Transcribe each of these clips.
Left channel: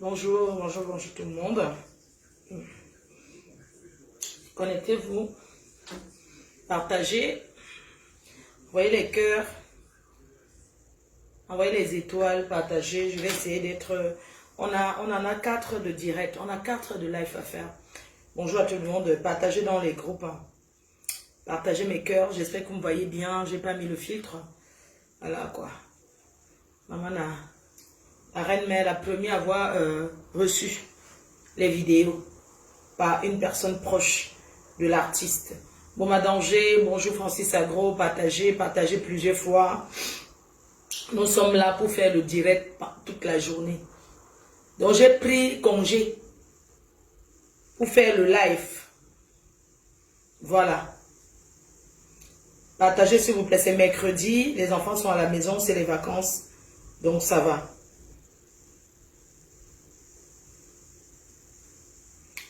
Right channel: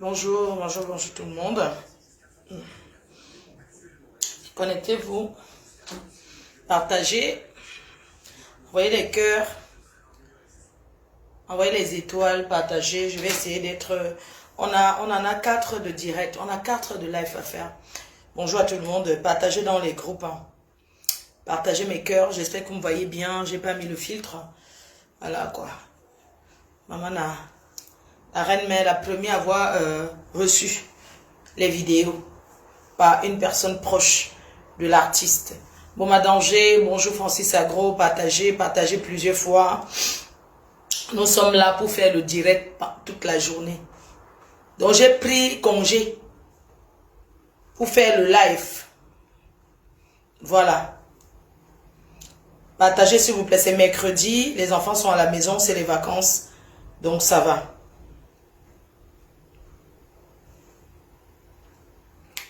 Bonjour, bonjour, bonjour tout le monde. Connectez-vous, partagez, envoyez les cœurs, envoyez les étoiles, partagez. Je vais essayer d'être... On en a 4 de direct, on a 4 de live à faire. Bonjour à tout le monde, partagez dans les groupes. Partagez mes cœurs, j'espère que vous me voyez bien, j'ai pas mis le filtre. Voilà quoi. Maman, la reine mère, la première à avoir reçu les vidéos par une personne proche de l'artiste. Bon, ma danger, bonjour Francis Agro, partagez plusieurs fois. Nous sommes là pour faire le direct toute la journée. Donc j'ai pris congé pour faire le live. Voilà. Partagez s'il vous plaît, c'est mercredi, les enfants sont à la maison, c'est les vacances, donc ça va.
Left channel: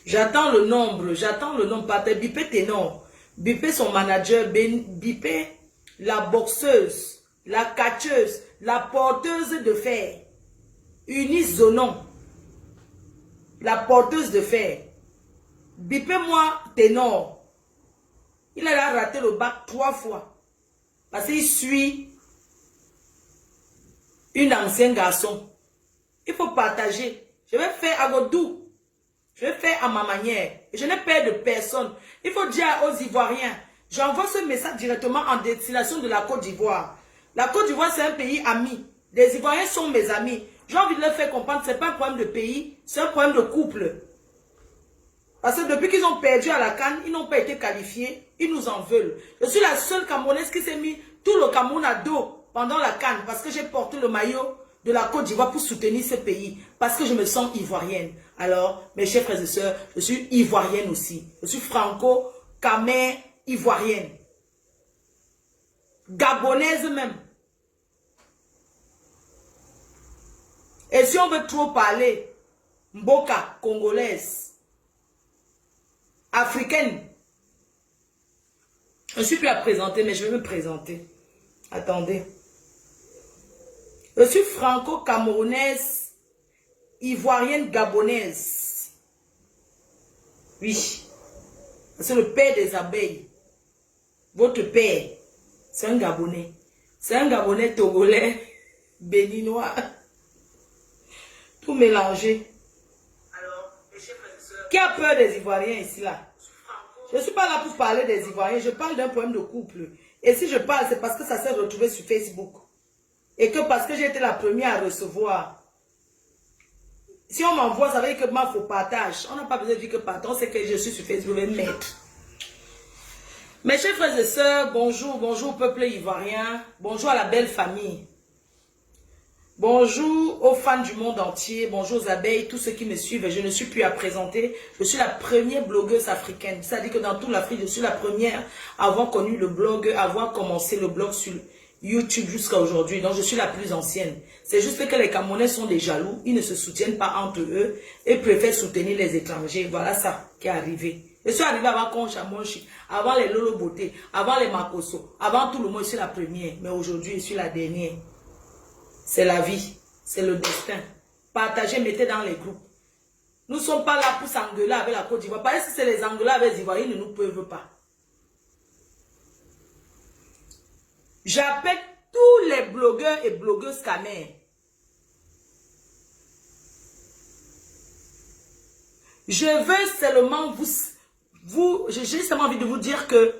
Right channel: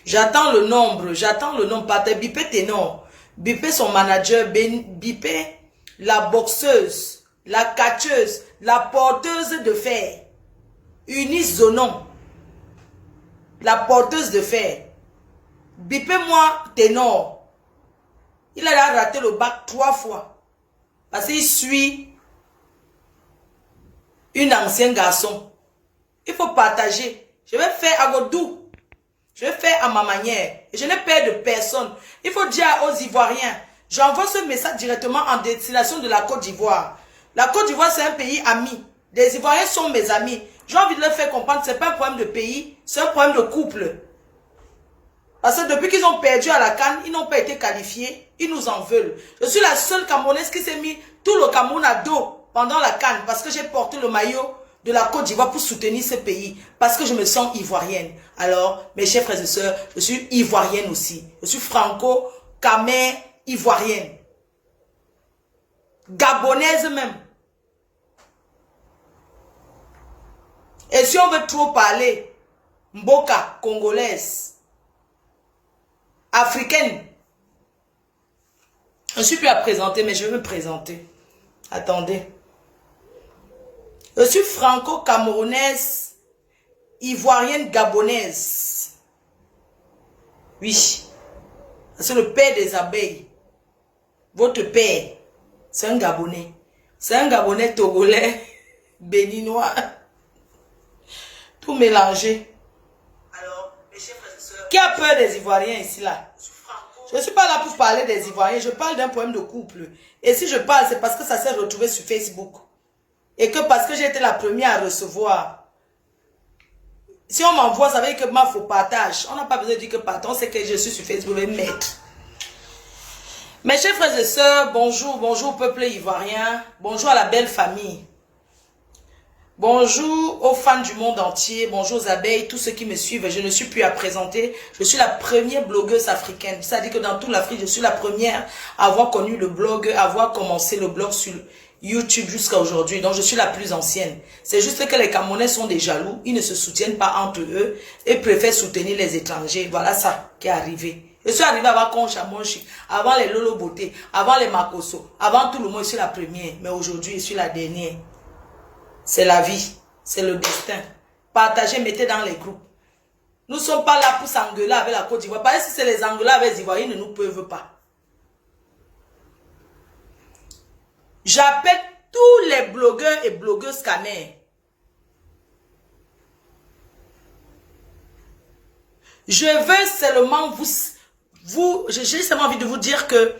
J'attends le nombre, partagez, bipez Ténor, bipez son manager, bipez la boxeuse, la catcheuse, la porteuse de fer, Eunice Zonon, la porteuse de fer, bipez-moi Ténor. Il a raté le bac 3 fois. Parce qu'il suit une ancienne garçon. Il faut partager. Je vais faire à Godou. Je vais faire à ma manière. Et je n'ai peur de personne. Il faut dire aux Ivoiriens. J'envoie ce message directement en destination de la Côte d'Ivoire. La Côte d'Ivoire, c'est un pays ami. Les Ivoiriens sont mes amis. J'ai envie de leur faire comprendre que ce n'est pas un problème de pays, c'est un problème de couple. Parce que depuis qu'ils ont perdu à la CAN, ils n'ont pas été qualifiés. Ils nous en veulent. Je suis la seule Camerounaise qui s'est mis tout le Cameroun à dos pendant la CAN. Parce que j'ai porté le maillot de la Côte d'Ivoire pour soutenir ce pays. Parce que je me sens ivoirienne. Alors, mes chers frères et sœurs, je suis ivoirienne aussi. Je suis franco-camère ivoirienne. Gabonaise même. Et si on veut trop parler, Mboka, congolaise. Africaine. Je ne suis plus à présenter, mais je vais me présenter. Attendez. Je suis franco-camerounaise, ivoirienne, gabonaise. Oui. C'est le père des abeilles. Votre père, c'est un Gabonais. C'est un Gabonais togolais, béninois. Tout mélangé. Qui a peur des Ivoiriens ici là? Je ne suis pas là pour parler des Ivoiriens, je parle d'un problème de couple. Et si je parle, c'est parce que ça s'est retrouvé sur Facebook. Et que parce que j'ai été la première à recevoir. Si on m'envoie, ça veut dire que moi, il faut partage. On n'a pas besoin de dire que pardon, c'est que je suis sur Facebook, je vais mettre. Mes chers frères et sœurs, bonjour, bonjour peuple ivoirien, bonjour à la belle famille. Bonjour aux fans du monde entier, bonjour aux abeilles, tous ceux qui me suivent. Je ne suis plus à présenter. Je suis la première blogueuse africaine. C'est-à-dire que dans toute l'Afrique, je suis la première à avoir connu le blog, à avoir commencé le blog sur YouTube jusqu'à aujourd'hui. Donc, je suis la plus ancienne. C'est juste que les Camerounais sont des jaloux. Ils ne se soutiennent pas entre eux et préfèrent soutenir les étrangers. Voilà ça qui est arrivé. Je suis arrivée avant Concha Monchi, avant les Lolo Beauté, avant les Makoso, avant tout le monde. Je suis la première. Mais aujourd'hui, je suis la dernière. C'est la vie, c'est le destin. Partagez, mettez dans les groupes. Nous ne sommes pas là pour s'engueuler avec la Côte d'Ivoire. Parce que si c'est les engueuler avec les Ivoiriens, ils ne nous peuvent pas. J'appelle tous les blogueurs et blogueuses caners. Je veux seulement j'ai seulement envie de vous dire que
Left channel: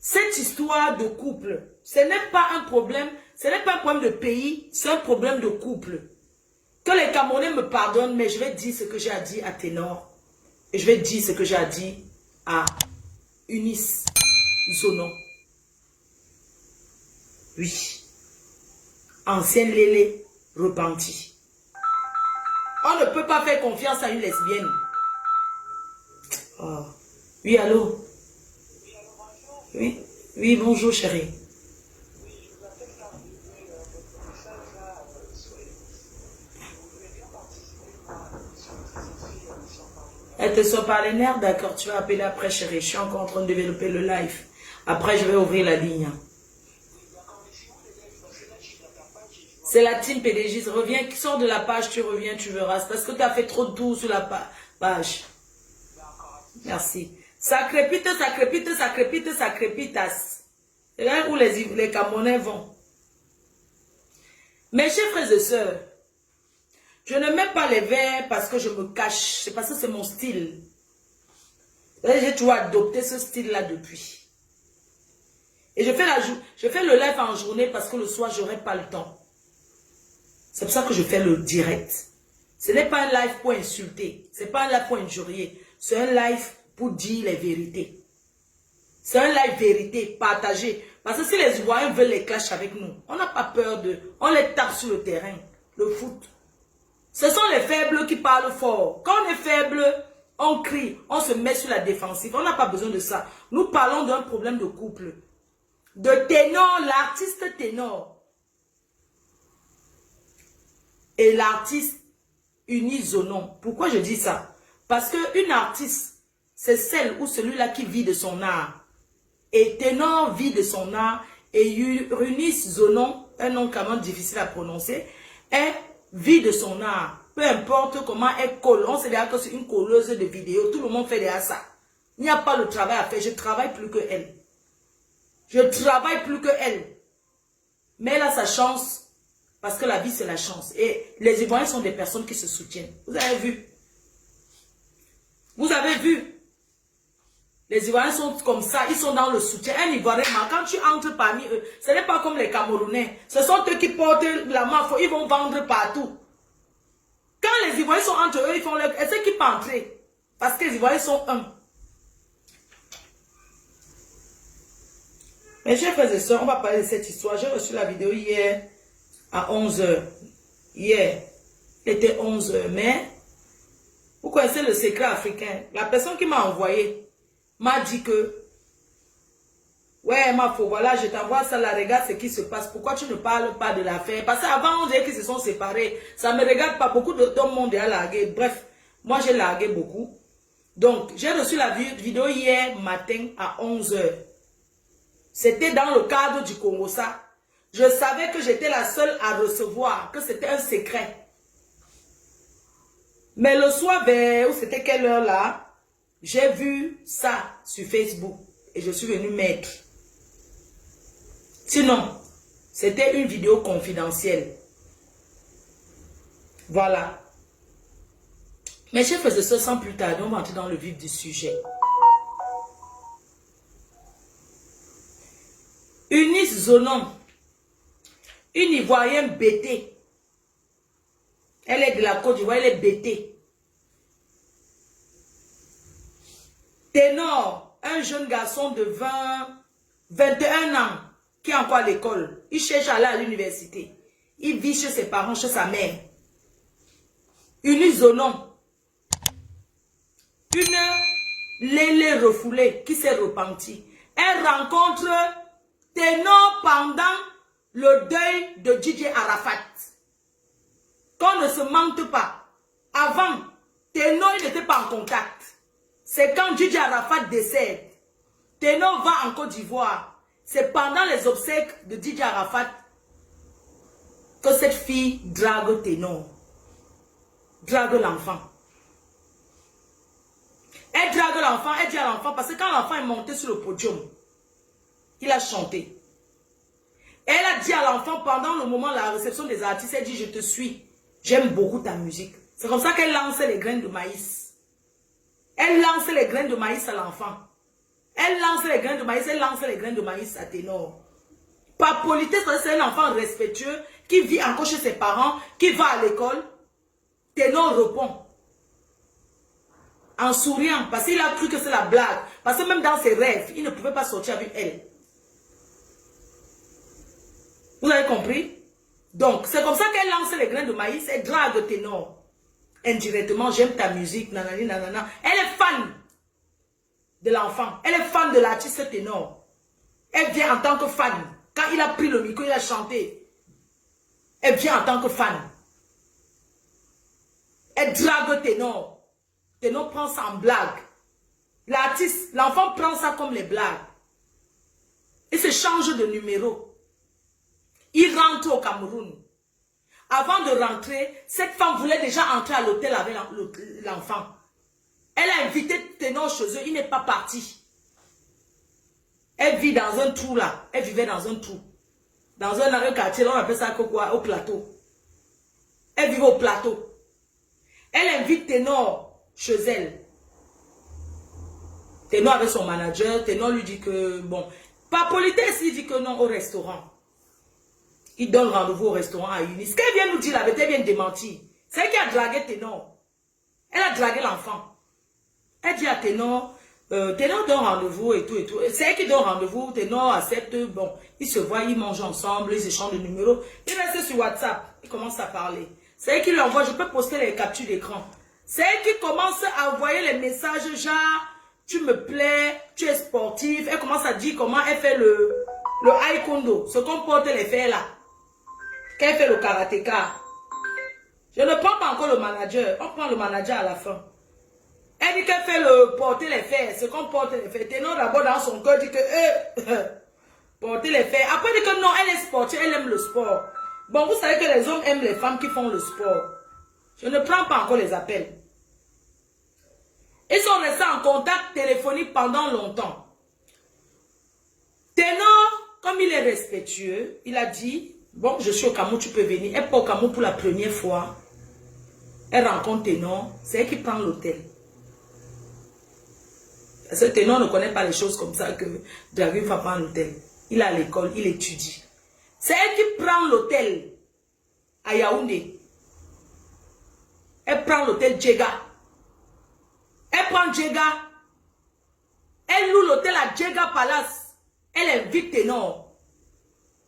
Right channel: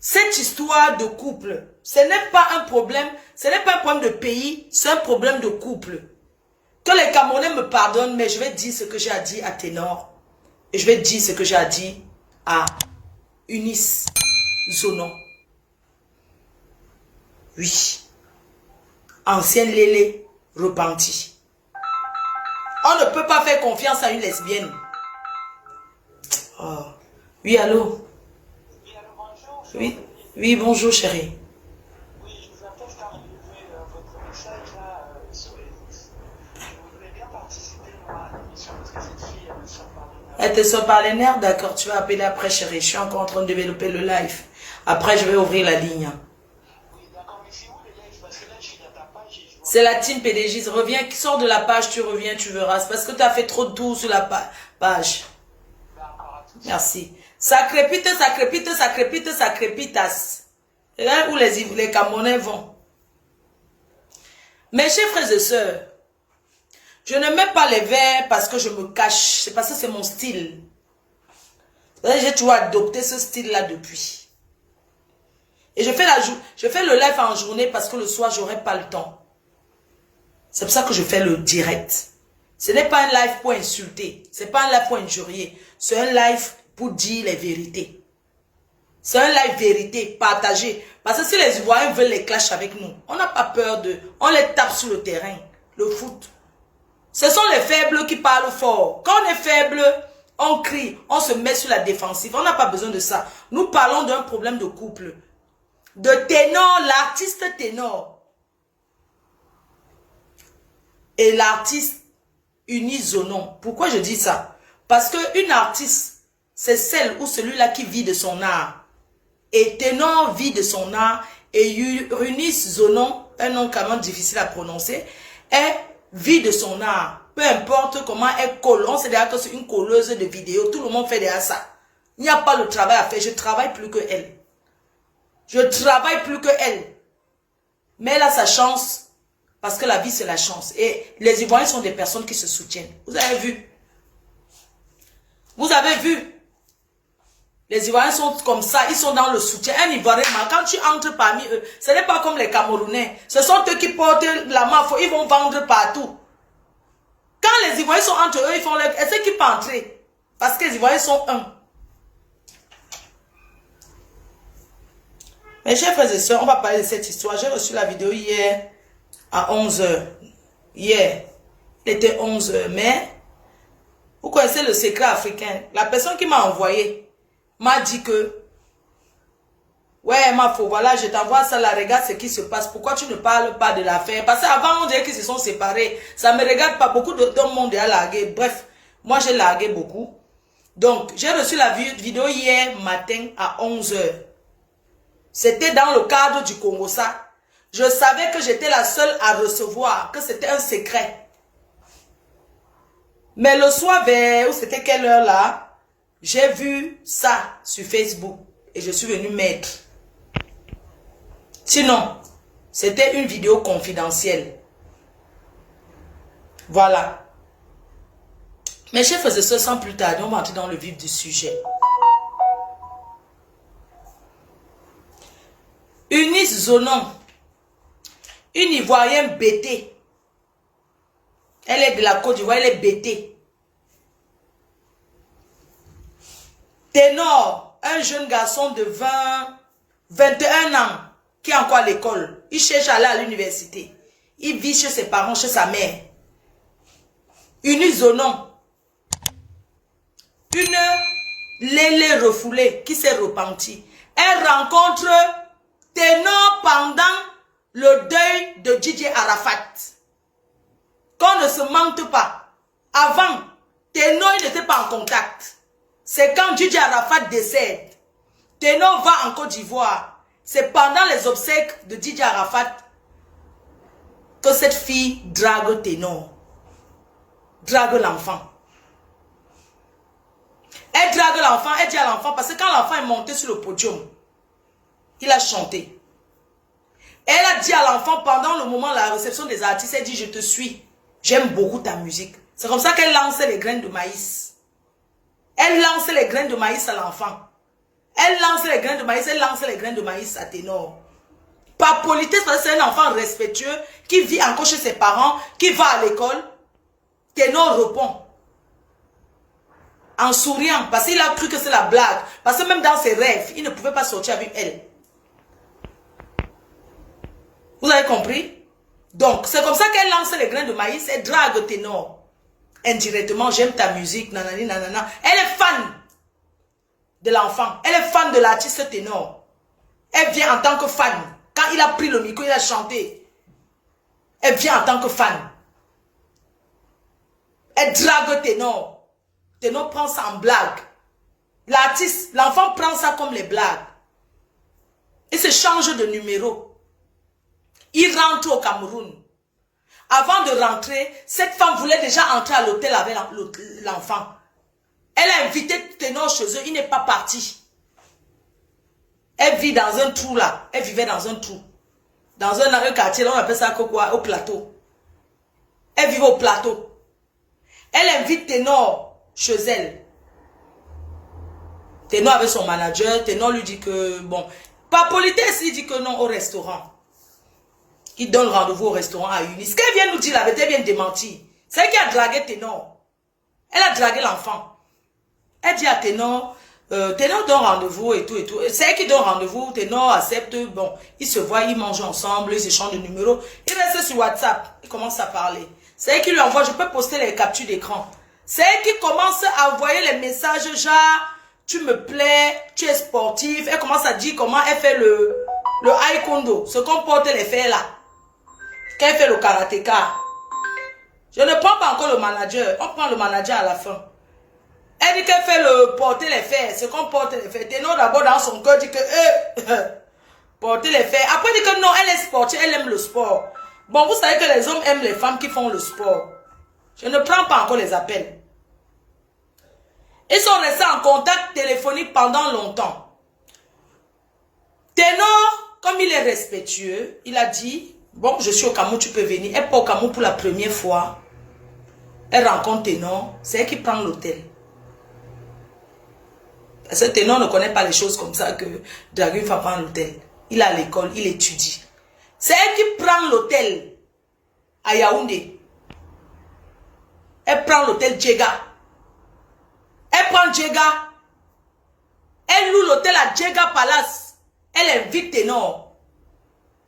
cette histoire de couple, ce n'est pas un problème, ce n'est pas un problème de pays, c'est un problème de couple. Que les Camerounais me pardonnent, mais je vais dire ce que j'ai à dire à Ténor. Et je vais dire ce que j'ai à dire à Eunice Zonon. Oui. Ancienne Lélé repentie. On ne peut pas faire confiance à une lesbienne. Oh. Oui, allô? Oui, oui, bonjour chérie. Oui, je vous appelle car j'ai vu votre message là sur les listes. Je voudrais bien participer moi à l'émission parce que cette fille, elle me sort par les nerfs. Elle te sort par les nerfs, d'accord, tu vas appeler après chérie. Je suis encore en train de développer le live. Après, je vais ouvrir la ligne. Oui, d'accord, mais c'est où le live? Parce que là, je suis dans ta page et je vois C'est la team PDG. Reviens, sors de la page, tu reviens, tu verras. C'est parce que tu as fait trop de tours sur la page. Merci. Ça crépite, ça crépite, ça crépite, ça crépitas. Regarde où les Camerounais vont. Mes chers frères et sœurs, je ne mets pas les verres parce que je me cache. C'est parce que c'est mon style. J'ai toujours adopté ce style-là depuis. Et je fais le live en journée parce que le soir, je n'aurai pas le temps. C'est pour ça que je fais le direct. Ce n'est pas un live pour insulter. Ce n'est pas un live pour injurier. C'est un live pour dire les vérités. C'est un live vérité, partagé. Parce que si les Ivoiriens veulent les clashs avec nous, on n'a pas peur de... On les tape sur le terrain, le foot. Ce sont les faibles qui parlent fort. Quand on est faible, on crie, on se met sur la défensive. On n'a pas besoin de ça. Nous parlons d'un problème de couple. De ténor, l'artiste ténor. Et l'artiste unisonon. Pourquoi je dis ça? Parce qu'une artiste, c'est celle ou celui-là qui vit de son art. Et ténor vit de son art. Et unisonon, un nom quand même difficile à prononcer, est vit de son art. Peu importe comment elle colle. On sait déjà que c'est une colleuse de vidéos. Tout le monde fait déjà ça. Il n'y a pas le travail à faire. Je travaille plus que elle. Je travaille plus que elle. Mais elle a sa chance. Parce que la vie, c'est la chance. Et les Ivoiriens sont des personnes qui se soutiennent. Vous avez vu? Vous avez vu? Les Ivoiriens sont comme ça. Ils sont dans le soutien. Un Ivoirien, quand tu entres parmi eux, ce n'est pas comme les Camerounais. Ce sont eux qui portent la main. Ils vont vendre partout. Quand les Ivoiriens sont entre eux, ils font leur... Est-ce qu'ils peuvent entrer? Parce que les Ivoiriens sont un. Mes chers frères et sœurs, on va parler de cette histoire. J'ai reçu la vidéo hier à 11 h. Hier, il était 11 h. Mais, vous connaissez le secret africain. La personne qui m'a envoyé m'a dit que, ouais, ma faux, voilà, je t'envoie ça, là, regarde ce qui se passe. Pourquoi tu ne parles pas de l'affaire? Parce qu'avant, on dirait qu'ils se sont séparés. Ça ne me regarde pas. Beaucoup d'hommes m'ont déjà largué. Bref, moi, j'ai largué beaucoup. Donc, j'ai reçu la vidéo hier matin à 11 h. C'était dans le cadre du Congo, ça. Je savais que j'étais la seule à recevoir, que c'était un secret. Mais le soir vers, ou c'était quelle heure là, j'ai vu ça sur Facebook et je suis venue mettre. Sinon, c'était une vidéo confidentielle. Voilà. Mes chers frères et sœurs, sans plus tarder, on va entrer dans le vif du sujet. Eunice Zonon, une Ivoirienne bêtée. Elle est de la Côte d'Ivoire, elle est bêtée. Ténor, un jeune garçon de 21 ans qui est encore à l'école. Il cherche à aller à l'université. Il vit chez ses parents, chez sa mère. Eunice Zonon, une lélé refoulée qui s'est repentie. Elle rencontre Ténor pendant le deuil de Didier Arafat. Qu'on ne se mente pas. Avant, Ténor n'était pas en contact. C'est quand Didier Arafat décède. Ténor va en Côte d'Ivoire. C'est pendant les obsèques de Didier Arafat que cette fille drague Ténor. Drague l'enfant. Elle drague l'enfant, elle dit à l'enfant, parce que quand l'enfant est monté sur le podium, il a chanté. Elle a dit à l'enfant pendant le moment de la réception des artistes, elle dit, je te suis, j'aime beaucoup ta musique. C'est comme ça qu'elle lançait les graines de maïs. Elle lançait les graines de maïs à l'enfant. Elle lançait les graines de maïs, elle lançait les graines de maïs à Ténor. Par politesse, parce que c'est un enfant respectueux qui vit encore chez ses parents, qui va à l'école. Ténor répond. En souriant, parce qu'il a cru que c'est la blague. Parce que même dans ses rêves, il ne pouvait pas sortir avec elle. Vous avez compris? Donc, c'est comme ça qu'elle lance les grains de maïs, elle drague Ténor. Indirectement, j'aime ta musique, nanani, nanana. Elle est fan de l'enfant. Elle est fan de l'artiste Ténor. Elle vient en tant que fan. Quand il a pris le micro, il a chanté. Elle vient en tant que fan. Elle drague Ténor. Ténor prend ça en blague. L'artiste, l'enfant prend ça comme les blagues. Il se change de numéro. Il rentre au Cameroun. avant de rentrer, cette femme voulait déjà entrer à l'hôtel avec l'enfant. Elle a invité Ténor chez eux, il n'est pas parti. Elle vit dans un trou là. Elle vivait dans un trou. Dans un quartier, là, on appelle ça quoi? Au plateau. Elle vivait au plateau. Elle invite Ténor chez elle. Ténor avec son manager. Ténor lui dit que, bon, par politesse, il dit que non au restaurant. Il donne rendez-vous au restaurant à Eunice. Ce qu'elle vient nous dire, elle vient démentir. C'est elle qui a dragué Ténor. Elle a dragué l'enfant. Elle dit à Ténor, Ténor donne rendez-vous et tout et tout. C'est elle qui donne rendez-vous. Ténor accepte. Bon, ils se voient, ils mangent ensemble, ils échangent de numéros. Ils restent sur WhatsApp. Ils commencent à parler. C'est elle qui lui envoie. Je peux poster les captures d'écran. C'est elle qui commence à envoyer les messages genre, tu me plais, tu es sportif. Elle commence à dire comment elle fait le taekwondo. Ce qu'on porte les fers là. Qu'elle fait le karatéka. Je ne prends pas encore le manager. On prend le manager à la fin. Elle dit qu'elle fait le porter les fers. Ce qu'on porte les fers. Ténor d'abord dans son cœur dit que porter les fers. Après dit que non, elle est sportive, elle aime le sport. Bon, vous savez que les hommes aiment les femmes qui font le sport. Je ne prends pas encore les appels. Ils sont restés en contact téléphonique pendant longtemps. Ténor, comme il est respectueux, il a dit, bon, je suis au Cameroun, tu peux venir. Elle part au Cameroun pour la première fois. Elle rencontre Ténor. C'est elle qui prend l'hôtel. Parce que Ténor ne connaît pas les choses comme ça que Dragun va prendre l'hôtel. Il est à l'école, il étudie. C'est elle qui prend l'hôtel à Yaoundé. Elle prend l'hôtel Djega. Elle prend Djega. Elle loue l'hôtel à Djega Palace. Elle invite Ténor.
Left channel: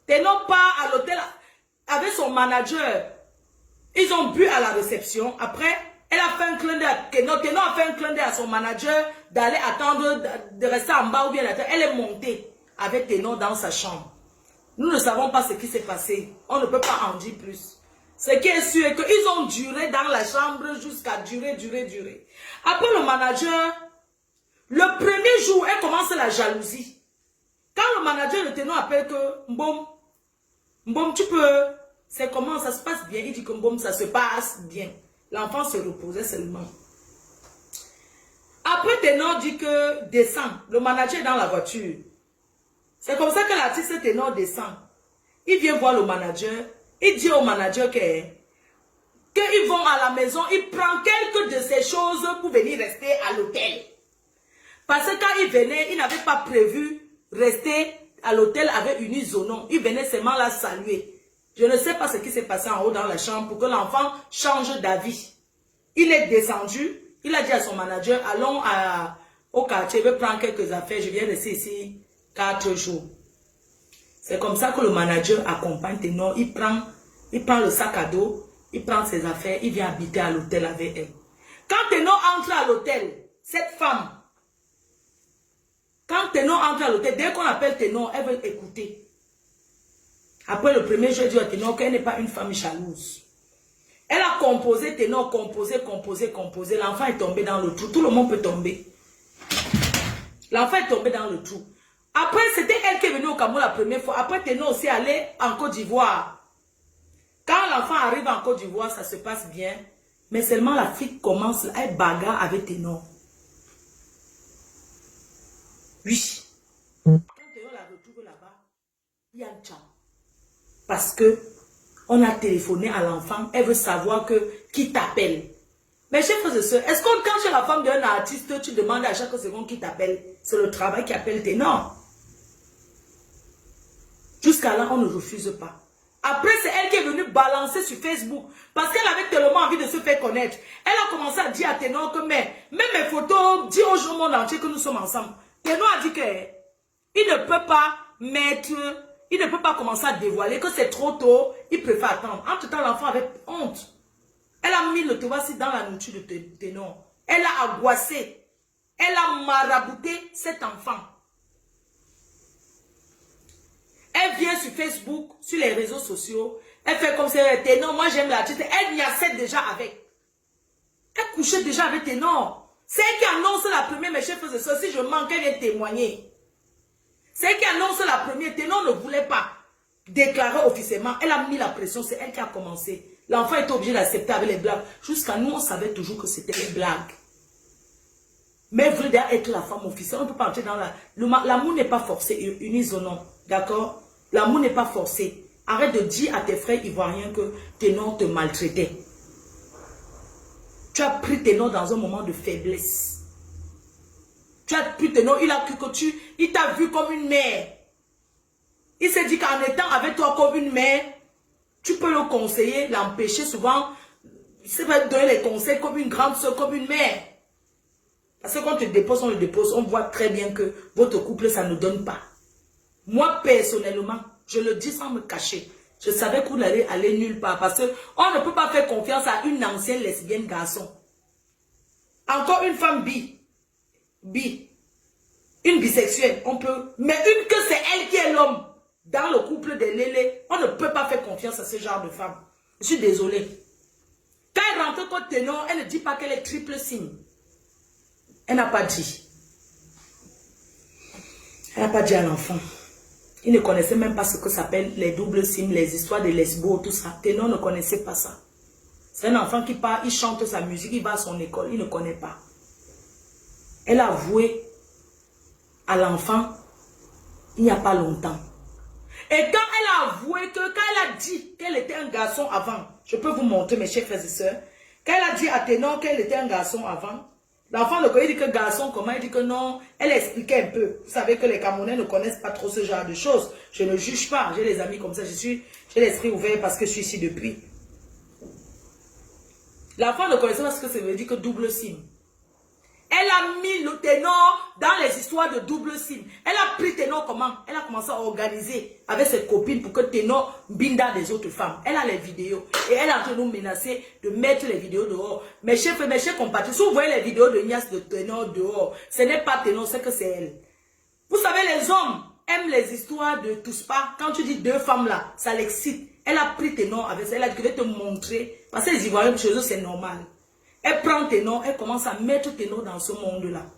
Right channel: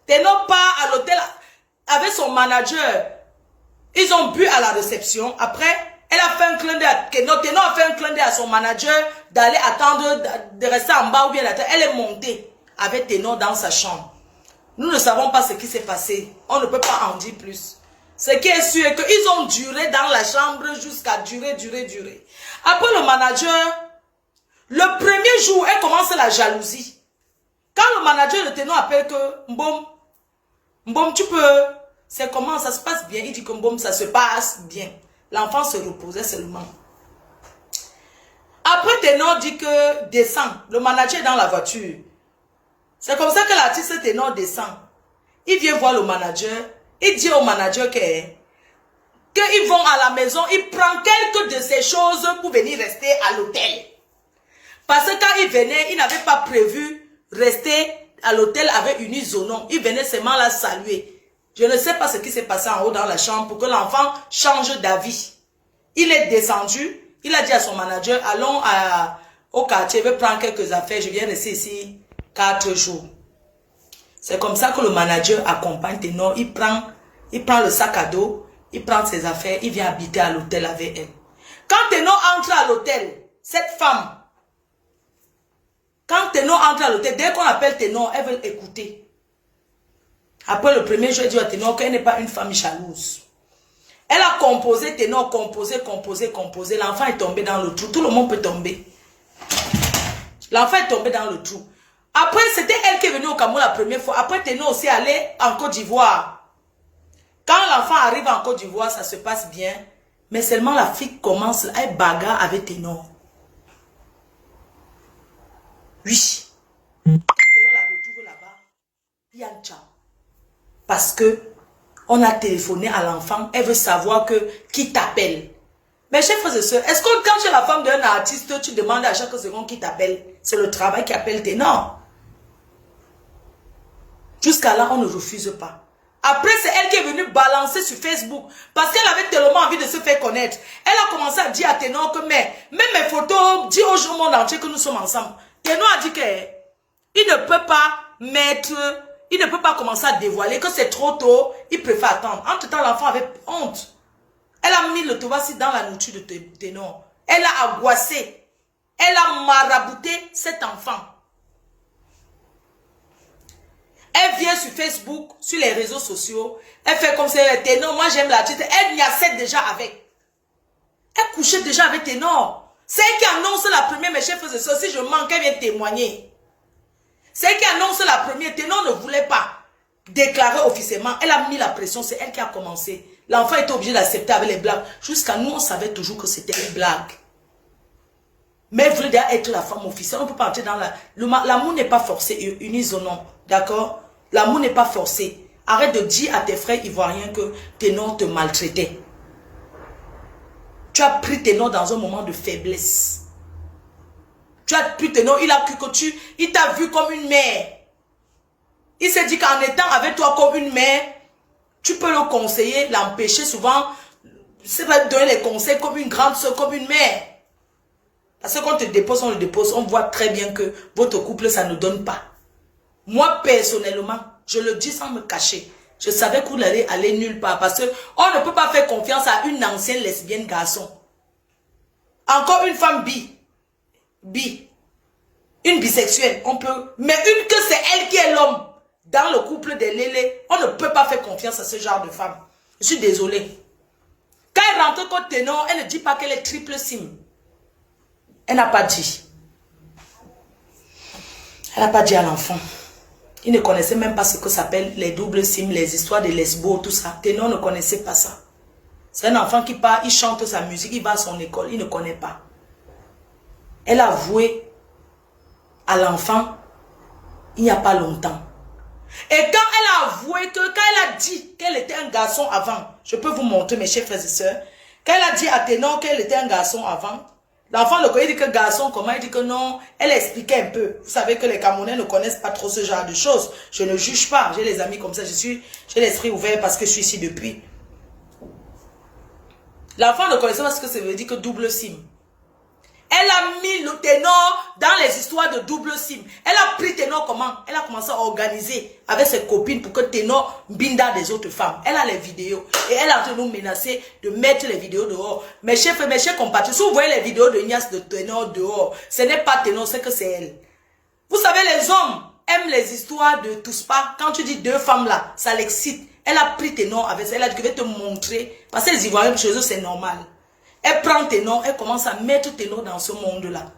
Ténor part à l'hôtel avec son manager. Ils ont bu à la réception. Après, elle a fait un clin d'œil à Ténor. Ténor a fait un clin d'œil à son manager d'aller attendre, de rester en bas ou bien d'attendre. Elle est montée avec Ténor dans sa chambre. Nous ne savons pas ce qui s'est passé. On ne peut pas en dire plus. Ce qui est sûr est qu'ils ont duré dans la chambre jusqu'à durer. Après le manager, le premier jour, elle commence la jalousie. Quand le manager de Ténor appelle que Mbom, tu peux... C'est comment ça se passe bien. Il dit que Mbom, ça se passe bien. L'enfant se reposait seulement. Après, Ténor dit que descend. Le manager est dans la voiture. C'est comme ça que l'artiste Ténor descend. Il vient voir le manager. Il dit au manager qu'ils vont à la maison. Il prend quelques de ces choses pour venir rester à l'hôtel. Parce que quand il venait, il n'avait pas prévu rester à l'hôtel avec Eunice Zonon. Il venait seulement la saluer. Je ne sais pas ce qui s'est passé en haut dans la chambre pour que l'enfant change d'avis. Il est descendu. Il a dit à son manager, allons au quartier, je vais prendre quelques affaires. Je viens rester ici 4 jours. C'est comme ça que le manager accompagne Ténor. Il prend le sac à dos, il prend ses affaires, il vient habiter à l'hôtel avec elle. Quand Ténor entre à l'hôtel, cette femme, quand Ténor entre à l'hôtel, dès qu'on appelle Ténor, elle veut écouter. Après le premier jour, elle dit à Ténor qu'elle n'est pas une femme jalouse. Elle a composé Ténor, composé. L'enfant est tombé dans le trou. Tout le monde peut tomber. L'enfant est tombé dans le trou. Après, c'était elle qui est venue au Cameroun la première fois. Après, Ténor aussi allé en Côte d'Ivoire. Quand l'enfant arrive en Côte d'Ivoire, ça se passe bien. Mais seulement la fille commence, elle bagarre avec Ténor. Oui. Quand Ténor la retrouve là-bas, il y a un ciao. Parce que on a téléphoné à l'enfant, elle veut savoir que qui t'appelle. Mais chers frères et sœurs, est-ce que quand tu es la femme d'un artiste, tu demandes à chaque seconde qui t'appelle? C'est le travail qui appelle tes noms. Jusqu'à là, on ne refuse pas. Après, c'est elle qui est venue balancer sur Facebook. Parce qu'elle avait tellement envie de se faire connaître. Elle a commencé à dire à Ténor que même mes photos, dis au monde entier que nous sommes ensemble. Ténor a dit qu'il ne peut pas mettre... Il ne peut pas commencer à dévoiler que c'est trop tôt. Il préfère attendre. Entre-temps, l'enfant avait honte. Elle a mis le tovassi dans la nourriture de Ténor. Elle a angoissé. Elle a marabouté cet enfant. Elle vient sur Facebook, sur les réseaux sociaux. Elle fait comme si elle était Ténor. Moi, j'aime l'artiste. Elle y a déjà avec. Elle couchait déjà avec Ténor. C'est elle qui annonce la première. Mes chefs faisaient ça. Si je manque, elle vient témoigner. C'est elle qui annonce la première. Ténor ne voulait pas déclarer officiellement. Elle a mis la pression. C'est elle qui a commencé. L'enfant était obligé d'accepter avec les blagues. Jusqu'à nous, on savait toujours que c'était une blague. Mais vous voulez déjà être la femme officielle, on ne peut pas entrer dans la... L'amour n'est pas forcé, unisonnons, d'accord? L'amour n'est pas forcé. Arrête de dire à tes frères ivoiriens que Ténor te maltraitait. Tu as pris Ténor dans un moment de faiblesse. Tu as pris Ténor, il a cru que il t'a vu comme une mère. Il s'est dit qu'en étant avec toi comme une mère, tu peux le conseiller, l'empêcher souvent. C'est pas donner les conseils comme une grande soeur, comme une mère. Parce que quand on te dépose, on le dépose, on voit très bien que votre couple, ça ne donne pas. Moi, personnellement, je le dis sans me cacher. Je savais que vous n'allez aller nulle part. Parce qu'on ne peut pas faire confiance à une ancienne lesbienne garçon. Encore une femme une bisexuelle, on peut. Mais une que c'est elle qui est l'homme. Dans le couple des lélés, on ne peut pas faire confiance à ce genre de femme. Je suis désolée. Quand elle rentre contre Ténor, elle ne dit pas qu'elle est triple sim. Elle n'a pas dit. Elle n'a pas dit à l'enfant. Il ne connaissait même pas ce que s'appelle les doubles sims, les histoires de lesbos, tout ça. Ténor ne connaissait pas ça. C'est un enfant qui part, il chante sa musique, il va à son école, il ne connaît pas. Elle a avoué à l'enfant il n'y a pas longtemps. Et quand elle a avoué que, quand elle a dit qu'elle était un garçon avant, je peux vous montrer mes chers frères et sœurs, quand elle a dit à Ténor qu'elle était un garçon avant, l'enfant le connaît, il dit que garçon, comment? Il dit que non, elle expliquait un peu. Vous savez que les Camerounais ne connaissent pas trop ce genre de choses. Je ne juge pas, j'ai les amis comme ça, j'ai l'esprit ouvert parce que je suis ici depuis. L'enfant ne connaissait pas ce que ça veut dire que double sim. Elle a mis le Ténor dans les histoires de double sim. Elle a pris Ténor comment? Elle a commencé à organiser avec ses copines pour que Ténor binda des autres femmes. Elle a les vidéos. Et elle a en train de nous menacer de mettre les vidéos dehors. Mes chers compatriotes, si vous voyez les vidéos de Nias de Ténor dehors, ce n'est pas Ténor, c'est que c'est elle. Vous savez, les hommes aiment les histoires de tous pas. Quand tu dis deux femmes là, ça l'excite. Elle a pris Ténor avec ça. Elle a dit que je vais te montrer. Parce que les Ivoiriens, chez eux, c'est normal. Elle prend Ténor, elle commence à mettre Ténor dans ce monde-là.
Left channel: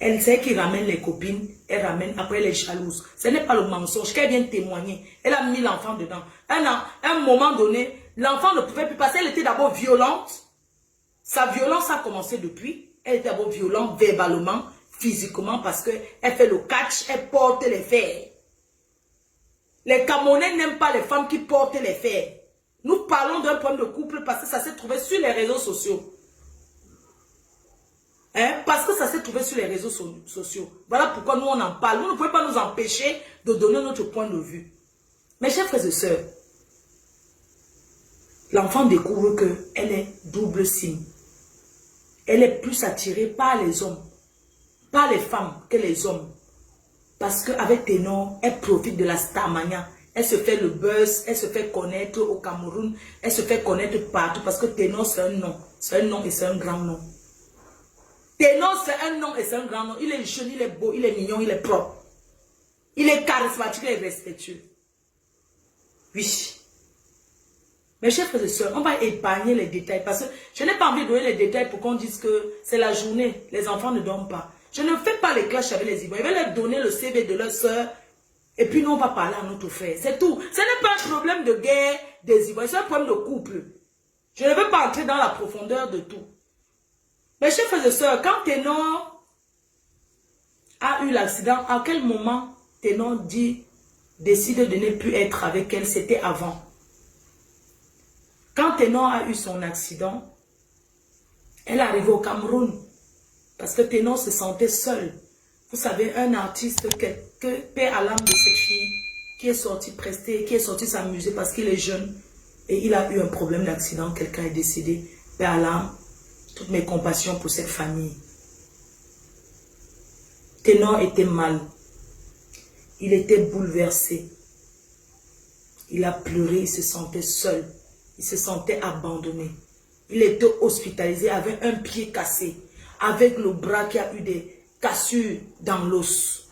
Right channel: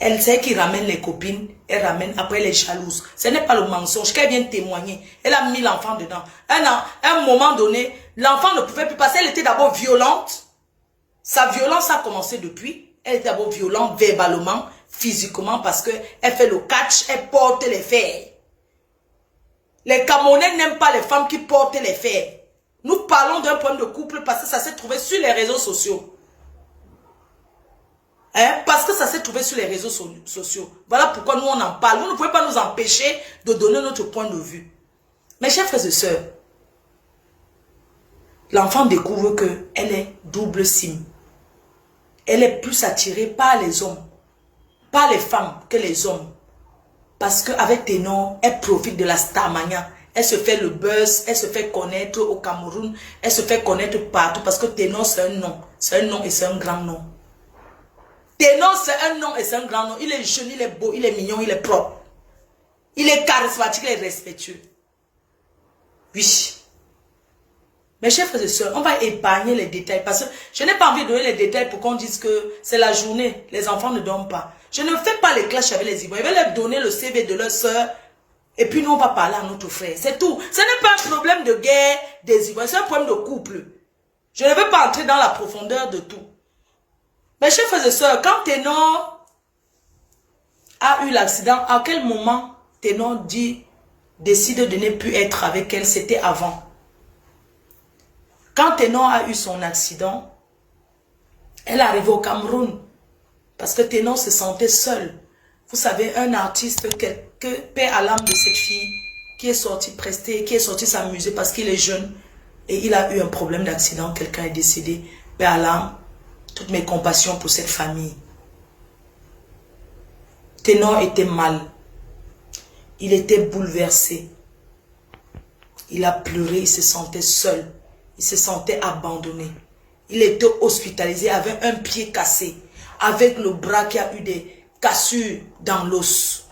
Elle sait qu'il ramène les copines, elle ramène, après elle est jalouse. Ce n'est pas le mensonge qu'elle vient témoigner. Elle a mis l'enfant dedans. À un moment donné, l'enfant ne pouvait plus passer. Elle était d'abord violente. Sa violence a commencé depuis. Elle était d'abord violente verbalement, physiquement, parce qu'elle fait le catch, elle porte les fers. Les Camerounais n'aiment pas les femmes qui portent les fers. Nous parlons d'un problème de couple parce que ça s'est trouvé sur les réseaux sociaux. Parce que ça s'est trouvé sur les réseaux sociaux. Voilà pourquoi nous on en parle. Vous ne pouvez pas nous empêcher de donner notre point de vue. Mes chers frères et sœurs, l'enfant découvre qu'elle est double sim. Elle est plus attirée par les hommes, par les femmes que les hommes. Parce qu'avec Ténor, elle profite de la starmania. Elle se fait le buzz, elle se fait connaître au Cameroun, elle se fait connaître partout parce que Ténor c'est un nom. C'est un nom et c'est un grand nom. Ténor c'est un nom et c'est un grand nom. Il est jeune, il est beau, il est mignon, il est propre. Il est charismatique, il est respectueux. Oui. Mes chers frères et sœurs, on va épargner les détails parce que je n'ai pas envie de donner les détails pour qu'on dise que c'est la journée, les enfants ne dorment pas. Je ne fais pas les clashs avec les Ivoiriens. Je vais leur donner le CV de leur sœur. Et puis nous, on va parler à notre frère. C'est tout. Ce n'est pas un problème de guerre des Ivoiriens. C'est un problème de couple. Je ne veux pas entrer dans la profondeur de tout. Mes chers frères et sœurs, quand Ténor a eu l'accident, à quel moment Ténor décide de ne plus être avec elle? C'était avant. Quand Ténor a eu son accident, elle est arrivée au Cameroun. Parce que Ténor se sentait seul. Vous savez, un artiste, paix à l'âme de cette fille, qui est sorti prester, qui est sorti s'amuser parce qu'il est jeune. Et il a eu un problème d'accident, quelqu'un est décédé. Paix à l'âme, toutes mes compassions pour cette famille. Ténor était mal. Il était bouleversé. Il a pleuré, il se sentait seul. Il se sentait abandonné. Il était hospitalisé avec un pied cassé. Avec le bras qui a eu des cassures dans l'os.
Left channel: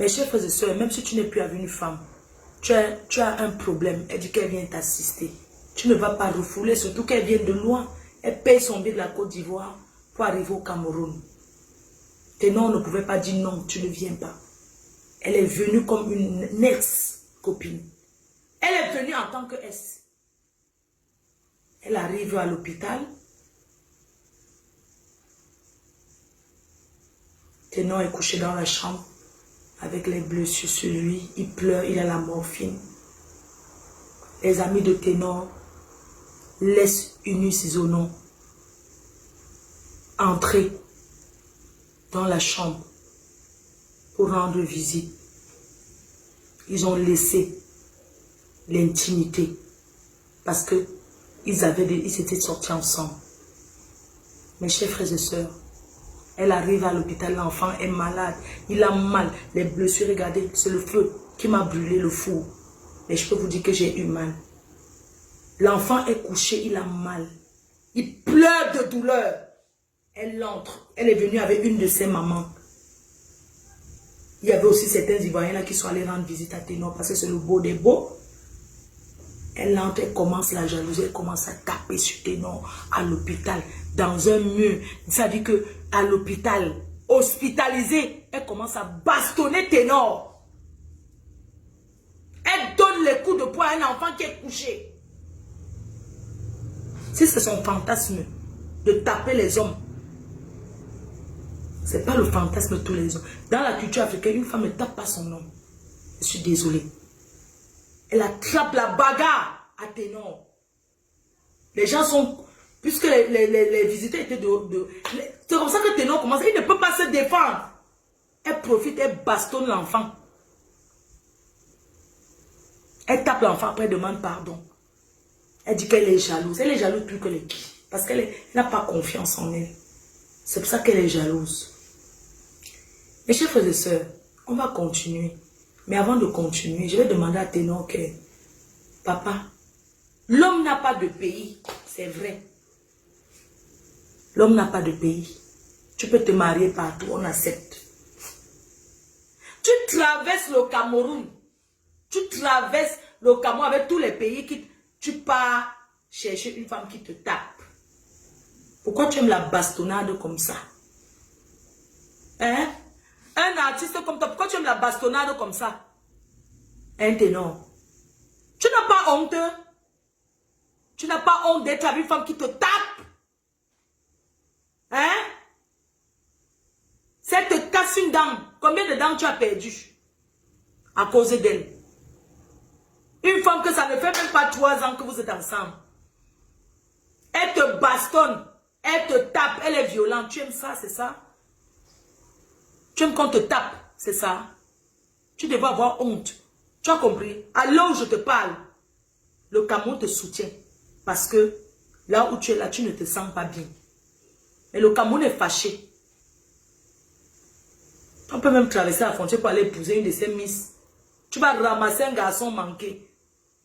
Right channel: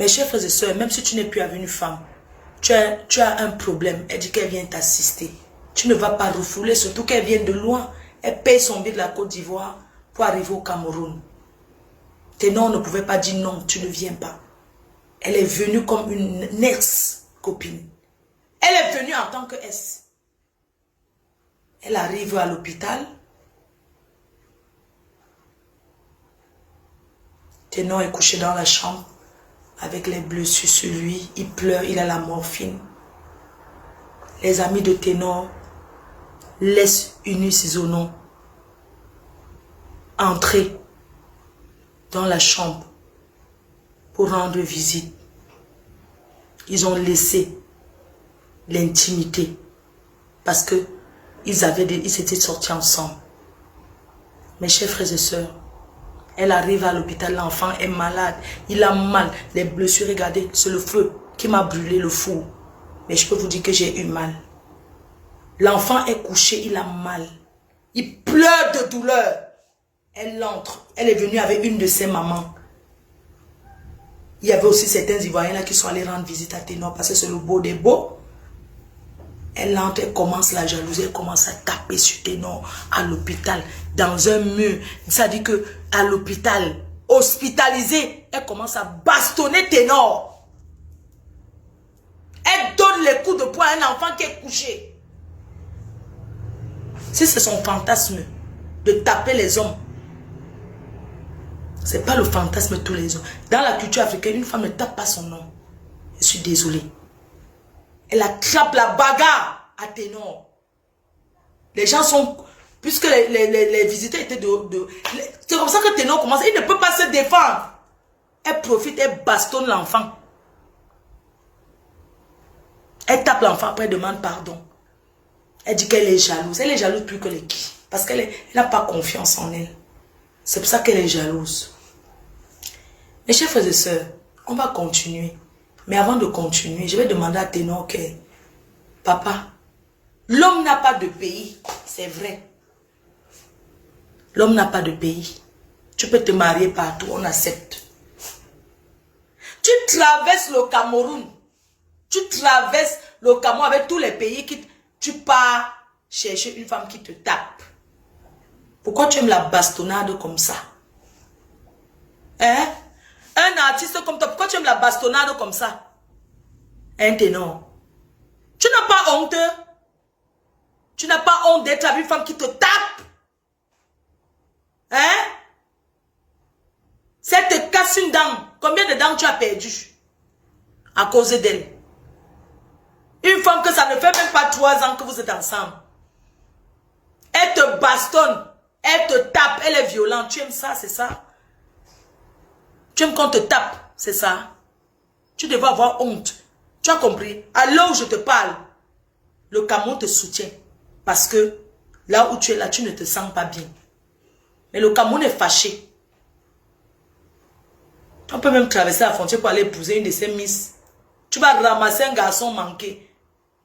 Mes chers frères et sœurs, même si tu n'es plus avec une femme, tu as un problème, elle dit qu'elle vient t'assister. Tu ne vas pas refouler, surtout qu'elle vient de loin. Elle paye son billet de la Côte d'Ivoire pour arriver au Cameroun. Ténor ne pouvait pas dire non, tu ne viens pas. Elle est venue comme une ex-copine. Elle est venue en tant que S. Elle arrive à l'hôpital. Ténor est couché dans la chambre avec les blessures sur lui. Il pleure, il a la morphine. Les amis de Ténor laissent Unice-Zonon entrer dans la chambre pour rendre visite. Ils ont laissé l'intimité parce que ils s'étaient sortis ensemble. Mes chers frères et sœurs, elle arrive à l'hôpital, l'enfant est malade, il a mal, les blessures, regardez, c'est le feu qui m'a brûlé le four. Mais je peux vous dire que j'ai eu mal. L'enfant est couché, il a mal. Il pleure de douleur. Elle entre, elle est venue avec une de ses mamans. Il y avait aussi certains Ivoiriens là qui sont allés rendre visite à Ténor parce que c'est le beau des beaux. Elle entre, elle commence la jalousie, elle commence à taper sur Ténor à l'hôpital, dans un mur. Ça dit que à l'hôpital, hospitalisé, elle commence à bastonner Ténor. Elle donne les coups de poing à un enfant qui est couché. Si c'est son fantasme de taper les hommes, ce n'est pas le fantasme de tous les hommes. Dans la culture africaine, une femme ne tape pas son homme. Je suis désolée. Elle attrape la bagarre à Ténor. Les gens sont... Puisque les visiteurs étaient c'est comme ça que Ténor commence. Il ne peut pas se défendre. Elle profite, elle bastonne l'enfant. Elle tape l'enfant, après elle demande pardon. Elle dit qu'elle est jalouse. Elle est jalouse plus que les qui. Parce qu'elle n'a pas confiance en elle. C'est pour ça qu'elle est jalouse. Mes chers frères et sœurs, on va continuer. Mais avant de continuer, je vais demander à Ténor que, papa, l'homme n'a pas de pays, c'est vrai. L'homme n'a pas de pays. Tu peux te marier partout, on accepte. Tu traverses le Cameroun. Tu traverses le Cameroun avec tous les pays qui... Tu pars chercher une femme qui te tape. Pourquoi tu aimes la bastonnade comme ça? Hein? Un artiste comme toi, pourquoi tu aimes la bastonnade comme ça? Un Ténor. Tu n'as pas honte? Tu n'as pas honte d'être avec une femme qui te tape? Hein? Si elle te casse une dent, combien de dents tu as perdu à cause d'elle? Une femme que ça ne fait même pas 3 ans que vous êtes ensemble. Elle te bastonne, elle te tape, elle est violente. Tu aimes ça, c'est ça? Tu aimes qu'on te tape, c'est ça? Tu devais avoir honte. Tu as compris? À l'heure où je te parle, le Cameroun te soutient. Parce que là où tu es là, tu ne te sens pas bien. Mais le Cameroun est fâché. On peut même traverser la frontière pour aller épouser une de ces miss. Tu vas ramasser un garçon manqué.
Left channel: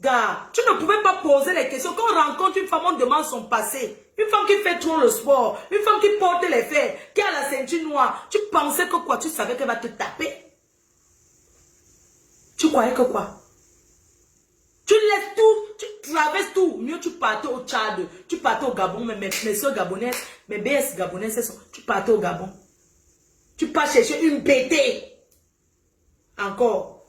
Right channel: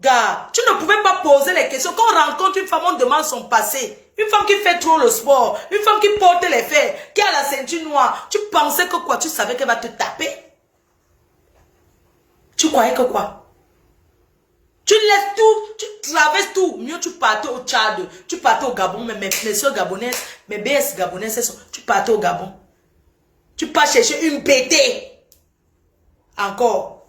Gars, tu ne pouvais pas poser les questions. Quand on rencontre une femme, on demande son passé. Une femme qui fait trop le sport. Une femme qui porte les fers. Qui a la ceinture noire. Tu pensais que quoi? Tu savais qu'elle va te taper? Tu croyais que quoi? Tu laisses tout. Tu traverses tout. Mieux tu partais au Tchad. Tu partais au Gabon. Mais mes soeurs gabonaises, mes BS gabonaises, tu partais au Gabon. Tu pars chercher une BT. Encore.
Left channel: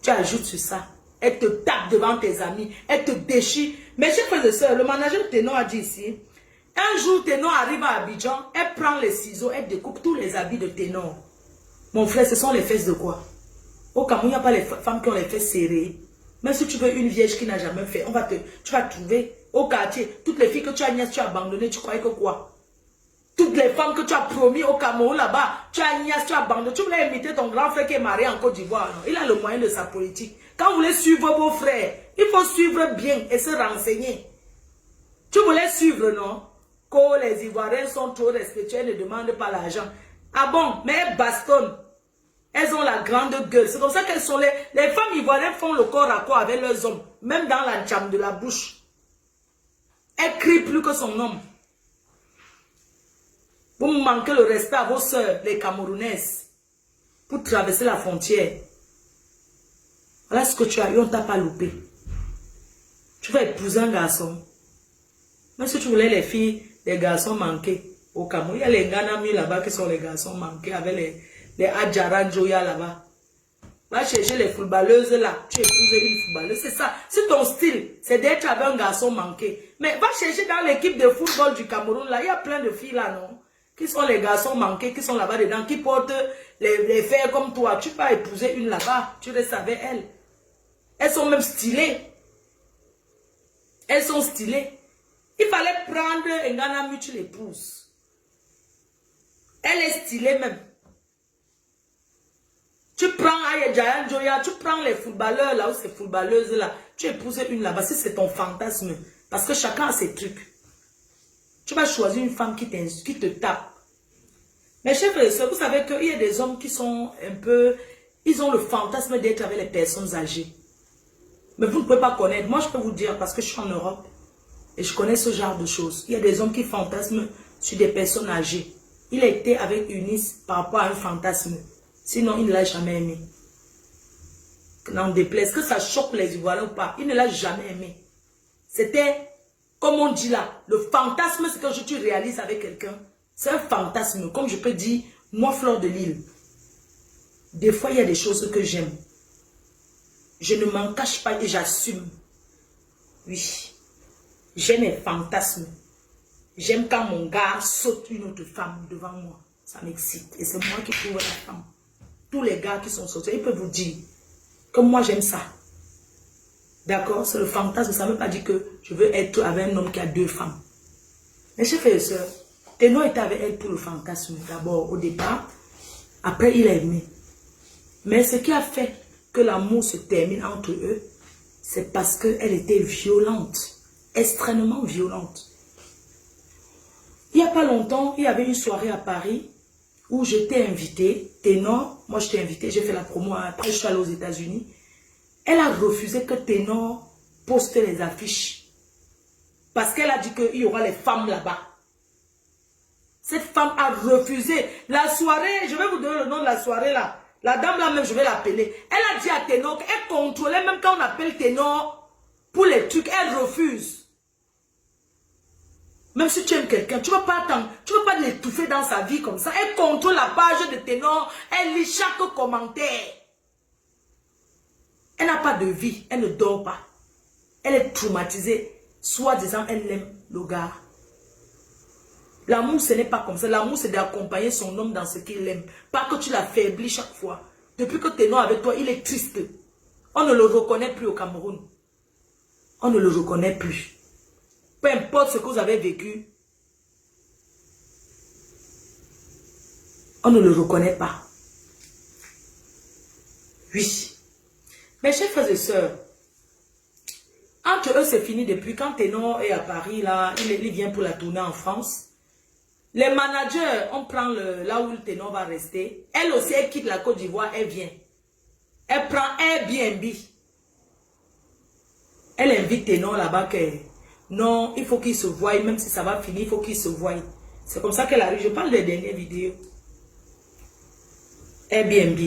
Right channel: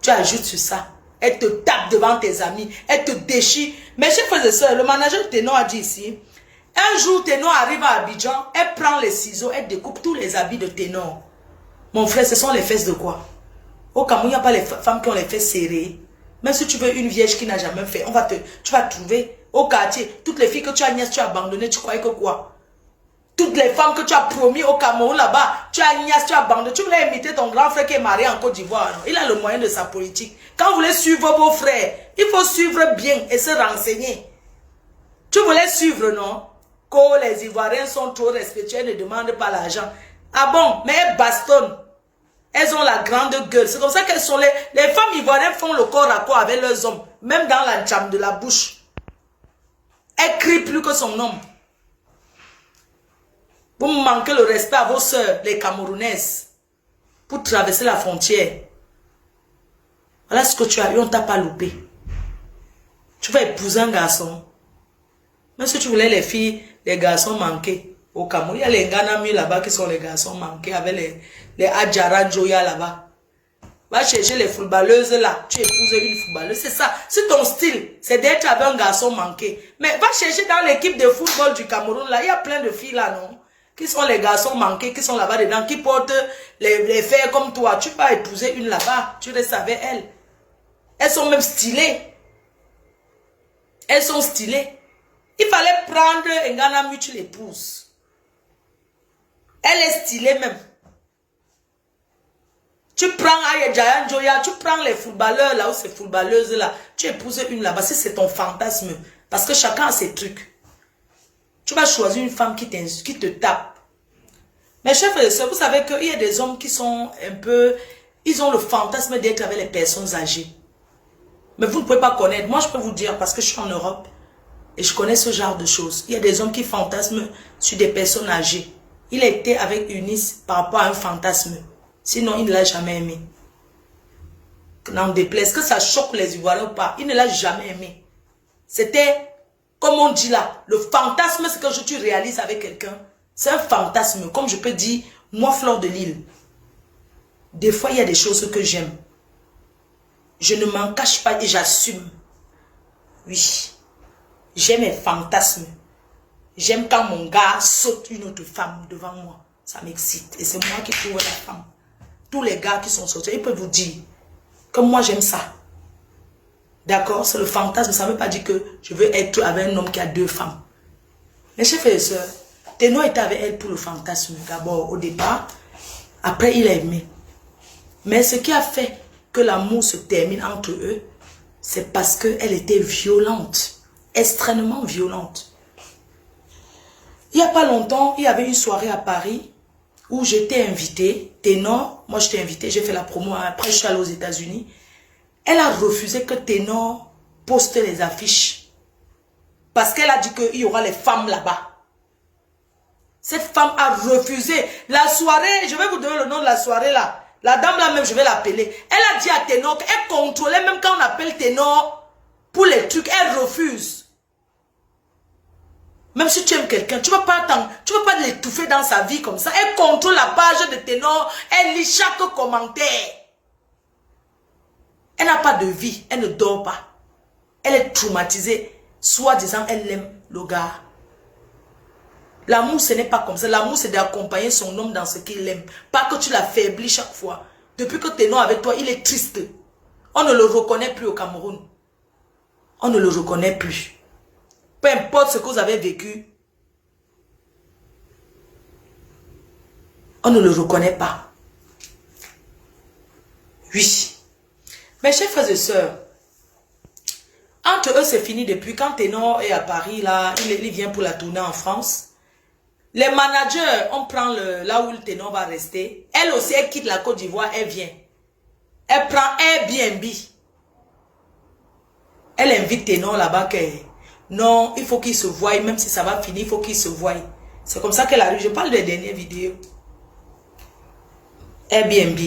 Tu ajoutes sur ça. Elle te tape devant tes amis. Elle te déchire. Mes chers frères et sœurs, le manager de Ténor a dit ici, un jour Ténor arrive à Abidjan, elle prend les ciseaux, elle découpe tous les habits de Ténor. Mon frère, ce sont les fesses de quoi? Au Cameroun, il n'y a pas les femmes qui ont les fesses serrées. Même si tu veux une vierge qui n'a jamais fait, tu vas trouver au quartier, toutes les filles que tu as niaises, tu as abandonnées, tu croyais que quoi? Toutes les femmes que tu as promis au Cameroun là-bas, tu as niaise, tu as abandonné. Tu voulais imiter ton grand frère qui est marié en Côte d'Ivoire. Il a le moyen de sa politique. Quand vous voulez suivre vos frères, il faut suivre bien et se renseigner. Tu voulais suivre, non? Que les Ivoiriens sont trop respectueux et ne demandent pas l'argent. Ah bon, mais elles bastonnent. Elles ont la grande gueule. C'est comme ça qu'elles sont les femmes ivoiriennes font le corps à corps avec leurs hommes. Même dans la jambe de la bouche. Elle crie plus que son homme. Vous manquez le respect à vos soeurs, les Camerounaises, pour traverser la frontière. Voilà ce que tu as eu, on ne t'a pas loupé. Tu vas épouser un garçon. Même si tu voulais les filles, les garçons manqués au Cameroun, il y a les Nganami là-bas qui sont les garçons manqués avec les Adjara Joya là-bas. Va chercher les footballeuses là. Tu épouses une footballeuse. C'est ça. Si ton style, c'est d'être avec un garçon manqué. Mais va chercher dans l'équipe de football du Cameroun là. Il y a plein de filles là, non? Qui sont les garçons manqués, qui sont là-bas dedans, qui portent les fers comme toi. Tu vas épouser une là-bas. Tu restes avec elle. Elles sont même stylées. Elles sont stylées. Il fallait prendre un Ghana, tu l'épouses. Elle est stylée même. Tu prends Ayedjayan Joya, tu prends les footballeurs là ou ces footballeuses là, tu épouses une là-bas, si c'est ton fantasme. Parce que chacun a ses trucs. Tu vas choisir une femme qui te tape. Mes chers frères et sœurs, vous savez qu'il y a des hommes qui sont un peu... Ils ont le fantasme d'être avec les personnes âgées. Mais vous ne pouvez pas connaître. Moi, je peux vous dire, parce que je suis en Europe, et je connais ce genre de choses. Il y a des hommes qui fantasment sur des personnes âgées. Il a été avec Eunice par rapport à un fantasme. Sinon, il ne l'a jamais aimé. N'en déplaise, que ça choque les Ivoiriens ou pas, il ne l'a jamais aimé. C'était, comme on dit là, le fantasme, c'est que tu réalises avec quelqu'un. C'est un fantasme, comme je peux dire, moi, Fleur de Lille. Des fois, il y a des choses que j'aime. Je ne m'en cache pas et j'assume. Oui. J'aime mes fantasmes. J'aime quand mon gars saute une autre femme devant moi. Ça m'excite. Et c'est moi qui trouve la femme. Tous les gars qui sont sortis, ils peuvent vous dire que moi j'aime ça. D'accord? C'est le fantasme. Ça ne veut pas dire que je veux être avec un homme qui a 2 femmes. Mes chers frères et sœurs, Téno était avec elle pour le fantasme. D'abord, au départ. Après, il a aimé. Mais ce qui a fait que l'amour se termine entre eux, c'est parce qu'elle était violente. Extrêmement violente. Il n'y a pas longtemps, il y avait une soirée à Paris où j'étais invitée. Ténor, moi je t'ai invitée, j'ai fait la promo. Après, je suis allée aux États-Unis. Elle a refusé que Ténor poste les affiches. Parce qu'elle a dit qu'il y aura les femmes là-bas. Cette femme a refusé. La soirée, je vais vous donner le nom de la soirée là. La dame là même, je vais l'appeler. Elle a dit à Ténor qu'elle contrôlait même quand on appelle Ténor pour les trucs. Elle refuse. Même si tu aimes quelqu'un, tu ne vas pas l'étouffer dans sa vie comme ça. Elle contrôle la page de Ténor. Elle lit chaque commentaire. Elle n'a pas de vie. Elle ne dort pas. Elle est traumatisée. Soit disant, elle aime le gars. L'amour, ce n'est pas comme ça. L'amour, c'est d'accompagner son homme dans ce qu'il aime. Pas que tu l'affaiblis chaque fois. Depuis que Ténor avec toi, il est triste. On ne le reconnaît plus au Cameroun. On ne le reconnaît plus. Peu importe ce que vous avez vécu, on ne le reconnaît pas. Oui. Mes chers frères et sœurs, entre eux, c'est fini depuis. Quand Ténor est à Paris, là, il vient pour la tournée en France. Les managers, on prend là où le Ténor va rester. Elle aussi, elle quitte la Côte d'Ivoire, elle vient. Elle prend Airbnb. Elle invite Ténor là-bas que... Non, il faut qu'il se voie, même si ça va finir, il faut qu'il se voie. C'est comme ça qu'elle arrive. Je parle des dernières vidéos. Airbnb.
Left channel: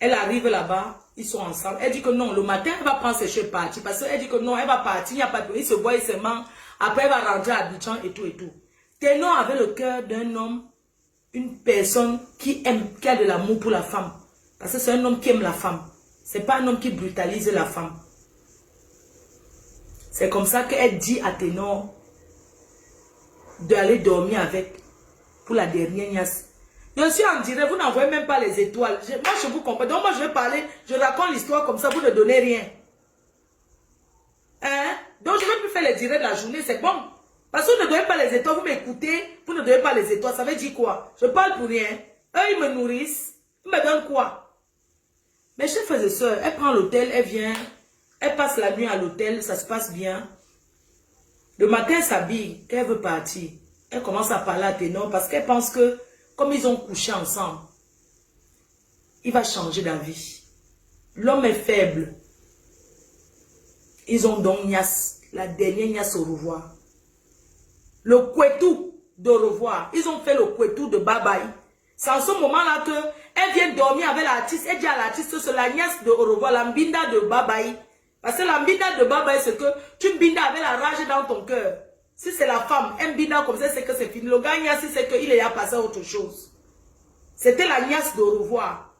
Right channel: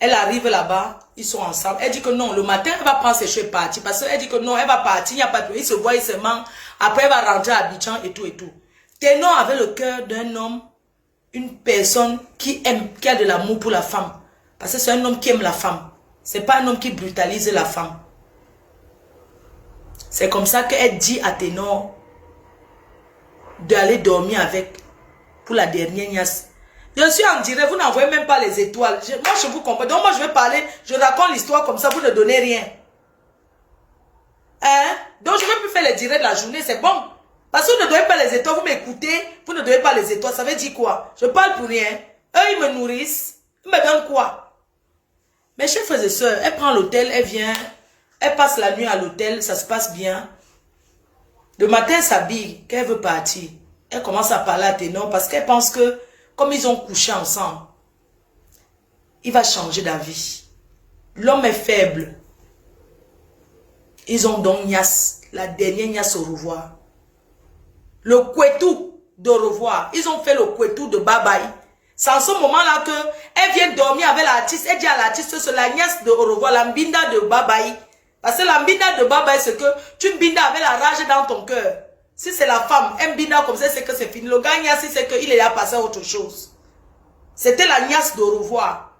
Elle arrive là-bas, ils sont ensemble. Elle dit que non, le matin, elle va prendre ses cheveux et partir. Parce qu'elle dit que non, elle va partir, il n'y a pas de... Il se voit, il se ment. Après, elle va rentrer à Abidjan et tout et tout. Ténor avait le cœur d'un homme, une personne qui aime, qui a de l'amour pour la femme. Parce que c'est un homme qui aime la femme. Ce n'est pas un homme qui brutalise la femme. C'est comme ça qu'elle dit à Ténor d'aller dormir avec pour la dernière niasse. Je suis en direct, vous n'envoyez même pas les étoiles. Moi, je vous comprends. Donc, moi, je vais parler, je raconte l'histoire comme ça, vous ne donnez rien. Hein? Donc, je ne vais plus faire les directs de la journée, c'est bon. Parce que vous ne donnez pas les étoiles, vous m'écoutez, vous ne donnez pas les étoiles. Ça veut dire quoi? Je parle pour rien. Eux, ils me nourrissent. Ils me donnent quoi? Mes chers frères et sœurs, elle prend l'hôtel, elle vient... Elle passe la nuit à l'hôtel, ça se passe bien. Le matin, elle s'habille, qu'elle veut partir. Elle commence à parler à Ténor parce qu'elle pense que, comme ils ont couché ensemble, il va changer d'avis. L'homme est faible. Ils ont donc Nias, la dernière Nias au revoir. Le Kwetou de revoir. Ils ont fait le Kwetou de bye-bye. C'est en ce moment-là qu'elle vient dormir avec l'artiste. Elle dit à l'artiste, c'est la Nias de au revoir, la Mbinda de bye-bye. Parce que la mbinda de baba, c'est que tu mbinda avec la rage dans ton cœur. Si c'est la femme, un mbinda comme ça, c'est que c'est fini. Le gars, c'est qu'il est à passer à autre chose. C'était la niasse de revoir.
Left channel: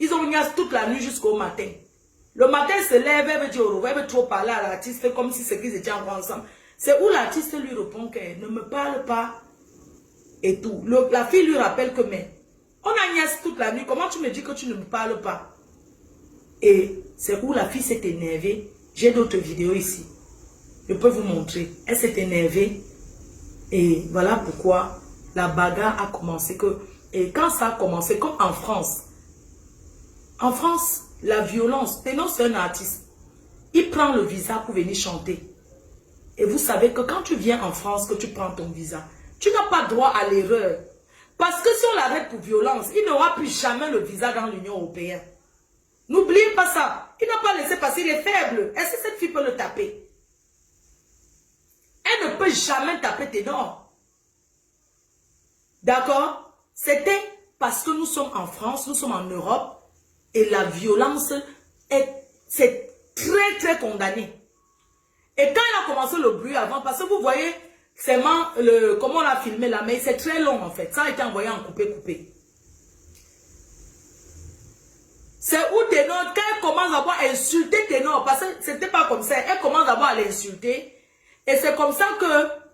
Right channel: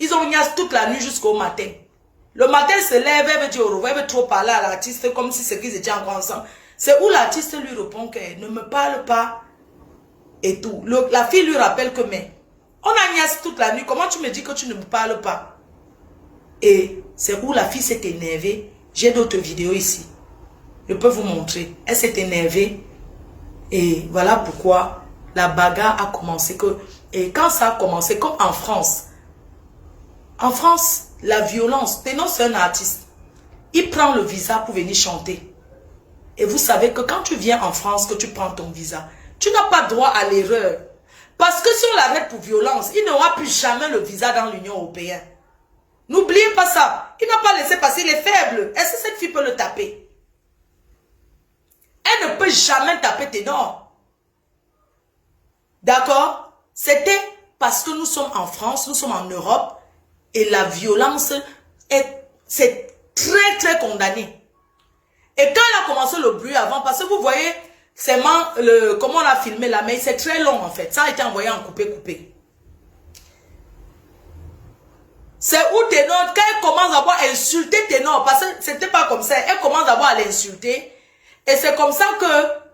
Ils ont niasse toute la nuit jusqu'au matin. Le matin, elle se lève, elle veut dire au revoir, elle veut trop parler à l'artiste comme si c'est qu'ils étaient encore ensemble. C'est où l'artiste lui répond qu'elle ne me parle pas et tout. La fille lui rappelle que, mais on a niasse toute la nuit, comment tu me dis que tu ne me parles pas? Et c'est où la fille s'est énervée. J'ai d'autres vidéos ici. Je peux vous montrer. Elle s'est énervée. Et voilà pourquoi la bagarre a commencé. Et quand ça a commencé, comme en France, la violence, Ténor c'est un artiste. Il prend le visa pour venir chanter. Et vous savez que quand tu viens en France, que tu prends ton visa, tu n'as pas droit à l'erreur. Parce que si on l'arrête pour violence, il n'aura plus jamais le visa dans l'Union européenne. N'oubliez pas ça. Il n'a pas laissé passer, il est faible. Est-ce que cette fille peut le taper? Elle ne peut jamais taper Ténor. D'accord? C'était parce que nous sommes en France, nous sommes en Europe, et la violence, c'est très, très condamné. Et quand elle a commencé le bruit avant, parce que vous voyez, comment on a filmé là, mais c'est très long en fait. Ça a été envoyé en coupé. C'est où Ténor, quand elle commence d'abord à insulter Ténor, parce que c'était pas comme ça, elle commence d'abord à l'insulter, et c'est comme ça que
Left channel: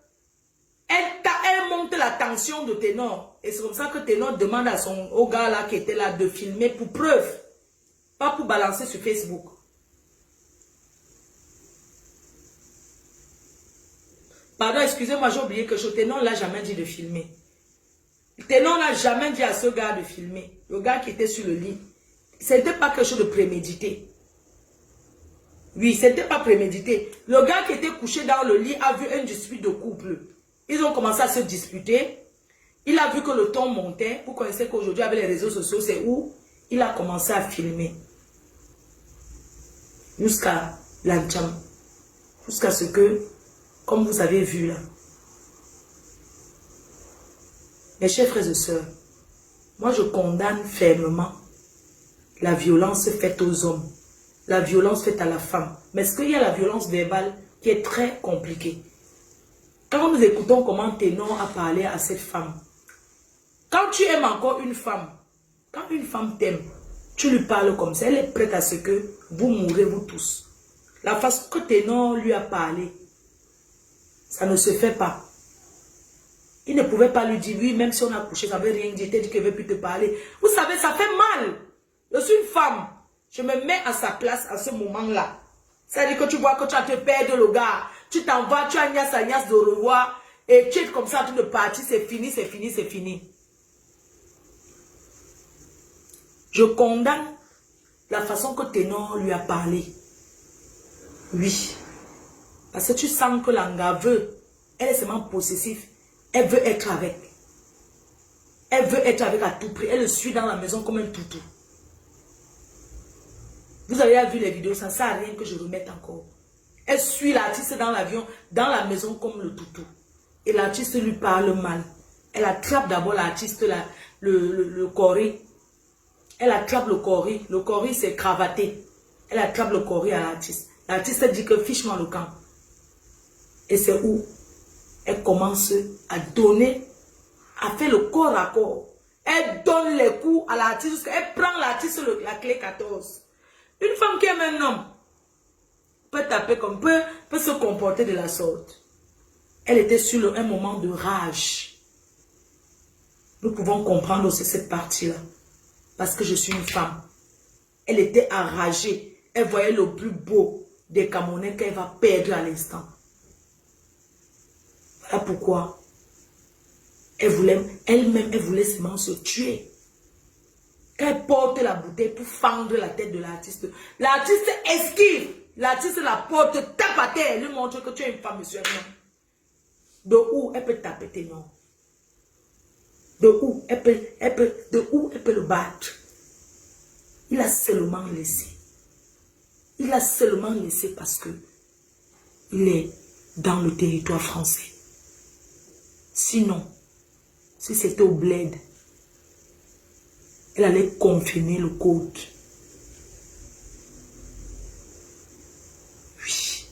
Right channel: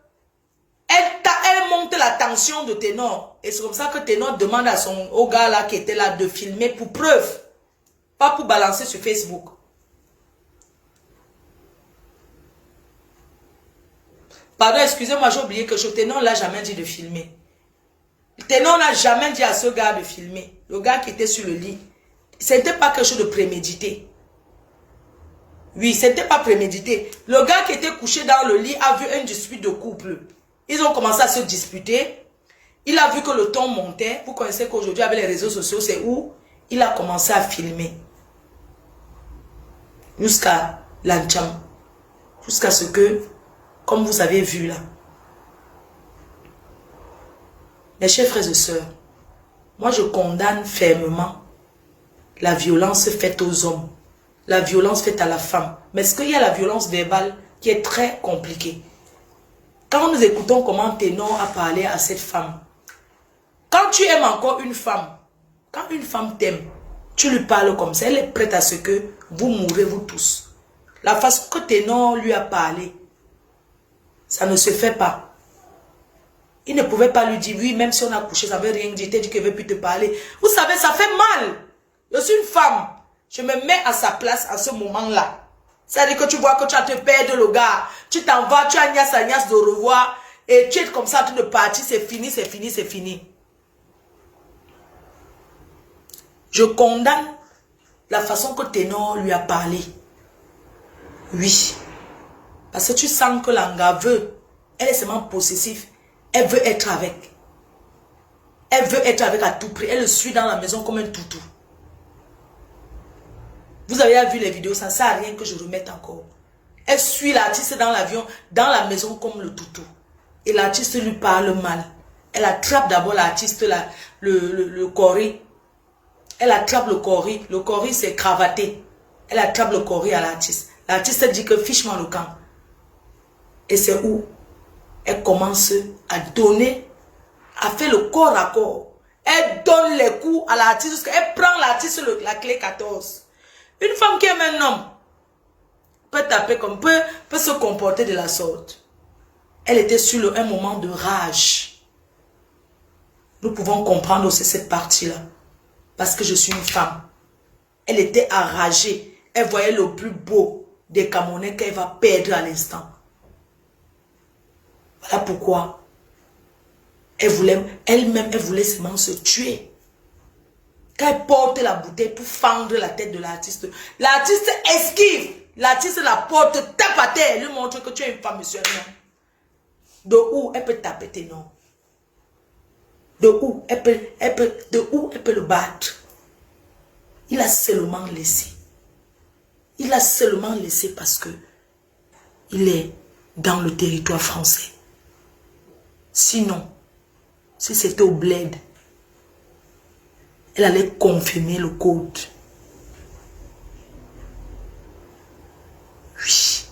elle monte la tension de Ténor. Et c'est comme ça que Ténor demande au gars là qui était là de filmer pour preuve, pas pour balancer sur Facebook. Pardon, excusez-moi, j'ai oublié que Ténor l'a jamais dit de filmer. Ténor n'a jamais dit à ce gars de filmer. Le gars qui était sur le lit. C'était pas quelque chose de prémédité. Oui, c'était pas prémédité. Le gars qui était couché dans le lit a vu un dispute de couple. Ils ont commencé à se disputer. Il a vu que le ton montait. Vous connaissez qu'aujourd'hui avec les réseaux sociaux, c'est où il a commencé à filmer. Jusqu'à l'ancham. Jusqu'à ce que, comme vous avez vu là. Mes chers frères et sœurs, moi je condamne fermement la violence faite aux hommes, la violence faite à la femme. Mais est-ce qu'il y a la violence verbale qui est très compliquée? Quand nous écoutons comment Ténor a parlé à cette femme, quand tu aimes encore une femme, quand une femme t'aime, tu lui parles comme ça, elle est prête à ce que vous mourrez vous tous. La façon que Ténor lui a parlé, ça ne se fait pas. Il ne pouvait pas lui dire, oui, même si on a couché, ça ne veut rien dire, il dit qu'il ne veut plus te parler. Vous savez, ça fait mal. Je suis une femme. Je me mets à sa place à ce moment-là. C'est-à-dire que tu vois que tu as te perdre le gars. Tu t'en vas, tu as Nias de revoir. Et tu es comme ça, tu de partir, c'est fini, c'est fini, c'est fini. Je condamne la façon que Ténor lui a parlé. Oui. Parce que tu sens que l'anga veut. Elle est seulement possessive. Elle veut être avec. Elle veut être avec à tout prix. Elle le suit dans la maison comme un toutou. Vous avez vu les vidéos, ça ne sert à rien que je remette encore. Elle suit l'artiste dans l'avion, dans la maison comme le toutou. Et l'artiste lui parle mal. Elle attrape d'abord l'artiste, le cori. Elle attrape le cori. Le cori, c'est cravaté. Elle attrape le cori à l'artiste. L'artiste dit que fiche-moi le camp. Et c'est où elle commence à donner, à faire le corps à corps. Elle donne les coups à l'artiste. Elle prend l'artiste la clé 14. Une femme qui aime un homme peut taper comme peut se comporter de la sorte. Elle était sur un moment de rage. Nous pouvons comprendre aussi cette partie-là. Parce que je suis une femme. Elle était enragée. Elle voyait le plus beau des Camerounais qu'elle va perdre à l'instant. Voilà pourquoi elle-même voulait seulement se tuer. Quand elle porte la bouteille pour fendre la tête de l'artiste, l'artiste esquive. L'artiste la porte, tape à terre, lui montre que tu es une femme musulmane. De où elle peut taper tes noms? De où elle peut le battre? Il a seulement laissé. Il a seulement laissé parce que il est dans le territoire français. Sinon, si c'était au bled, elle allait confirmer le code. Oui.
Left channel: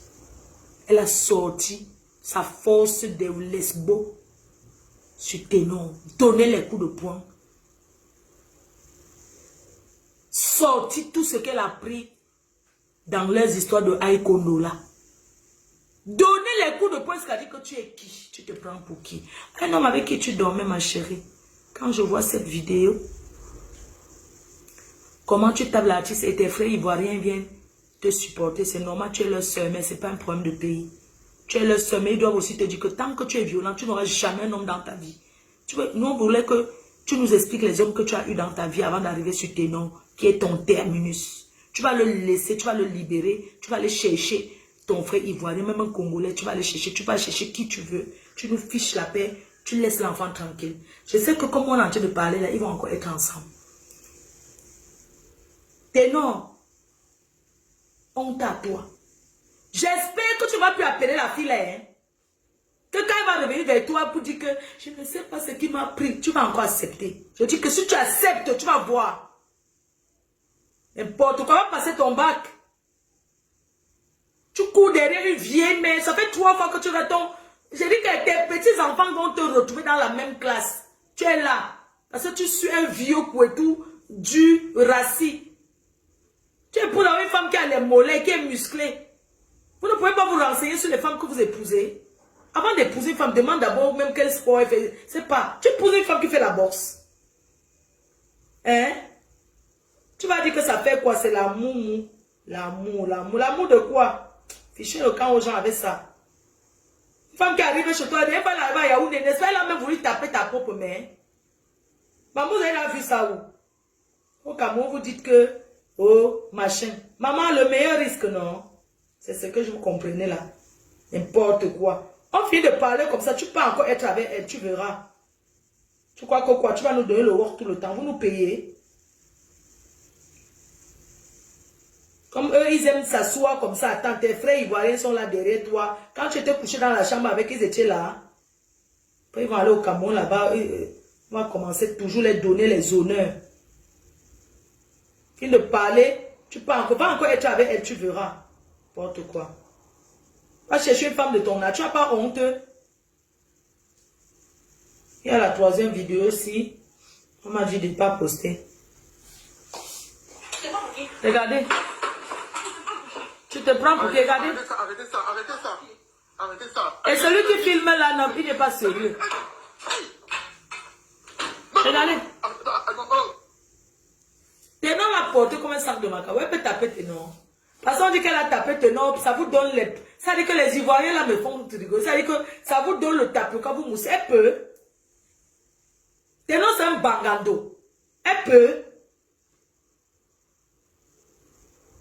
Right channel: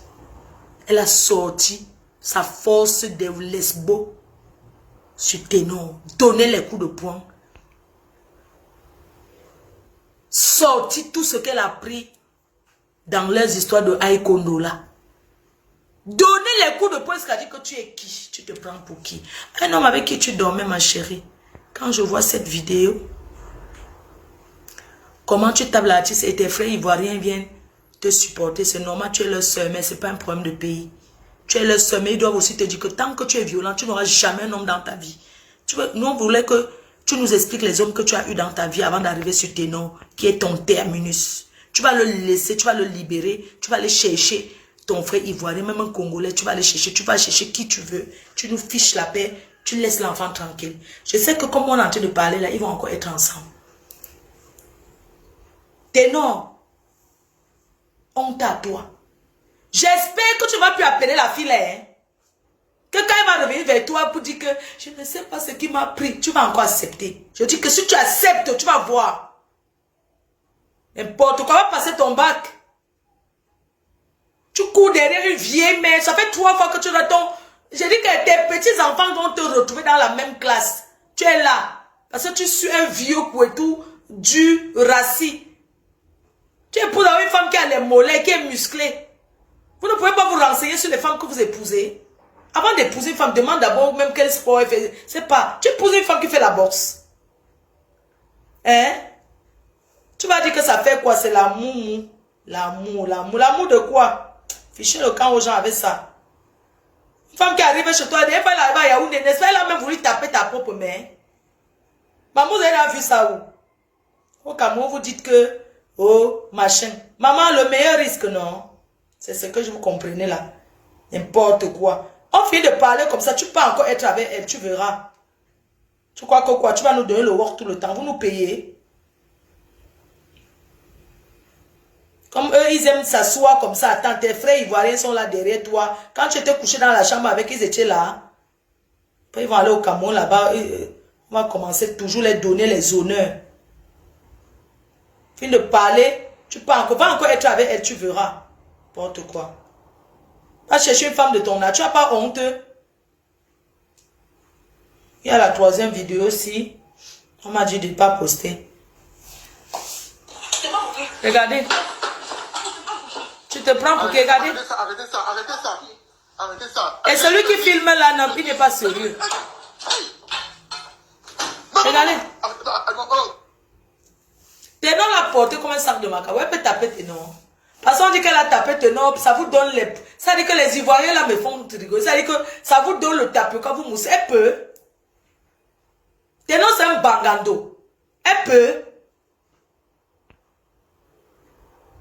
Elle a sorti sa force de lesbo sur Ténor, donner les coups de poing. sortir tout ce qu'elle a pris dans leurs histoires de Aïkondo là. Donner les coups de poing, ce qu'a dit que tu es qui? Tu te prends pour qui? Un homme avec qui tu dormais, ma chérie. Quand je vois cette vidéo, comment tu tapes l'artiste et tes frères ivoiriens viennent te supporter, c'est normal, tu es leur soeur, mais ce n'est pas un problème de pays. Tu es leur soeur, mais ils doivent aussi te dire que tant que tu es violent, tu n'auras jamais un homme dans ta vie. Nous, on voulait que tu nous expliques les hommes que tu as eu dans ta vie avant d'arriver sur tes noms, qui est ton terminus. Tu vas le laisser, tu vas le libérer, tu vas aller chercher ton frère ivoirien, même un Congolais, tu vas aller chercher, tu vas chercher qui tu veux. Tu nous fiches la paix, tu laisses l'enfant tranquille. Je sais que comme on est en train de parler là, ils vont encore être ensemble. Tes noms, honte à toi. J'espère que tu vas plus appeler la fille là, hein. Que quand elle va revenir vers toi pour dire que je ne sais pas ce qui m'a pris, tu vas encore accepter. Je dis que si tu acceptes, tu vas voir. N'importe quoi, va passer ton bac. Tu cours derrière une vieille mère, ça fait 3 fois que tu retombes. J'ai dit que tes petits-enfants vont te retrouver dans la même classe. Tu es là. Parce que tu suis un vieux pouetou du rassis. Tu épouses une femme qui a les mollets, qui est musclée. Vous ne pouvez pas vous renseigner sur les femmes que vous épousez. Avant d'épouser une femme, demande d'abord même quel sport elle fait. C'est pas. Tu épouses une femme qui fait la boxe. Hein? Tu vas dire que ça fait quoi? C'est l'amour. L'amour. L'amour de quoi? Fichez le camp aux gens avec ça. Une femme qui arrive chez toi, elle va là-bas à Yaoundé, n'est-ce pas? Elle a même voulu taper ta propre mère. Maman, vous avez vu ça où? Au Cameroun, vous dites que, oh, machin. Maman, le meilleur risque, non? C'est ce que je vous comprenez là. N'importe quoi. On finit de parler comme ça, tu peux encore être avec elle, tu verras. Tu crois que quoi? Tu vas nous donner le work tout le temps, vous nous payez. Comme eux, ils aiment s'asseoir comme ça. Attends, tes frères ivoiriens sont là derrière toi. Quand tu étais couché dans la chambre avec eux, ils étaient là. Après, ils vont aller au Cameroun là-bas. On va commencer toujours les donner les honneurs. Fin de parler, tu peux encore, va encore être avec elle, tu verras. N'importe quoi. Va chercher une femme de ton âge. Tu n'as pas honte. Il y a la 3e vidéo aussi. On m'a dit de ne pas poster. Regardez. Tu te prends pour qui? Regardez. Arrêtez ça. Et celui qui filme là, non, il n'est pas sérieux. Regardez. Tes noms l'ont porté comme un sac de macaroni. Elle peut taper tes noms. Parce qu'on dit qu'elle a tapé tes noms, ça vous donne les... Ça dit que les Ivoiriens là me font rigoler. Ça dit que ça vous donne le tapis quand vous moussez. Elle peut. Tes noms c'est un bangando. Elle peut.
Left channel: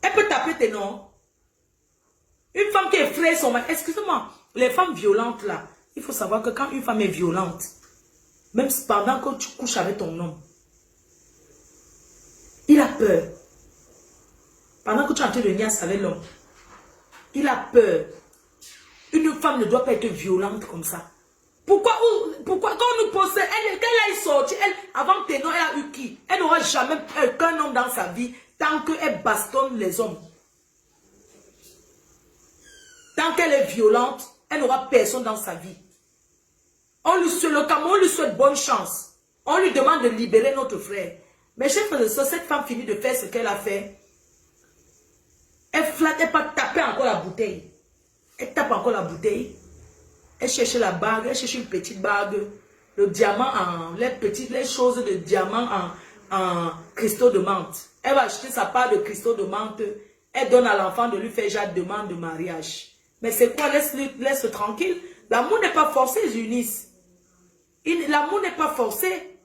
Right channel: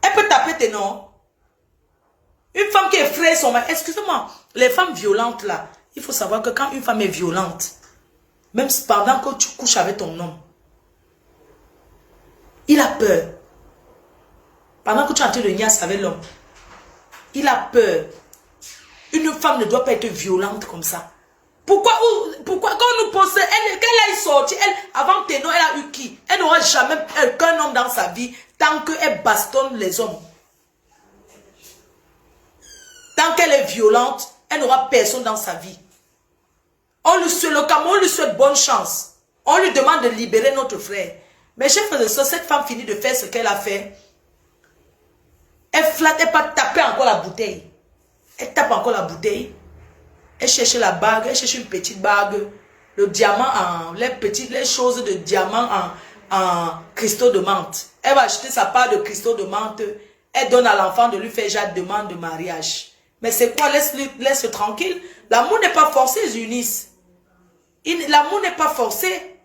Elle peut taper tes noms. Une femme qui effraie son mari. Excusez-moi, les femmes violentes là, il faut savoir que quand une femme est violente, même pendant que tu couches avec ton homme, il a peur. Pendant que tu es en train de niasse avec l'homme, il a peur. Une femme ne doit pas être violente comme ça. Pourquoi quand on nous pose, qu'elle aille sortir, avant tes noms, elle a eu qui? Elle n'aura jamais qu'un homme dans sa vie tant qu'elle bastonne les hommes. Tant qu'elle est violente, elle n'aura personne dans sa vie. Le Cameroun lui souhaite bonne chance. On lui demande de libérer notre frère. Mais chers frères et sœurs, cette femme finit de faire ce qu'elle a fait. Elle flatte, elle pas taper encore la bouteille. Elle tape encore la bouteille. Elle cherche la bague, elle cherche une petite bague. Le diamant les choses de diamant en cristaux de menthe. Elle va acheter sa part de cristaux de menthe. Elle donne à l'enfant de lui faire déjà demande de mariage. Mais c'est quoi? Laisse-le tranquille. L'amour n'est pas forcé, Eunice. L'amour n'est pas forcé.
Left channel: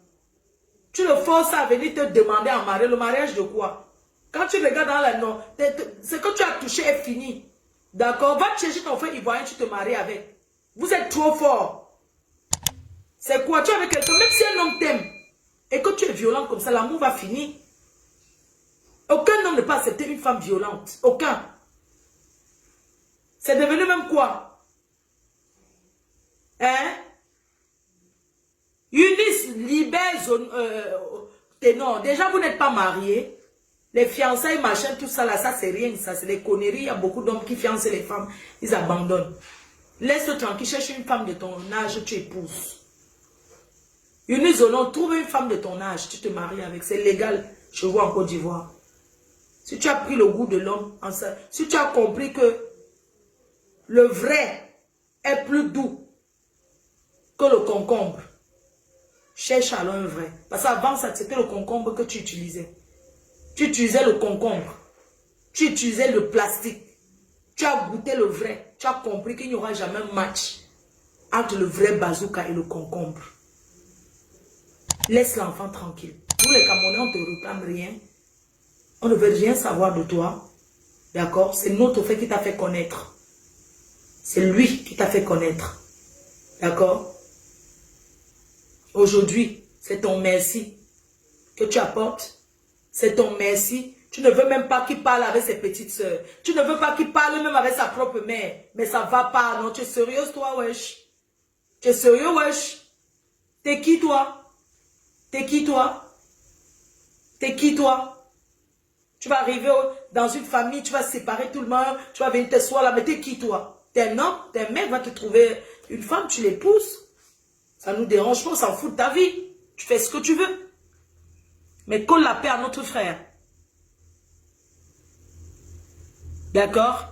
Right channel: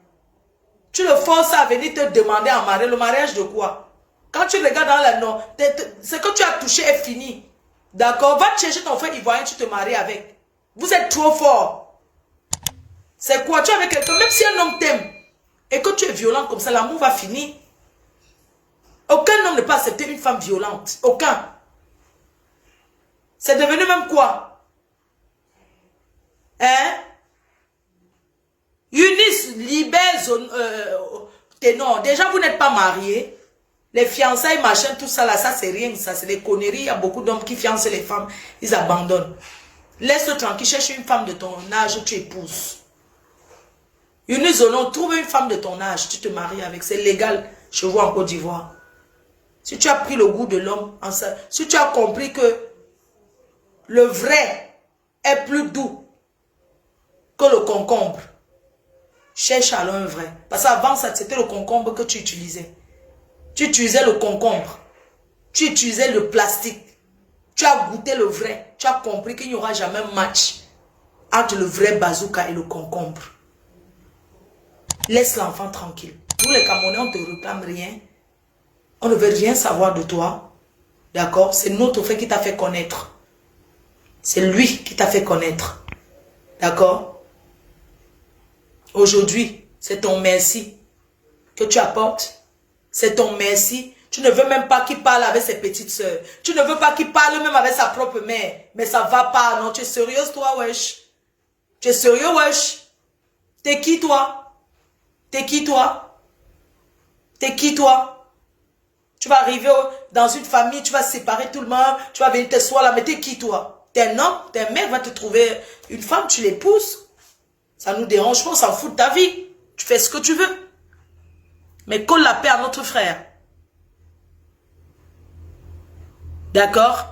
Tu le forces à venir te demander en mariage. Le mariage de quoi? Quand tu regardes dans la non, ce que tu as touché est fini. D'accord? Va chercher ton frère ivoirien, tu te maries avec. Vous êtes trop fort. C'est quoi? Tu es avec quelqu'un, même si un homme t'aime, et que tu es violent comme ça, l'amour va finir. Aucun homme ne peut accepter une femme violente. Aucun. C'est devenu même quoi? Hein? Eunice, libère tes noms. Déjà, vous n'êtes pas mariés. Les fiançailles, machin, tout ça là, ça c'est rien. Ça c'est des conneries. Il y a beaucoup d'hommes qui fiancent les femmes. Ils abandonnent. Laisse-le tranquille. Cherche une femme de ton âge où tu épouses. Eunice Zonon, trouve une femme de ton âge. Tu te maries avec. C'est légal. chez vous en Côte d'Ivoire. Si tu as pris le goût de l'homme, si tu as compris que le vrai est plus doux que le concombre, cherche alors un vrai. Parce qu'avant ça, c'était le concombre que tu utilisais. Tu utilisais le concombre. Tu utilisais le plastique. Tu as goûté le vrai. Tu as compris qu'il n'y aura jamais un match entre le vrai bazooka et le concombre. Laisse l'enfant tranquille. Nous les Camerounais, on ne te réclame rien. On ne veut rien savoir de toi. D'accord? C'est notre frère qui t'a fait connaître. C'est lui qui t'a fait connaître. D'accord? Aujourd'hui, c'est ton merci que tu apportes. C'est ton merci. Tu ne veux même pas qu'il parle avec ses petites soeurs. Tu ne veux pas qu'il parle même avec sa propre mère. Mais ça va pas, non? Tu es sérieuse, toi, wesh? Tu es sérieux, wesh? T'es qui, toi? T'es qui, toi? T'es qui, toi? Tu vas arriver dans une famille, tu vas séparer tout le monde, tu vas venir t'asseoir là, mais t'es qui, toi? T'es un homme, t'es un mec, va te trouver une femme, tu l'épouses. Ça nous dérange pas, on s'en fout de ta vie. Tu fais ce que tu veux. Mais colle la paix à notre frère. D'accord?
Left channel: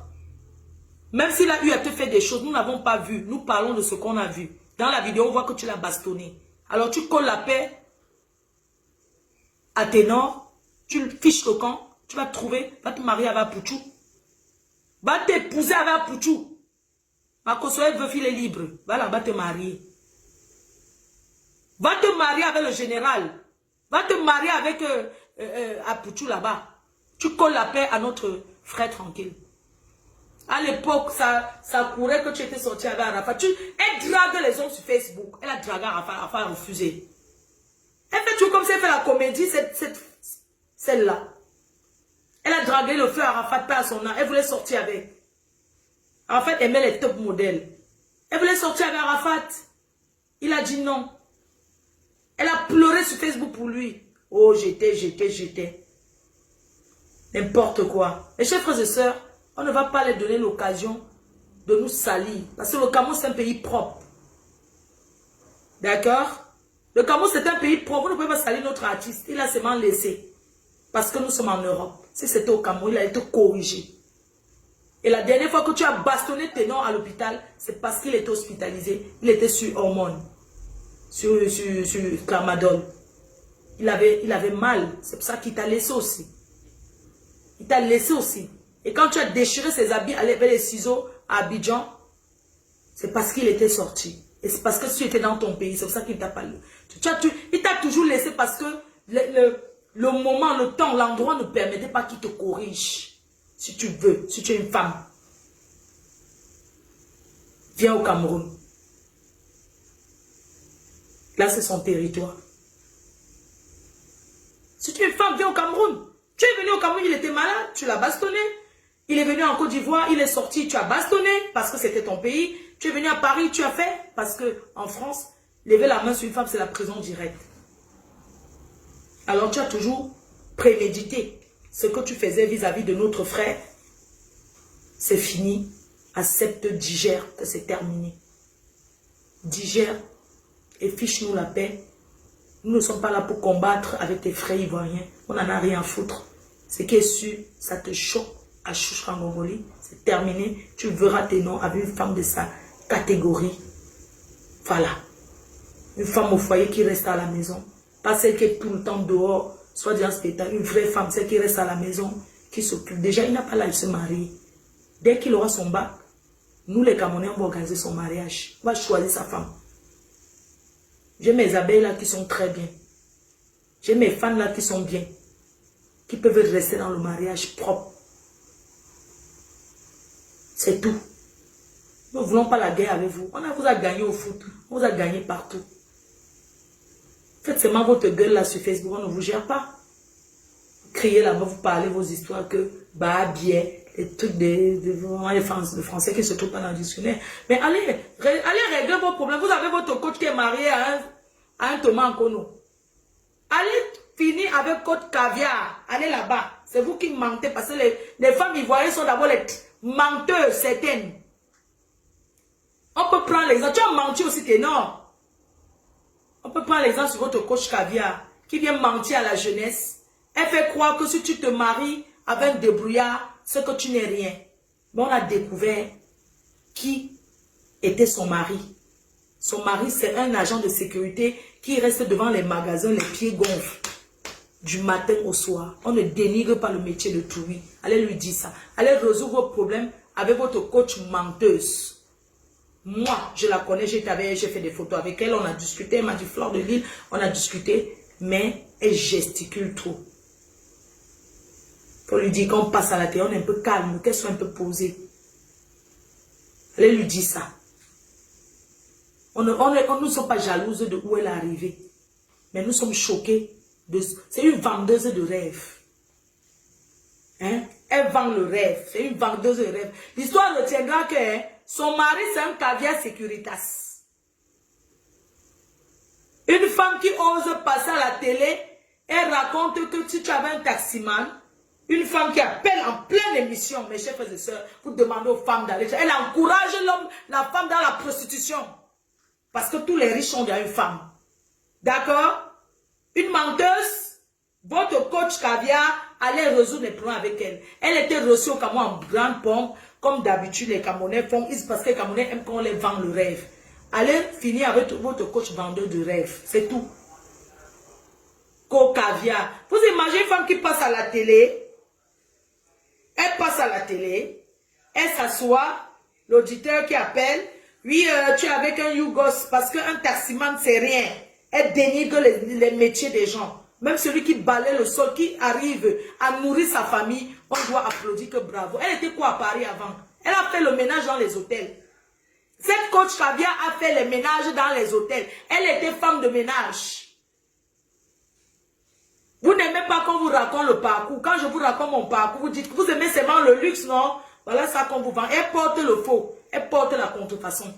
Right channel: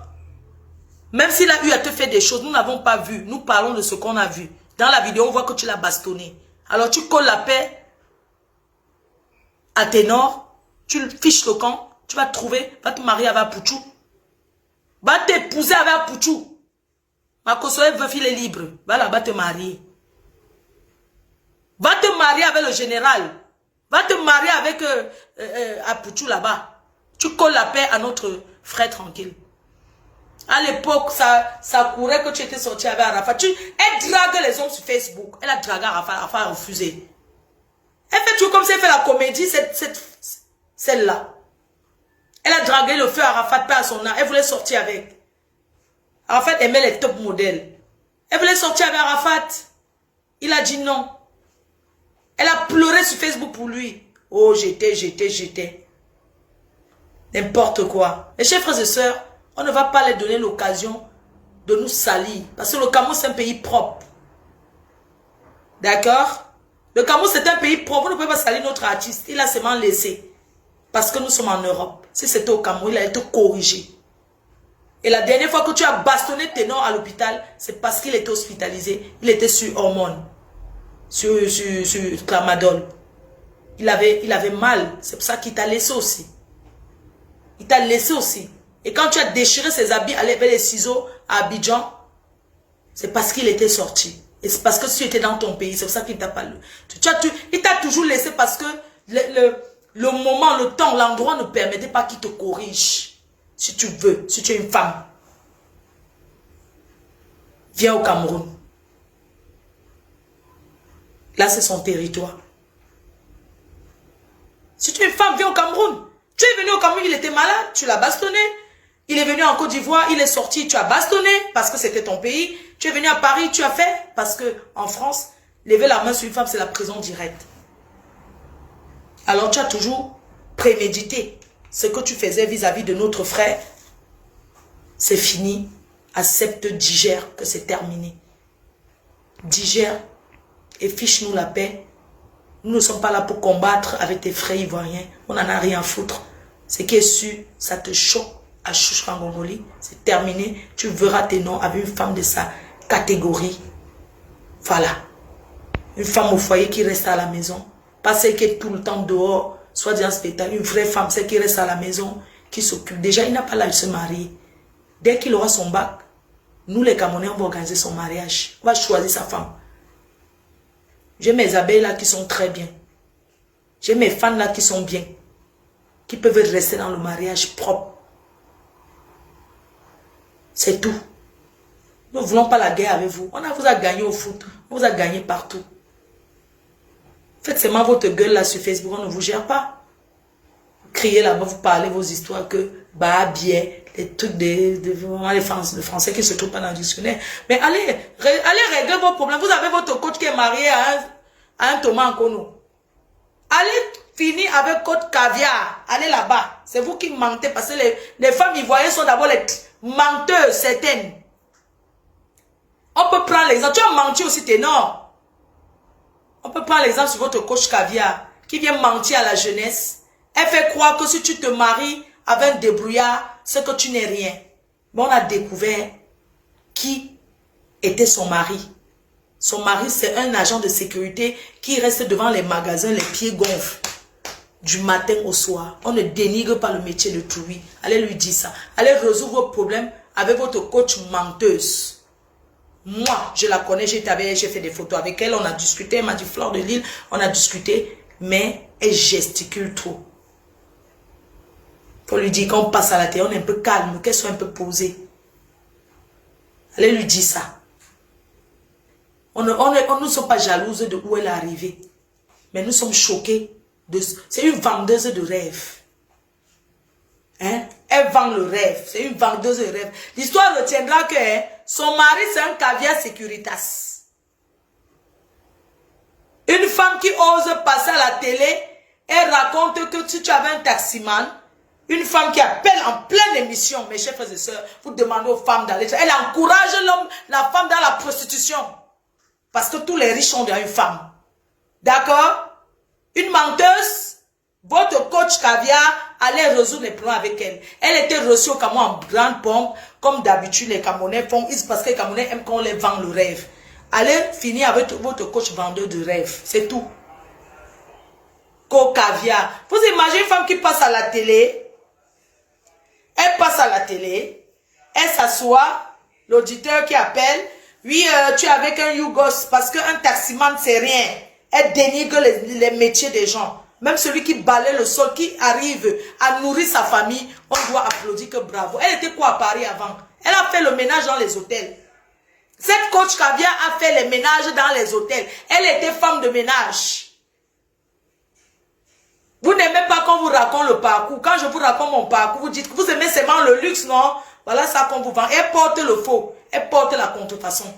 Même s'il a eu à te faire des choses, nous n'avons pas vu. Nous parlons de ce qu'on a vu. Dans la vidéo, on voit que tu l'as bastonné. Alors tu colles la paix à Ténor, tu fiches le camp, tu vas te trouver, va te marier avec Apouchou. Va t'épouser avec Apouchou. Ma consoeur veut filer libre. Va là-bas te marier. Va te marier avec le général. Va te marier avec Apouchou là-bas. Tu colles la paix à notre frère tranquille. À l'époque, ça courait que tu étais sorti avec Arafat. Elle drague les hommes sur Facebook. Elle a dragué Arafat. Arafat a refusé. Elle fait tout comme si elle fait la comédie, celle-là. Elle a dragué le feu Arafat, pas à son âge. Elle voulait sortir avec. Arafat aimait les top modèles. Elle voulait sortir avec Arafat. Il a dit non. Elle a pleuré sur Facebook pour lui. Oh, j'étais. N'importe quoi. Mes chers frères et sœurs, on ne va pas leur donner l'occasion de nous salir. Parce que le Cameroun, c'est un pays propre. D'accord? Le Cameroun, c'est un pays propre. Vous ne pouvez pas salir notre artiste. Il a seulement laissé. Parce que nous sommes en Europe. Si c'était au Cameroun, il a été corrigé. Et la dernière fois que tu as bastonné Ténor à l'hôpital, c'est parce qu'il était hospitalisé. Il était sur hormones. Sur Tramadol. Il avait mal. C'est pour ça qu'il t'a laissé aussi. Il t'a laissé aussi. Et quand tu as déchiré ses habits avec les ciseaux à Abidjan, c'est parce qu'il était sorti. Et c'est parce que tu étais dans ton pays. C'est pour ça qu'il t'a pas... Il t'a toujours laissé parce que le moment, le temps, l'endroit ne permettait pas qu'il te corrige. Si tu veux, si tu es une femme. Viens au Cameroun. Là, c'est son territoire. Si tu es une femme, viens au Cameroun. Tu es venu au Cameroun, il était malade, tu l'as bastonné. Il est venu en Côte d'Ivoire, il est sorti, tu as bastonné parce que c'était ton pays. Tu es venu à Paris, tu as fait parce que en France, lever la main sur une femme, c'est la prison directe. Alors tu as toujours prémédité ce que tu faisais vis-à-vis de notre frère. C'est fini. Accepte, digère que c'est terminé. Digère et fiche-nous la paix. Nous ne sommes pas là pour combattre avec tes frères ivoiriens. On n'en a rien à foutre. Ce qui est sûr, ça te choque à Chouchkangongoli. C'est terminé. Tu verras tes noms avec une femme de sa catégorie. Voilà. Une femme au foyer qui reste à la maison. Pas celle qui est tout le temps dehors, soit dans un spectacle. Une vraie femme, celle qui reste à la maison, qui s'occupe. Déjà, il n'a pas l'âge de se marier. Dès qu'il aura son bac, nous les Camerounais, on va organiser son mariage. On va choisir sa femme. J'ai mes abeilles là qui sont très bien. J'ai mes fans là qui sont bien. Qui peuvent rester dans le mariage propre. C'est tout. Nous ne voulons pas la guerre avec vous. On vous a gagné au foot. On vous a gagné partout. Faites seulement votre gueule là sur Facebook. On ne vous gère pas. Vous criez là-bas, vous parlez vos histoires que bah bien, les trucs de français qui se trouvent pas dans le dictionnaire. Mais allez régler vos problèmes. Vous avez votre coach qui est marié à un Thomas Nkono. Allez finir avec coach caviar. Allez là-bas. C'est vous qui mentez parce que les femmes ivoiriennes sont d'abord les menteuses certaines. On peut prendre l'exemple. Tu as menti aussi, Ténor. On peut prendre l'exemple sur votre coach caviar qui vient mentir à la jeunesse. Elle fait croire que si tu te maries avec un débrouillard, c'est que tu n'es rien. Mais on a découvert qui était son mari. Son mari, c'est un agent de sécurité qui reste devant les magasins, les pieds gonflés, du matin au soir. On ne dénigre pas le métier de Touri. Allez lui dire ça. Allez résoudre vos problèmes avec votre coach menteuse. Moi, je la connais, j'ai fait des photos avec elle, on a discuté, elle m'a dit Fleur de Lille, on a discuté, mais elle gesticule trop. Faut lui dire qu'on passe à la télé, on est un peu calme, qu'elle soit un peu posée. Allez lui dire ça. On ne sommes pas jalouses de où elle est arrivée. Mais nous sommes choqués. C'est une vendeuse de rêves. Hein? Elle vend le rêve. C'est une vendeuse de rêves. L'histoire retiendra que son mari, c'est un caviar Securitas. Une femme qui ose passer à la télé et raconte que si tu avais un taximan, une femme qui appelle en pleine émission, mes chers frères et sœurs, vous demandez aux femmes d'aller. Elle encourage l'homme, la femme dans la prostitution. Parce que tous les riches ont bien une femme. D'accord? Une menteuse, votre coach caviar allait résoudre les problèmes avec elle. Elle était reçue au Cameroun en grande pompe, comme d'habitude les Camerounais font, parce que les Camerounais aiment qu'on les vend le rêve. Allez finir avec votre coach vendeur de rêve, c'est tout. Caviar. Vous imaginez une femme qui passe à la télé, elle passe à la télé, elle s'assoit, l'auditeur qui appelle, oui, tu es avec un Yougos, parce qu'un taximan, c'est rien. Elle dénigre les métiers des gens. Même celui qui balaye le sol, qui arrive à nourrir sa famille, on doit applaudir que bravo. Elle était quoi à Paris avant? Elle a fait le ménage dans les hôtels. Cette coach caviar a fait les ménages dans les hôtels. Elle était femme de ménage. Vous n'aimez pas qu'on vous raconte le parcours. Quand je vous raconte mon parcours, vous dites que vous aimez seulement le luxe, non? Voilà ça qu'on vous vend. Elle porte le faux. Elle porte la contrefaçon.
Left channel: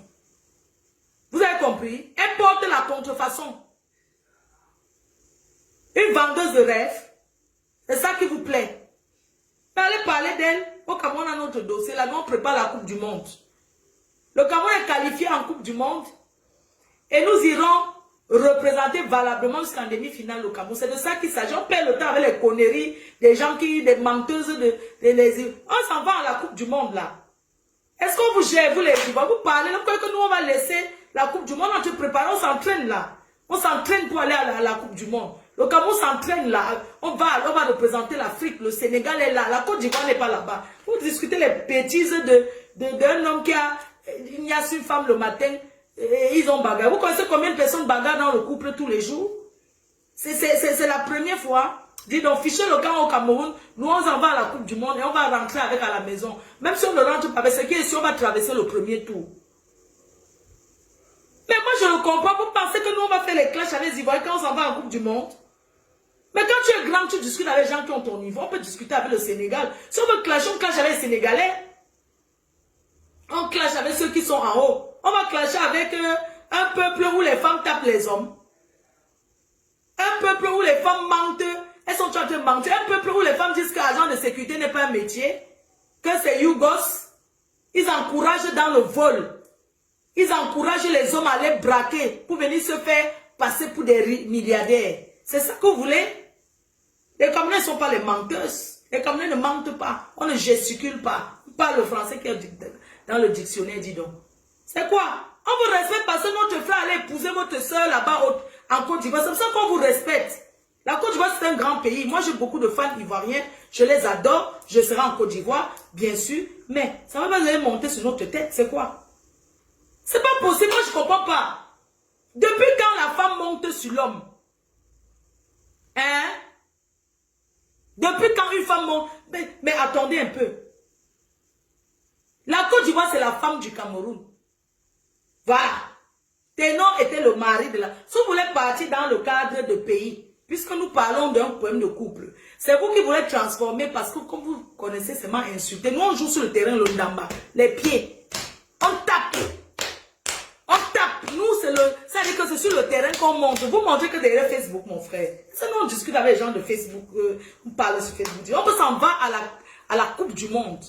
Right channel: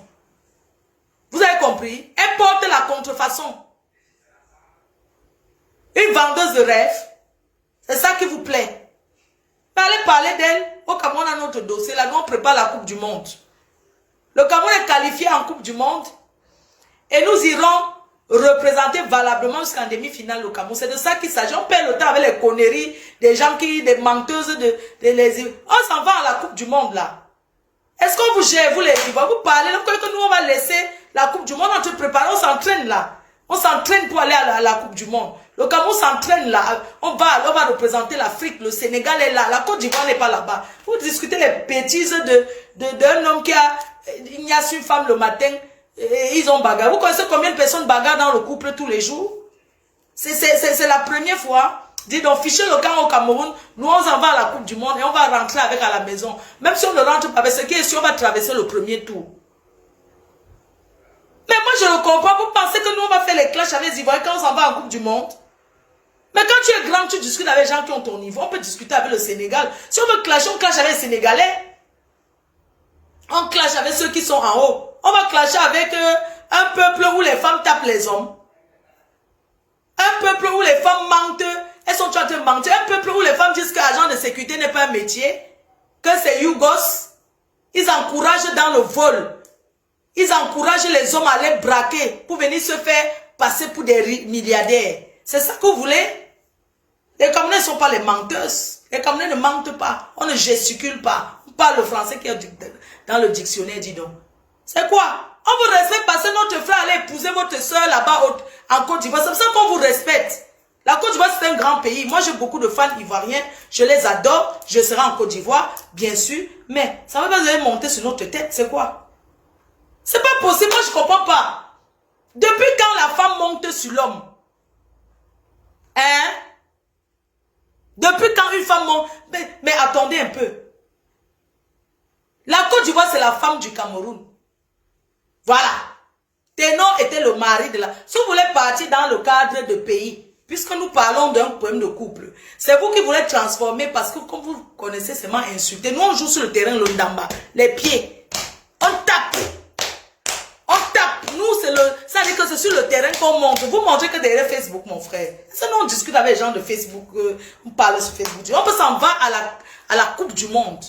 Vous avez compris? Elle porte la contrefaçon. Une vendeuse de rêve. C'est ça qui vous plaît. Mais allez parler d'elle. Au Cameroun, on a notre dossier. Là, nous, on prépare la Coupe du Monde. Le Cameroun est qualifié en Coupe du Monde. Et nous irons représenter valablement jusqu'en demi-finale au Cameroun. C'est de ça qu'il s'agit. On perd le temps avec les conneries des gens des menteuses on s'en va à la Coupe du Monde là. Est-ce qu'on vous gère, vous les Ivoiriens, vous parlez, là, que nous on va laisser la Coupe du Monde, on se prépare, on s'entraîne là. On s'entraîne pour aller à la Coupe du Monde. Le Cameroun s'entraîne là. On va représenter l'Afrique, le Sénégal est là, la Côte d'Ivoire n'est pas là-bas. Vous discutez les bêtises d'un homme qui a ignace une femme le matin. Et ils ont bagarre. Vous connaissez combien de personnes bagarrent dans le couple tous les jours? C'est la première fois. Dis donc, fichez le camp au Cameroun, nous on s'en va à la Coupe du Monde et on va rentrer avec à la maison. Même si on ne rentre pas avec ce qui est sûr, on va traverser le premier tour. Mais moi je ne comprends pas. Vous pensez que nous on va faire les clashs avec les Ivoiriens quand on s'en va en Coupe du Monde? Mais quand tu es grand, tu discutes avec les gens qui ont ton niveau. On peut discuter avec le Sénégal. Si on veut clasher, on clash avec les Sénégalais. On clash avec ceux qui sont en haut. On va clasher avec un peuple où les femmes tapent les hommes. Un peuple où les femmes mentent. Elles sont en train de mentir. Un peuple où les femmes disent qu'agent de sécurité n'est pas un métier. Que c'est Yougos. Ils encouragent dans le vol. Ils encouragent les hommes à les braquer pour venir se faire passer pour des milliardaires. C'est ça que vous voulez? Les Camerounais ne sont pas les menteuses. Les Camerounais ne mentent pas. On ne gesticule pas. On parle le français qui est dans le dictionnaire, dis donc. C'est quoi? On vous respecte parce que notre frère allait épouser votre soeur là-bas en Côte d'Ivoire. C'est pour ça qu'on vous respecte. La Côte d'Ivoire, c'est un grand pays. Moi, j'ai beaucoup de fans ivoiriens. Je les adore. Je serai en Côte d'Ivoire, bien sûr. Mais ça ne va pas aller monter sur notre tête. C'est quoi? C'est pas possible. Moi, je ne comprends pas. Depuis quand la femme monte sur l'homme? Hein? Depuis quand une femme monte? Mais attendez un peu. La Côte d'Ivoire, c'est la femme du Cameroun. Voilà. Ténor était le mari de la... Si vous voulez partir dans le cadre de pays, puisque nous parlons d'un problème de couple, c'est vous qui voulez transformer parce que comme vous connaissez seulement insulter. Nous, on joue sur le terrain, le ndamba, les pieds. On tape. On tape. Nous, ça veut dire que c'est sur le terrain qu'on monte. Vous montrez que derrière Facebook, mon frère. Ça, nous, on discute avec les gens de Facebook. On parle sur Facebook. On peut s'en va à la Coupe du Monde.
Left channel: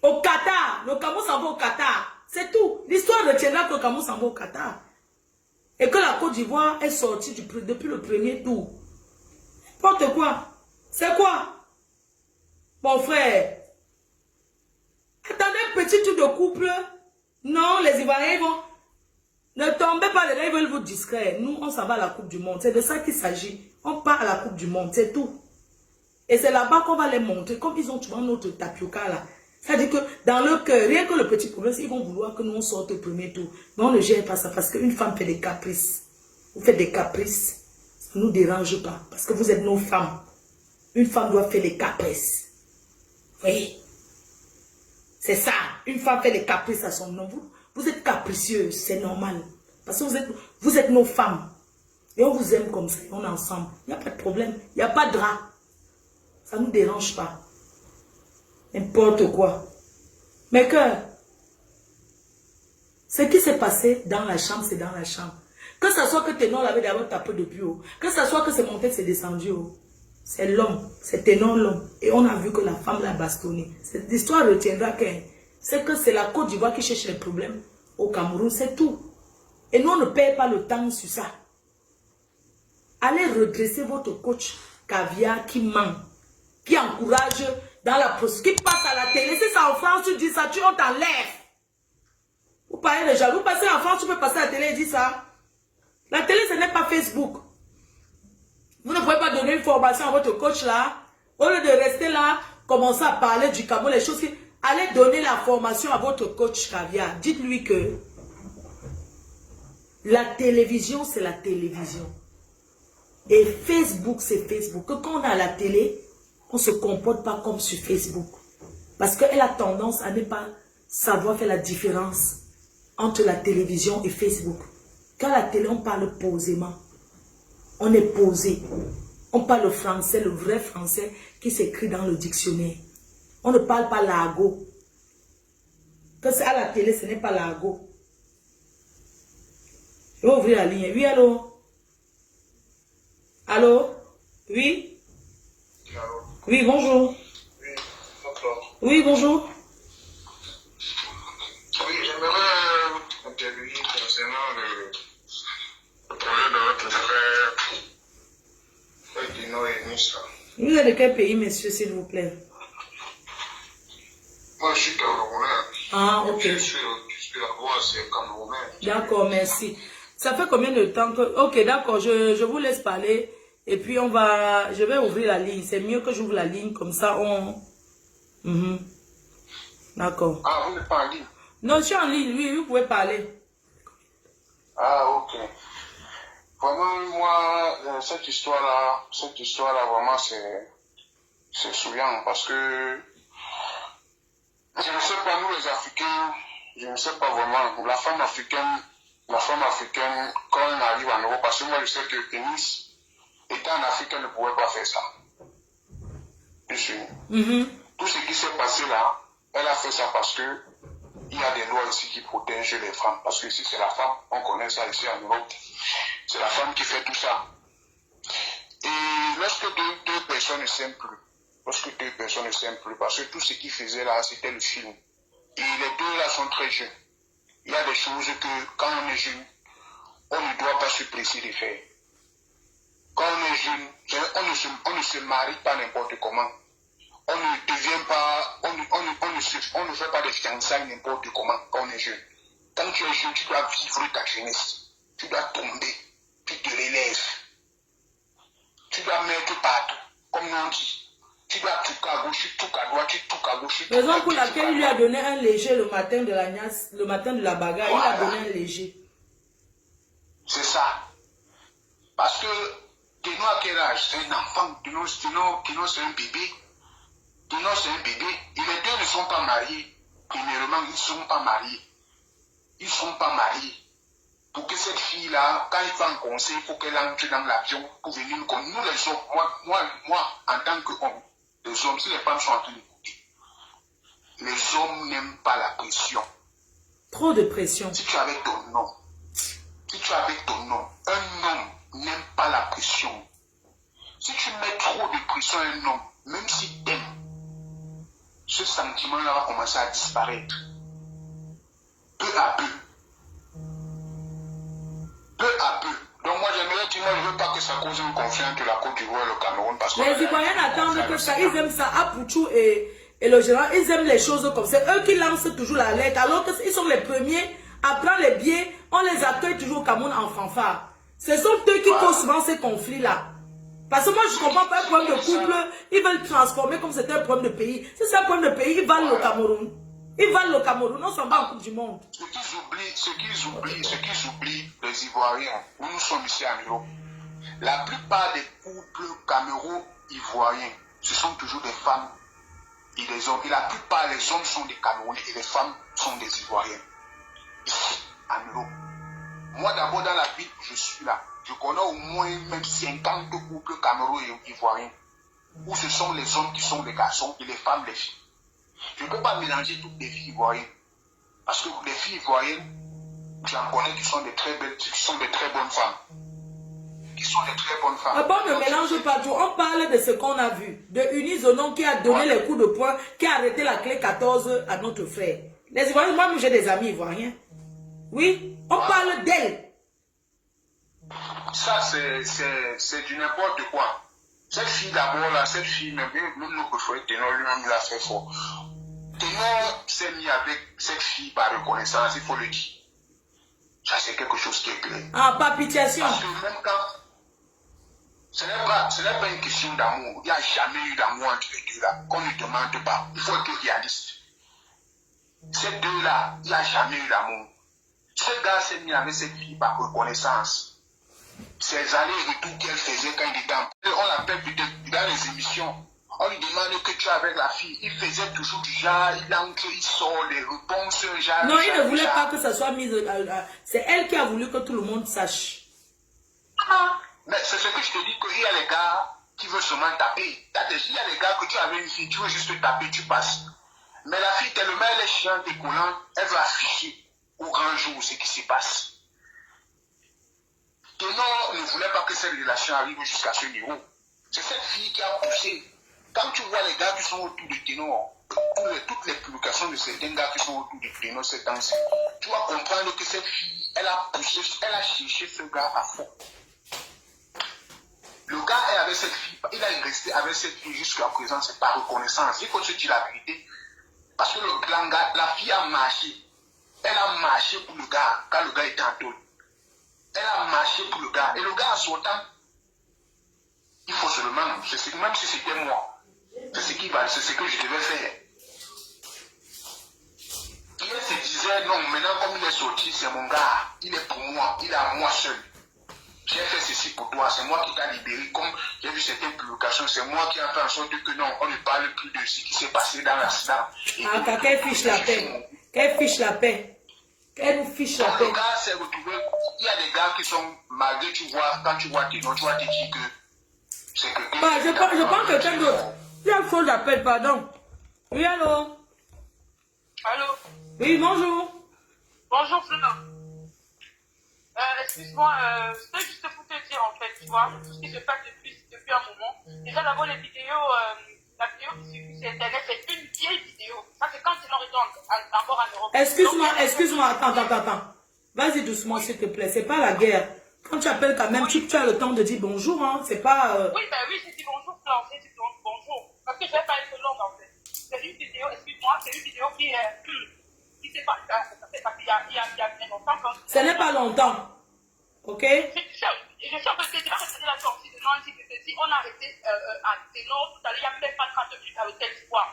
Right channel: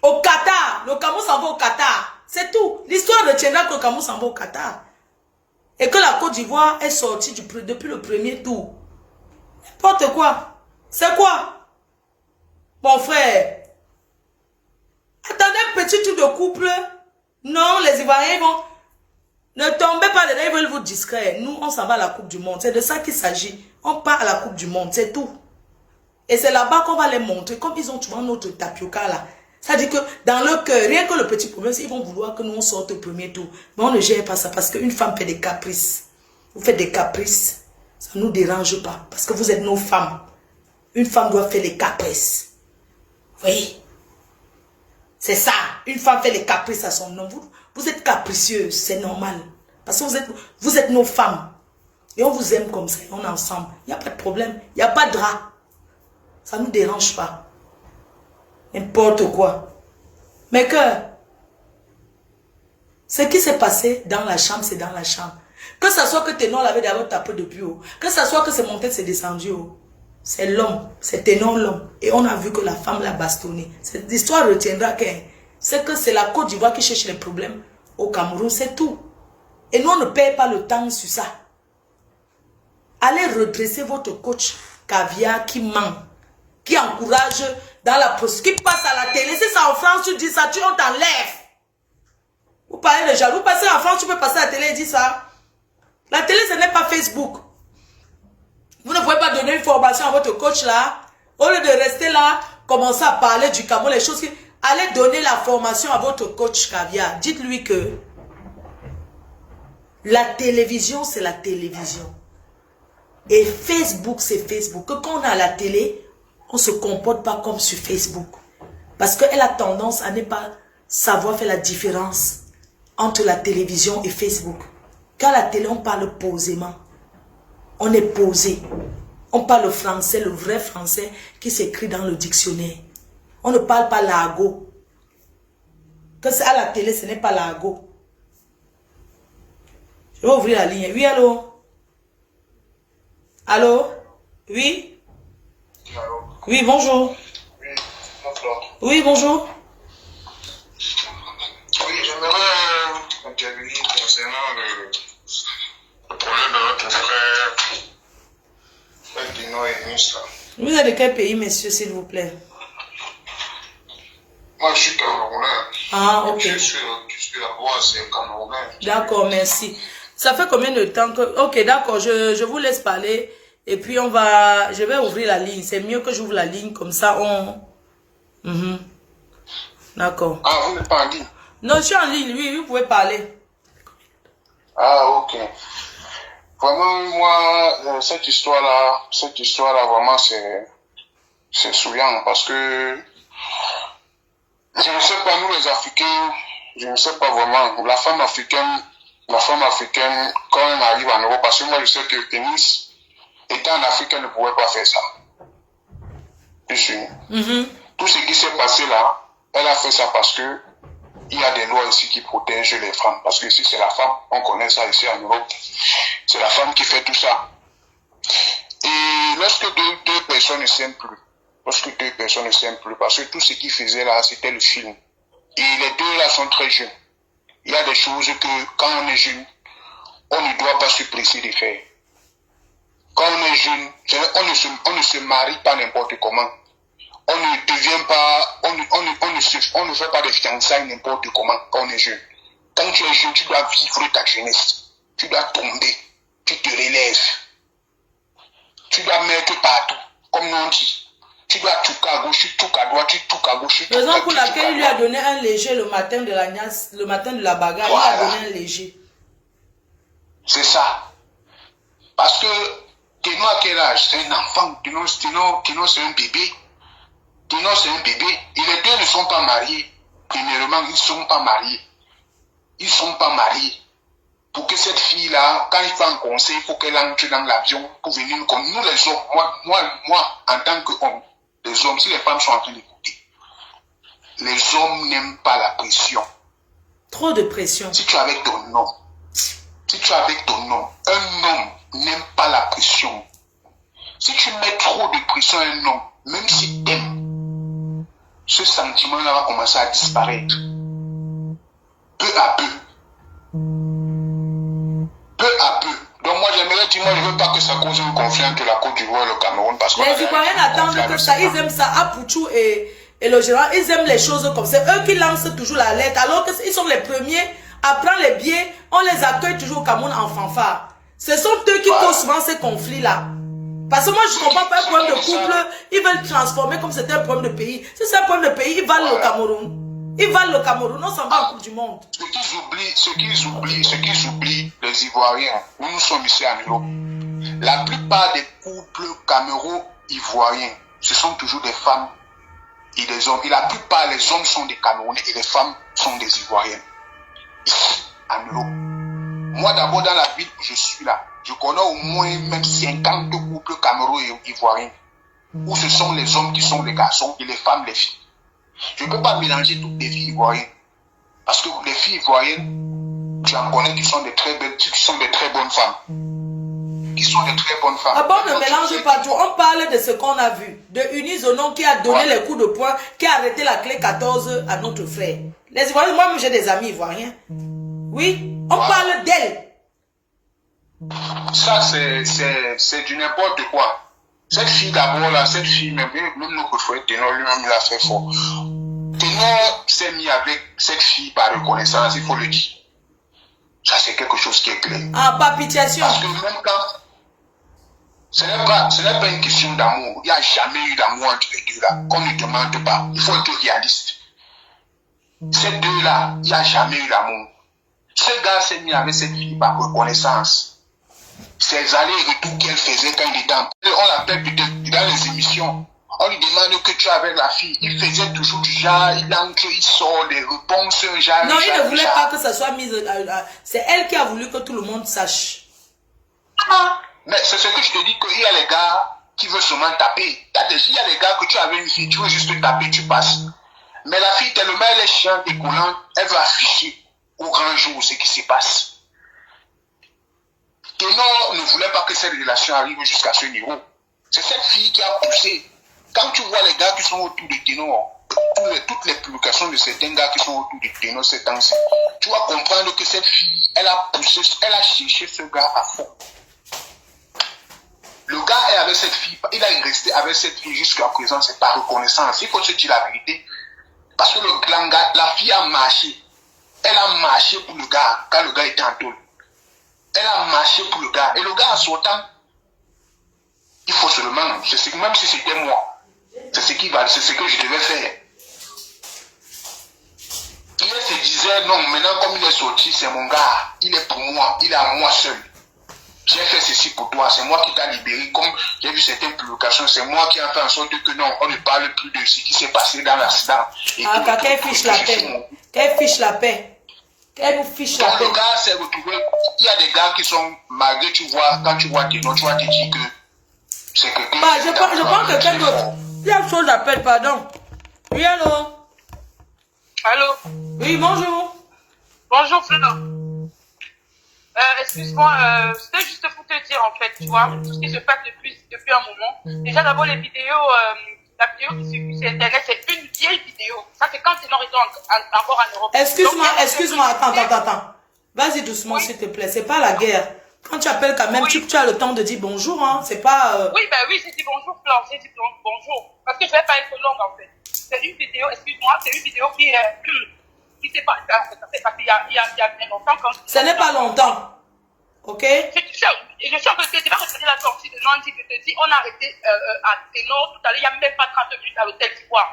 Au Qatar. Le Cameroun s'en va au Qatar. C'est tout. L'histoire retiendra que le Cameroun s'en va au Qatar. Et que la Côte d'Ivoire est sortie depuis le premier tour. N'importe quoi. C'est quoi? Mon frère. Attendez un petit truc de couple. Non, les Ivoiriens vont... Ne tombez pas dedans, ils veulent vous distraire. Nous, on s'en va à la Coupe du Monde. C'est de ça qu'il s'agit. On part à la Coupe du Monde, c'est tout. Et c'est là-bas qu'on va les montrer. Comme ils ont souvent notre tapioca là. Ça dit que dans leur cœur, rien que le petit problème, c'est qu'ils vont vouloir que nous on sorte au premier tour. Mais on ne gère pas ça parce qu'une femme fait des caprices. Vous faites des caprices, ça ne nous dérange pas. Parce que vous êtes nos femmes. Une femme doit faire des caprices. Vous voyez? C'est ça. Une femme fait les caprices à son homme. Vous êtes capricieuse, c'est normal. Parce que vous êtes nos femmes. Et on vous aime comme ça, et on est ensemble. Il n'y a pas de problème. Il n'y a pas de drap. Ça ne nous dérange pas. N'importe quoi. Mais que ce qui s'est passé dans la chambre, c'est dans la chambre. Que ce soit que Ténor l'avait d'abord tapé depuis haut. Que ce soit que c'est monté, c'est descendu haut. C'est l'homme. C'est Ténor l'homme. Et on a vu que la femme l'a bastonné. Cette histoire retiendra que c'est la Côte d'Ivoire qui cherche les problèmes au Cameroun. C'est tout. Et nous, on ne perd pas le temps sur ça. Allez redresser votre coach caviar qui ment, qui encourage dans la procédure, qui passe à la télé. Si c'est en France, tu dis ça, on t'enlève. Vous parlez de jaloux. Vous passez en France, tu peux passer à la télé et dire ça. La télé, ce n'est pas Facebook. Vous ne pouvez pas donner une formation à votre coach là. Au lieu de rester là, commencer à parler du Cameroun, les choses qui... Allez donner la formation à votre coach caviar. Dites-lui que la télévision, c'est la télévision. Et Facebook, c'est Facebook. Que quand on est à la télé, on ne se comporte pas comme sur Facebook. Parce qu'elle a tendance à ne pas savoir faire la différence entre la télévision et Facebook. Quand à la télé, on parle posément. On est posé. On parle français, le vrai français qui s'écrit dans le dictionnaire. On ne parle pas l'argot. Que c'est à la télé, ce n'est pas l'argot. Je vais ouvrir la ligne. Oui, allô? Allô? Oui? Allô? Oui, bonjour. Oui, bonjour. Oui, bonjour. Oui, j'aimerais intervenir concernant le problème de notre frère, Dino et Nice. Vous êtes de quel pays, monsieur, s'il vous plaît? Moi, je suis Camerounais. Ah, ok. Je suis la voix, c'est Camerounais. D'accord, merci. Ça fait combien de temps que... Ok, d'accord, je vous laisse parler. Et puis, je vais ouvrir la ligne. C'est mieux que j'ouvre la ligne, comme ça, D'accord. Ah, vous n'êtes pas en ligne? Non, je suis en ligne, oui, vous pouvez parler. Ah, ok. Vraiment, moi, cette histoire-là, vraiment, c'est saoulant parce que je ne sais pas, nous les Africains, je ne sais pas vraiment, la femme africaine, quand elle arrive en Europe, parce que moi je sais que le tennis, étant en Afrique, elle ne pouvait pas faire ça. Tu sais. Tout ce qui s'est passé là, elle a fait ça parce que il y a des lois ici qui protègent les femmes. Parce que ici, c'est la femme, on connaît ça ici en Europe, c'est la femme qui fait tout ça. Et lorsque deux personnes ne s'aiment plus, parce que tout ce qu'ils faisaient là, c'était le film. Et les deux là sont très jeunes. Il y a des choses que quand on est jeune, on ne doit pas se presser de faire. Quand on est jeune, on ne se marie pas n'importe comment. On ne devient pas, on ne fait pas des fiançailles n'importe comment quand on est jeune. Quand tu es jeune, tu dois vivre ta jeunesse. Tu dois tomber, tu te relèves. Tu dois mettre partout, comme on dit. Tu dois tout à gauche, tout à droite, tout à gauche. Raison pour laquelle il lui a donné un léger le matin de la bagarre, voilà. Il a donné un léger. C'est ça. Parce que Ténor à quel âge? C'est un enfant. Ténor c'est un bébé. Ténor c'est un bébé. Et les deux ne sont pas mariés. Premièrement, ils ne sont pas mariés. Ils ne sont pas mariés. Pour que cette fille-là, quand il va en conseil, il faut qu'elle entre dans l'avion pour venir nous connaître. Nous les hommes, moi, en tant qu'homme, les hommes, si les femmes sont en train d'écouter, les hommes n'aiment pas la pression. Trop de pression. Si tu es avec ton homme, un homme n'aime pas la pression. Si tu mets trop de pression à un homme, même s'il t'aime, ce sentiment-là va commencer à disparaître. Peu à peu. Peu à peu. Donc moi, j'aimerais effectivement, je ne veux pas que ça cause un conflit entre la Côte d'Ivoire et le Cameroun. Parce que les Ivoiriens attendent que ça, ils aiment ça. Apouchou et le gérant, ils aiment les choses comme ça. Eux qui lancent toujours la lettre, alors qu'ils sont les premiers à prendre les billets, on les accueille toujours au Cameroun en fanfare. Ce sont eux qui causent souvent ces conflits-là. Parce que moi, je ne comprends pas un problème de couple, ils veulent transformer comme c'était un problème de pays. Si c'est un problème de pays, ils valent le Cameroun. Ils valent le Cameroun, on s'en va en Coupe du Monde. Ce qu'ils oublient, les Ivoiriens, nous sommes ici en Europe. La plupart des couples caméro-ivoiriens, ce sont toujours des femmes et des hommes. Et la plupart des hommes sont des Camerounais et les femmes sont des Ivoiriennes. Ici, en Europe. Moi d'abord dans la ville où je suis là, je connais au moins même 50 couples caméro-ivoiriens où ce sont les hommes qui sont les garçons et les femmes les filles. Je ne peux pas mélanger toutes les filles ivoiriennes. Parce que les filles ivoiriennes, tu en connais qui sont de très belles, qui sont de très bonnes femmes. Qui sont de très bonnes femmes. Ah bon, ne mélange pas tout. On parle de ce qu'on a vu. De Unizonon qui a donné les coups de poing, qui a arrêté la clé 14 à notre frère. Les Ivoiriens, moi-même j'ai des amis ivoiriens. Oui, on parle d'elle. Ça, c'est du n'importe quoi. Cette fille d'abord, là, cette fille, même notre frère Ténor lui-même l'a fait fort. Ténor s'est mis avec cette fille par reconnaissance, il faut le dire. Ça, c'est quelque chose qui est clair. Ah, pas pitiation. Parce que même quand, ce n'est pas une question d'amour. Il n'y a jamais eu d'amour entre les deux là. Qu'on ne demande pas. Il faut être réaliste. Ces deux-là, il n'y a jamais eu d'amour. Ce gars s'est mis avec cette fille par reconnaissance. Ces allers-retours qu'elle faisait quand il était en... On l'appelle peut-être dans les émissions. On lui demande que tu es avec la fille. Il faisait toujours du genre, il entre, il sort, les réponses, genre... Non, il ne voulait pas que ça soit mis... c'est elle qui a voulu que tout le monde sache. Mais c'est ce que je te dis, qu'il y a les gars qui veulent seulement taper. Il y a les gars que tu avais une fille, tu veux juste taper, tu passes. Mais la fille, tellement elle est chiante et collante, elle veut afficher au grand jour ce qui se passe. Ténor ne voulait pas que cette relation arrive jusqu'à ce niveau. C'est cette fille qui a poussé. Quand tu vois les gars qui sont autour de Ténor, toutes les publications de certains gars qui sont autour de Ténor ces temps-ci, tu vas comprendre que cette fille, elle a poussé, elle a cherché ce gars à fond. Le gars est avec cette fille, il est resté avec cette fille jusqu'à présent, c'est par reconnaissance. Il faut se dire la vérité. Parce que la fille a marché. Elle a marché pour le gars quand le gars était en tôle. Elle a marché pour le gars. Et le gars, en sortant, il faut seulement, même si c'était moi, c'est ce que je devais faire. Il se disait, non, maintenant comme il est sorti, c'est mon gars. Il est pour moi, il est à moi seul. J'ai fait ceci pour toi, c'est moi qui t'ai libéré. Comme j'ai vu certaines publications, c'est moi qui ai fait en sorte que non, on ne parle plus de ce qui s'est passé dans l'accident. Ah, qu'elle fiche la paix. Qu'elle fiche la paix. Elle nous fiche la paix. Le gars s'est retrouvé, il y a des gars qui sont malgré, tu vois, quand tu vois Ténor, tu vas te dire que c'est que... Bah, je prends quelqu'un d'autre. Il y a une chose d'appel, pardon. Oui, allô? Allô? Oui, bonjour. Bonjour, Fleur. Excuse-moi, c'était juste pour te dire, en fait, tu vois, tout ce qui se passe depuis un moment. Déjà, d'abord, les vidéos, la vidéo qui circule sur Internet, c'est une vieille vidéo. Ça, c'est quand Ténor était encore en Europe. Excuse-moi, attends. Vas-y doucement, s'il te plaît. C'est pas la guerre. Quand tu appelles quand même, tu as le temps de dire bonjour, hein. C'est pas... Oui, ben oui, j'ai dit bonjour, Fleur. J'ai dit bonjour. Parce que je vais pas être longue, en fait. C'est une vidéo, excuse-moi, c'est une vidéo qui s'est passée, il y a bien longtemps. Ce n'est pas longtemps. Ok? Je suis en train de te dire, regarder la sortie de Nancy, je te dis, on a arrêté à Ténor tout à l'heure, il n'y a même pas 30 minutes à l'hôtel d'Ivoire.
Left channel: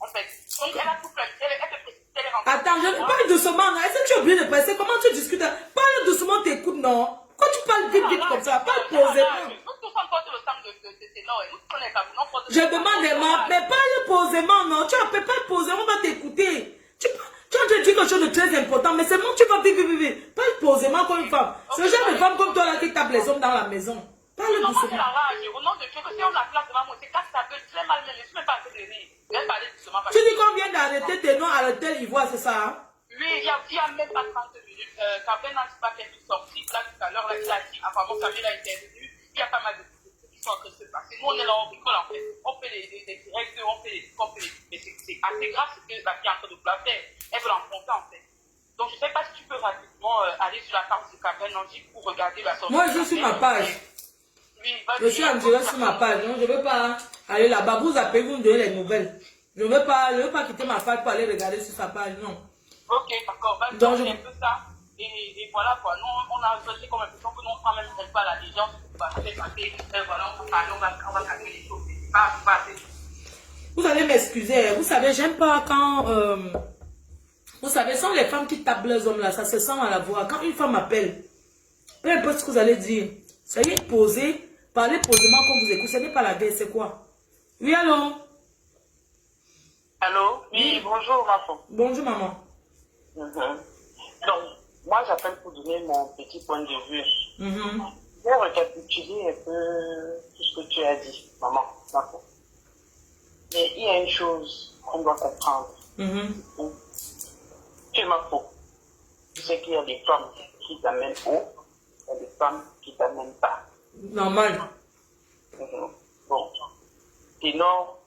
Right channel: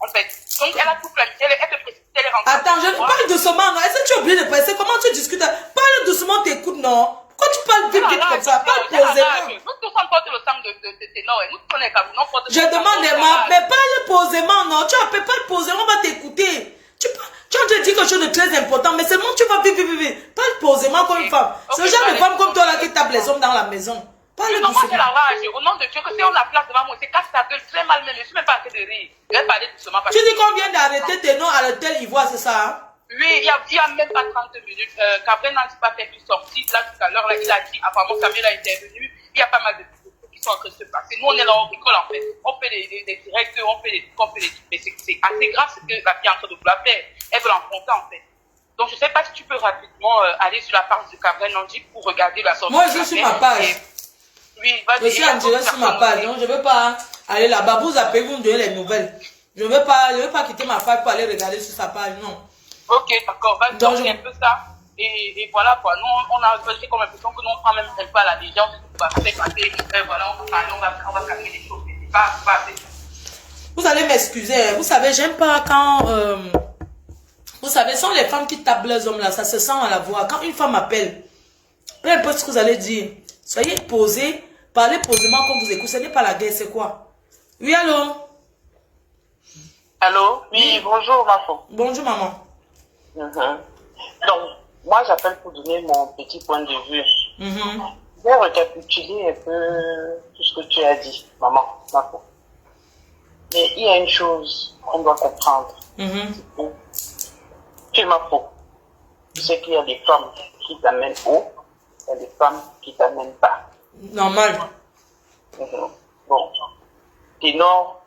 En fait. Donc, elle a tout planifié, elle te précipite, elle est rentrée. Attends, je parle doucement, non? Est-ce que tu es obligé de presser? Comment tu discutes? Parle doucement, t'écoutes, non? Pourquoi tu parles vite comme ça? Parle posément. Nous tous on porte le sang de Ténor et nous tous on est comme nous. Je demande, mais parle posément, non? Tu appelles pas posément, on va t'écouter. Tu as dit quelque chose de très important, mais seulement tu vas vite. Parle posément comme une femme. C'est le genre de femme comme toi là qui tape les hommes dans la maison. Parle doucement. Moi, j'ai la rage. Au nom de Dieu, que si on a place devant moi, c'est casse ta gueule très mal, mais je ne suis même pas assez de rire. Je vais parler doucement. Tu dis qu'on vient d'arrêter Ténor à l'hôtel Ivoire, c'est ça, hein? Oui, il y a même pas 30 minutes. Qu'après Nancy pas fait une sortie, là tout à l'heure, il a dit, apparemment Samuel a intervenu. Il y a pas mal de choses qui sont en train de se passer. Nous, on est là, on rigole en fait. On fait des directs, on fait des trucs, mais c'est assez grave ce que la fille est en train de vouloir faire. Elle veut l'enfoncer en fait. Donc, je ne sais pas si tu peux rapidement aller sur la page de Cabrel Nandi pour regarder la sortie. Moi, je suis sur ma page. Oui, je suis en direct sur ma page. Donc, je ne veux pas aller là-bas. Vous appelez, vous me donnez les nouvelles. Je ne veux pas quitter ma page pour aller regarder sur sa page. Non. Ok, d'accord. Vas-y, donc c'est un peu ça. Et voilà quoi. Nous, on a fait comme l'impression que nous, on prend même pas à la légende. Voilà, on va parler, on va calmer les choses. C'est pas assez. Vous allez m'excuser. Vous savez, j'aime pas quand... vous savez, ce sont les femmes qui tapent leurs hommes là. Ça se sent à la voix. Quand une femme appelle, peu importe ce que vous allez dire, soyez posés, parlez posément comme vous écoutez. Ce n'est pas la guerre, c'est quoi? Oui, allô? Allô? Oui, bonjour, ma femme. Bonjour, maman. Donc, moi, j'appelle pour donner mon petit point de vue. Je vais récapituler un peu tout ce que tu as dit, maman, ma femme. Mais il y a une chose qu'on doit comprendre. Tu es ma femme. Tu sais qu'il y a des femmes qui t'amènent haut, il y a des femmes qui t'amènent bas. Normal. Bon. Ténor,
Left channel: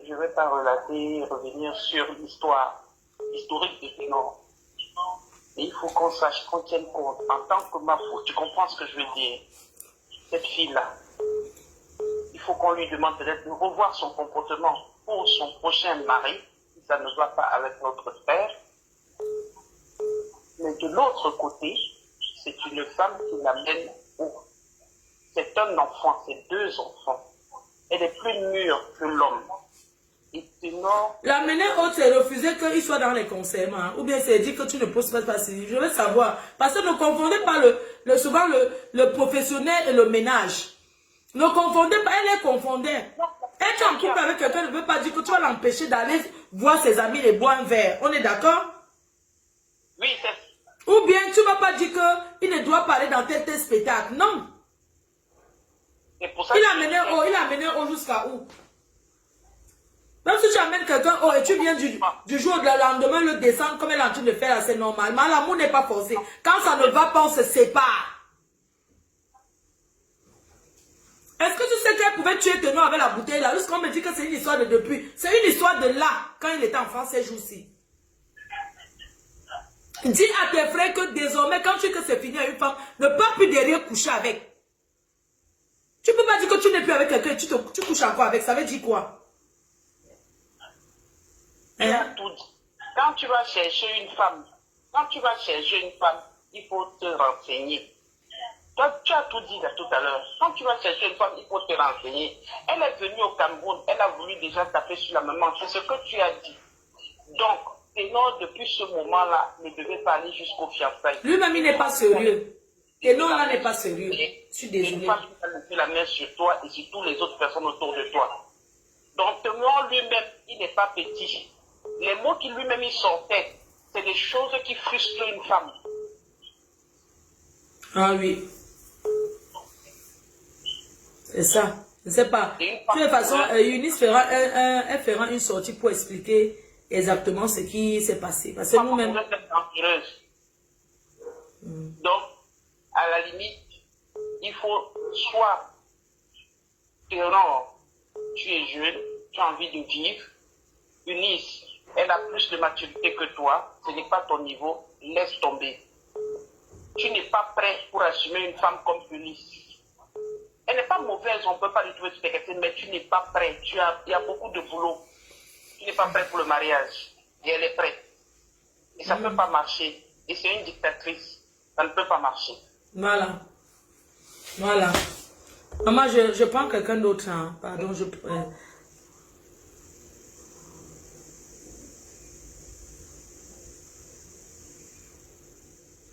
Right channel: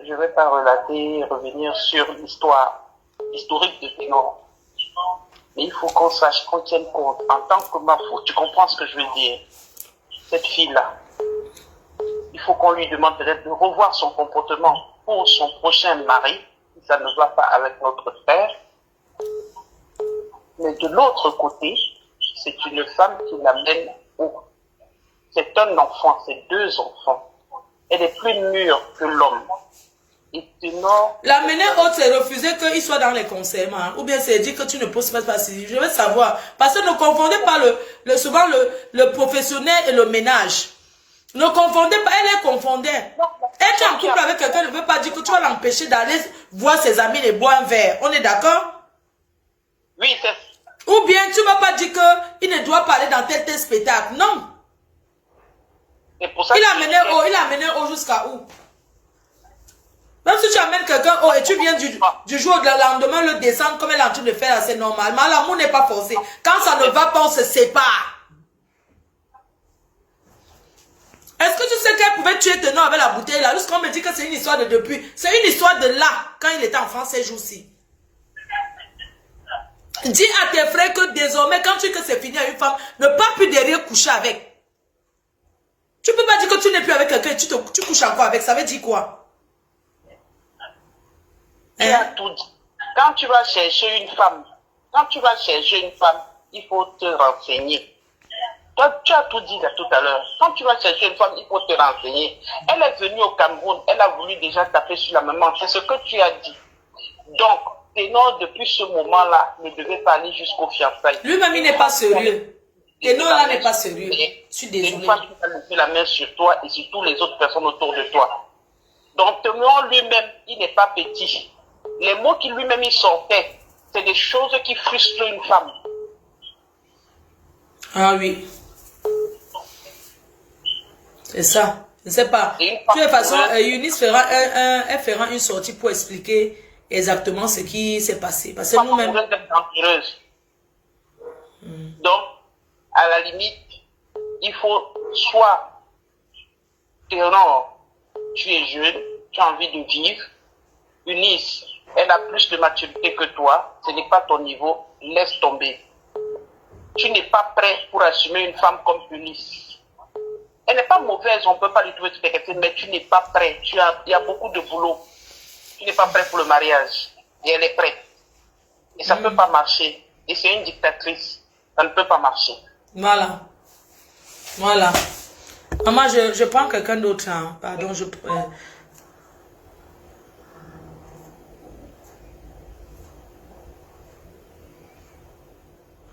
je ne vais pas relater, revenir sur l'historique de Ténor. Mais il faut qu'on sache, qu'on tienne compte, en tant que Mafo, tu comprends ce que je veux dire? Cette fille-là, il faut qu'on lui demande peut-être de revoir son comportement pour son prochain mari, si ça ne va pas avec notre frère. Mais de l'autre côté, c'est une femme qui l'amène haut. C'est un enfant, c'est 2 enfants. Elle est plus mûre que l'homme. L'amener haute, c'est refuser qu'il soit dans les concerts, hein? Ou bien c'est dire que tu ne poses pas si. Je veux savoir. Parce que ne confondez pas souvent le professionnel et le ménage. Ne confondez pas, elle est confondée. Être en couple avec quelqu'un ne veut pas dire que tu vas l'empêcher d'aller voir ses amis et boire un verre. On est d'accord? Oui, c'est... Ou bien tu ne vas pas dire qu'il ne doit pas aller dans tel spectacle. Non. Il a amené haut jusqu'à où? Même si tu amènes quelqu'un haut et tu viens du jour au lendemain le descendre comme elle est en train de faire, c'est normal. Mais l'amour n'est pas forcé. Quand ça ne va pas, on se sépare. Est-ce que tu sais qu'elle pouvait tuer Ténor avec la bouteille là? Jusqu'on me dit que c'est une histoire de depuis. C'est une histoire de là, quand il était enfant ces jours-ci. Dis à tes frères que désormais, quand tu sais que c'est fini à une femme, ne pas plus derrière coucher avec. Tu ne peux pas dire que tu n'es plus avec quelqu'un et tu couches encore avec. Ça veut dire quoi? Tu as tout dit. Quand tu vas chercher une femme, il faut te renseigner. Toi, tu as tout dit là tout à l'heure. Quand tu vas chercher une femme, il faut te renseigner. Elle est venue au Cameroun, elle a voulu déjà taper sur la maman. C'est ce que tu as dit. Donc, Ténor, depuis ce moment-là, ne devait pas aller jusqu'au fiançailles. Lui-même, il n'est pas sérieux. Ténor, là, n'est pas sérieux. Je suis désolée. Une femme qui va mettre la main sur toi et sur toutes les autres personnes autour de toi. Donc, Ténor lui-même, il n'est pas petit. Les mots qui lui-même il sortait, c'est des choses qui frustrent une femme. Ah oui. C'est ça. Je ne sais pas. De toute façon, Eunice elle fera une sortie pour expliquer exactement ce qui s'est passé. Parce que nous-mêmes... Donc, à la limite, il faut soit Ténor, tu es jeune, tu as envie de vivre. Eunice, elle a plus de maturité que toi, ce n'est pas ton niveau, laisse tomber. Tu n'es pas prêt pour assumer une femme comme Eunice. Elle n'est pas mauvaise, on ne peut pas lui trouver tout quelque chose, mais tu n'es pas prêt. Il y a beaucoup de boulot. Tu n'es pas prêt pour le mariage. Et elle est prête. Et ça ne peut pas marcher. Et c'est une dictatrice. Ça ne peut pas marcher. Voilà. Voilà. Maman, je prends quelqu'un d'autre. Hein. Pardon,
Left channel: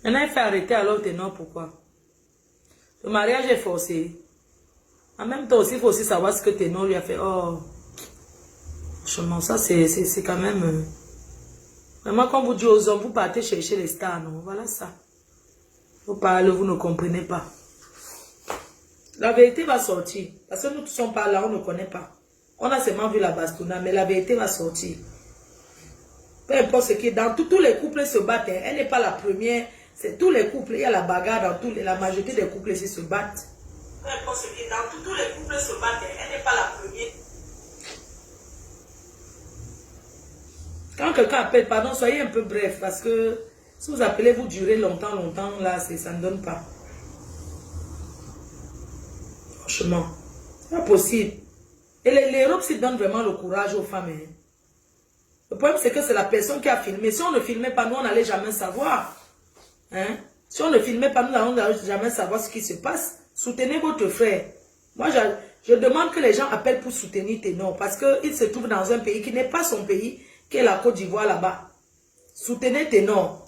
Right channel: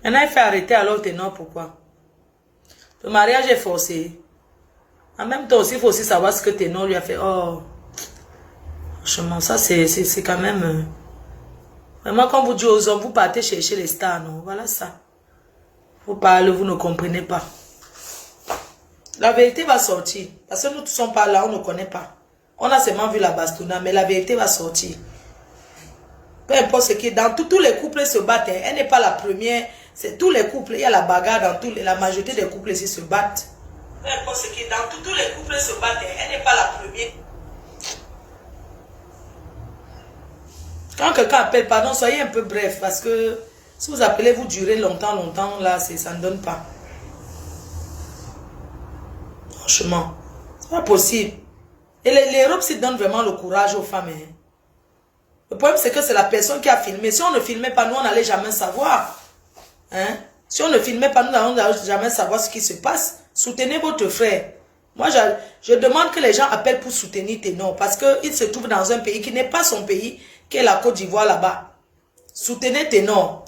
Elle a fait arrêter alors Ténor, pourquoi? Le mariage est forcé. En même temps aussi, il faut aussi savoir ce que Ténor lui a fait. Oh, franchement, ça c'est quand même... Vraiment, quand vous dites aux hommes, vous partez chercher les stars, non? Voilà ça. Vous parlez, vous ne comprenez pas. La vérité va sortir. Parce que nous ne sommes pas là, on ne connaît pas. On a seulement vu la bastonna, mais la vérité va sortir. Peu importe ce qui est dans tous les couples se battent. Hein. Elle n'est pas la première. C'est tous les couples. Il y a la bagarre dans la majorité des couples ici se battent. Peu importe ce qui est dans tous les couples se battent. Hein. Elle n'est pas la première. Quand quelqu'un appelle, pardon, soyez un peu bref. Parce que si vous appelez, vous durez longtemps, là, ça ne donne pas. Franchement, c'est pas possible. Et l'Europe se donne vraiment le courage aux femmes. Hein. Le problème, c'est que c'est la personne qui a filmé. Si on ne filmait pas, nous, on n'allait jamais savoir. Hein? Si on ne filmait pas, nous n'allons jamais savoir ce qui se passe. Soutenez votre frère. Moi, je demande que les gens appellent pour soutenir Ténor. Parce qu'il se trouve dans un pays qui n'est pas son pays, qui est la Côte d'Ivoire là-bas. Soutenez Ténor.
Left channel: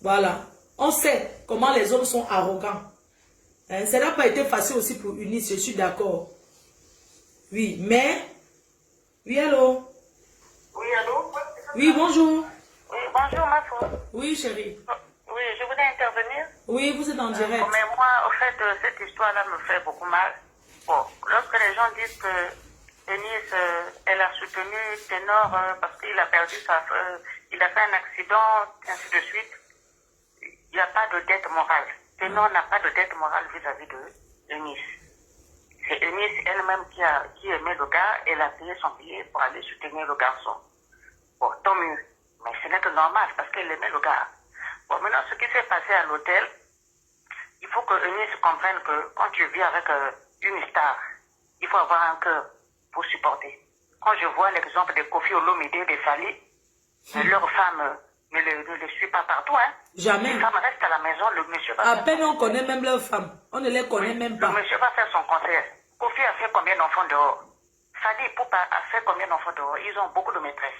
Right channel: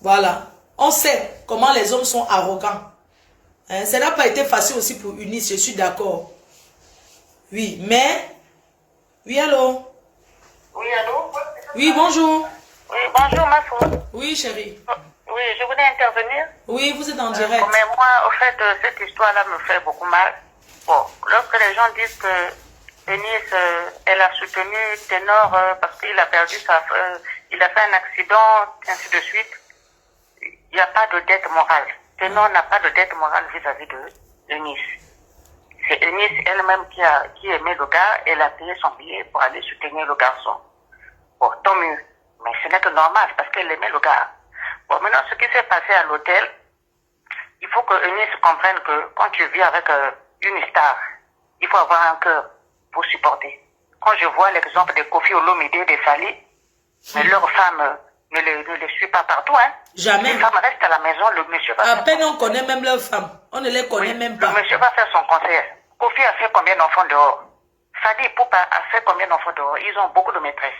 Voilà. On sait comment les hommes sont arrogants. Hein? Ça n'a pas été facile aussi pour Eunice, je suis d'accord. Oui, mais... Oui, allô? Oui, allô? Oui, bonjour. Oui, bonjour, ma femme. Oui, chérie. Oui, je voulais intervenir. Oui, vous êtes en direct. Mais moi, au fait, cette histoire-là me fait beaucoup mal. Bon, lorsque les gens disent que Denise, elle a soutenu Ténor parce qu'il a perdu il a fait un accident, ainsi de suite, il n'y a pas de dette morale. Ténor n'a pas de dette morale vis-à-vis de Eunice. C'est Eunice elle-même qui aimait le gars, elle a payé son billet pour aller soutenir le garçon. Bon, tant mieux. Mais ce n'est que normal parce qu'elle aimait le gars. Bon, maintenant, ce qui s'est passé à l'hôtel, il faut que Eunice comprenne que quand tu vis avec une star, il faut avoir un cœur pour supporter. Quand je vois l'exemple de Kofi Olomide, des Sali, mais leur femme ne les suit pas partout. Hein. Jamais. Les femmes restent à la maison, le monsieur va à peine on connaît même leurs femmes. On ne les connaît même pas. Le monsieur va faire son conseil. Kofi a fait combien d'enfants dehors? Sali Poupa a fait combien d'enfants dehors? Ils ont beaucoup de maîtresses.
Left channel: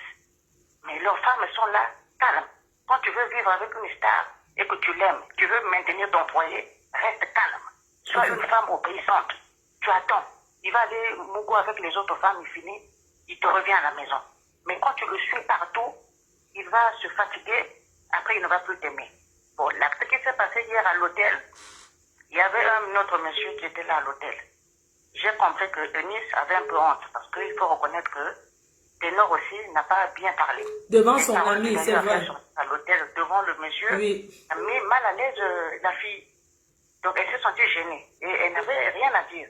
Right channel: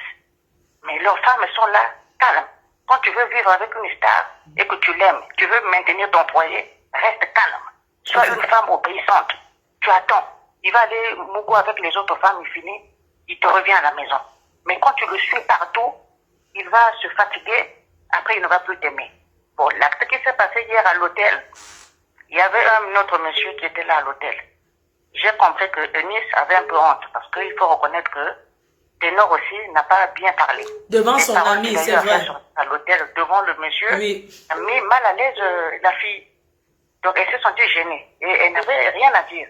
Mais leurs femmes sont là, calmes. Quand tu veux vivre avec une star et que tu l'aimes, tu veux maintenir ton foyer, reste calme. Sois une femme obéissante. Tu attends. Il va aller mougo avec les autres femmes, il finit, il te revient à la maison. Mais quand tu le suis partout, il va se fatiguer, après il ne va plus t'aimer. Bon, l'acte qui s'est passé hier à l'hôtel, il y avait un autre monsieur qui était là à l'hôtel. J'ai compris que Eunice avait un peu honte, parce qu'il faut reconnaître que Ténor aussi n'a pas bien parlé. Devant son ami, c'est vrai. À l'hôtel, devant le monsieur, oui. A mis mal à l'aise la fille. Donc elle s'est sentie gênée. Et elle n'avait rien à dire.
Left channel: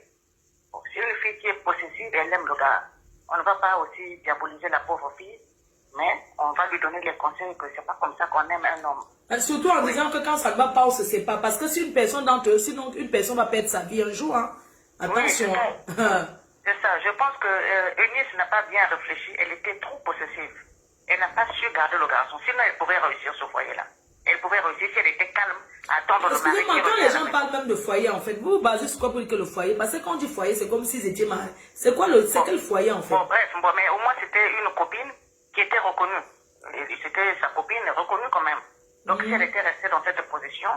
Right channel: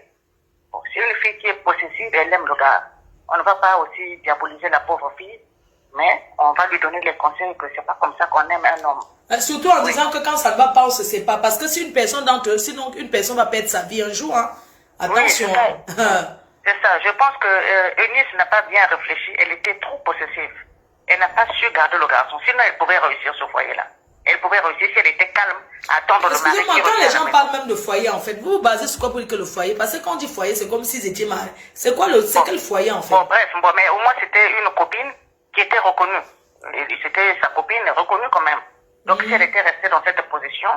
Bon, c'est une fille qui est possessive, elle aime le gars. On ne va pas aussi diaboliser la pauvre fille, mais on va lui donner les conseils que c'est pas comme ça qu'on aime un homme. Surtout en disant que quand ça ne va pas, on se sépare. Parce que si une personne d'entre eux, sinon une personne va perdre sa vie un jour, hein. Attention. Oui, c'est ça. Je pense que Eunice n'a pas bien réfléchi. Elle était trop possessive. Elle n'a pas su garder le garçon. Sinon, elle pouvait réussir ce foyer-là. Elle pouvait réussir si elle était calme, attendre le mari. Excusez-moi, quand les gens parlent même de foyer, en fait, vous vous basez sur quoi pour dire que le foyer? Parce que quand on dit foyer, c'est comme s'ils étaient mariés. C'est quoi c'est quel foyer, en fait? Bon, bref, mais au moins, c'était une copine qui était reconnue. C'était sa copine reconnue quand même. Donc, si elle était restée dans cette position,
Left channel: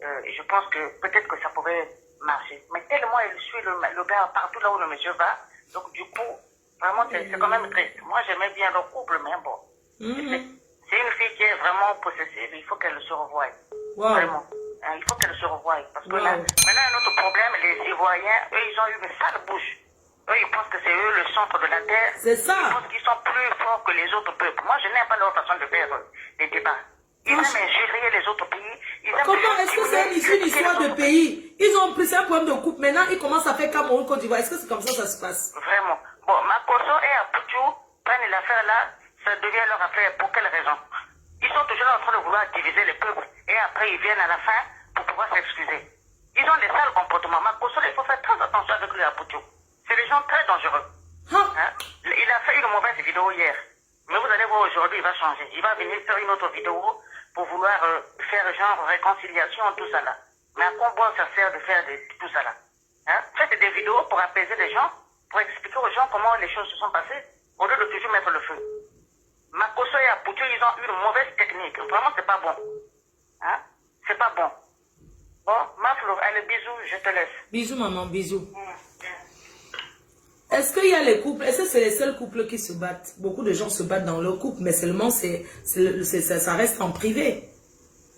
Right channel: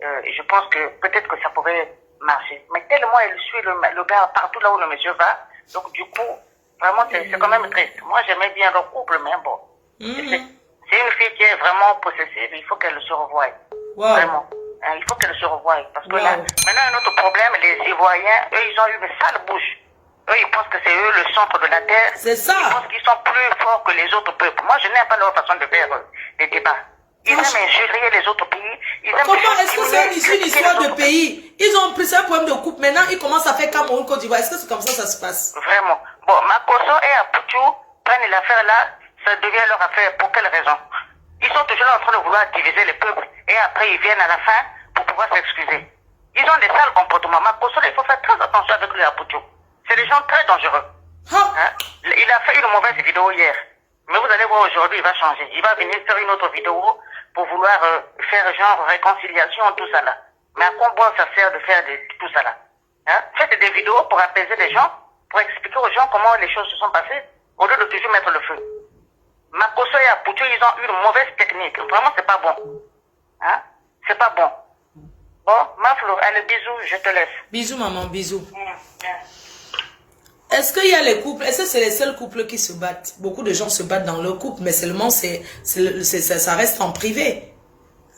je pense que peut-être que ça pouvait marcher. Mais tellement elle suit le gars partout là où le monsieur va, donc du coup, vraiment, c'est quand même triste. Moi, j'aimais bien leur couple, mais bon. C'est une fille qui est vraiment possessive, il faut qu'elle se revoie. Wow. Vraiment. Hein, il faut qu'elle se revoie. Parce que là, maintenant, un autre problème, les Ivoiriens, eux, ils ont eu une sale bouche. Eux, ils pensent que c'est eux le centre de la terre. C'est ça. Ils pensent qu'ils sont plus forts que les autres peuples. Moi, je n'aime pas leur façon de faire des débats. Ils aiment injurer les autres pays. Comment est-ce que c'est une histoire de pays? Ils ont pris un problème de coupe. Maintenant, ils commencent à faire Cameroun, Côte d'Ivoire. Est-ce que c'est comme ça se passe? Vraiment. Bon, Makoso et Apuchou prennent l'affaire là, ça devient leur affaire. Pour quelle raison? Ils sont toujours en train de vouloir diviser les peuples. Et après, ils viennent à la fin pour pouvoir s'excuser. Ils ont des sales comportements. Makoso, il faut faire très attention avec lui, Apuchou. C'est des gens très dangereux. Hein? Il a fait une mauvaise vidéo hier. Mais vous allez voir aujourd'hui, il va changer. Il va venir faire une autre vidéo pour vouloir faire genre réconciliation, tout ça là. Mais à quoi bon ça sert de faire tout ça là? Hein? Faites des vidéos pour apaiser les gens, pour expliquer aux gens comment les choses se sont passées, au lieu de toujours mettre le feu. Makoso et Apuchou, ils ont une mauvaise technique. Vraiment, c'est pas bon. Hein? C'est pas bon. Bon, Maflo, allez, bisous, je te laisse. Bisous, maman, bisous. Est-ce qu'il y a les couples? Est-ce que c'est les seuls couples qui se battent? Beaucoup de gens se battent dans leur couple, mais seulement ça reste en privé.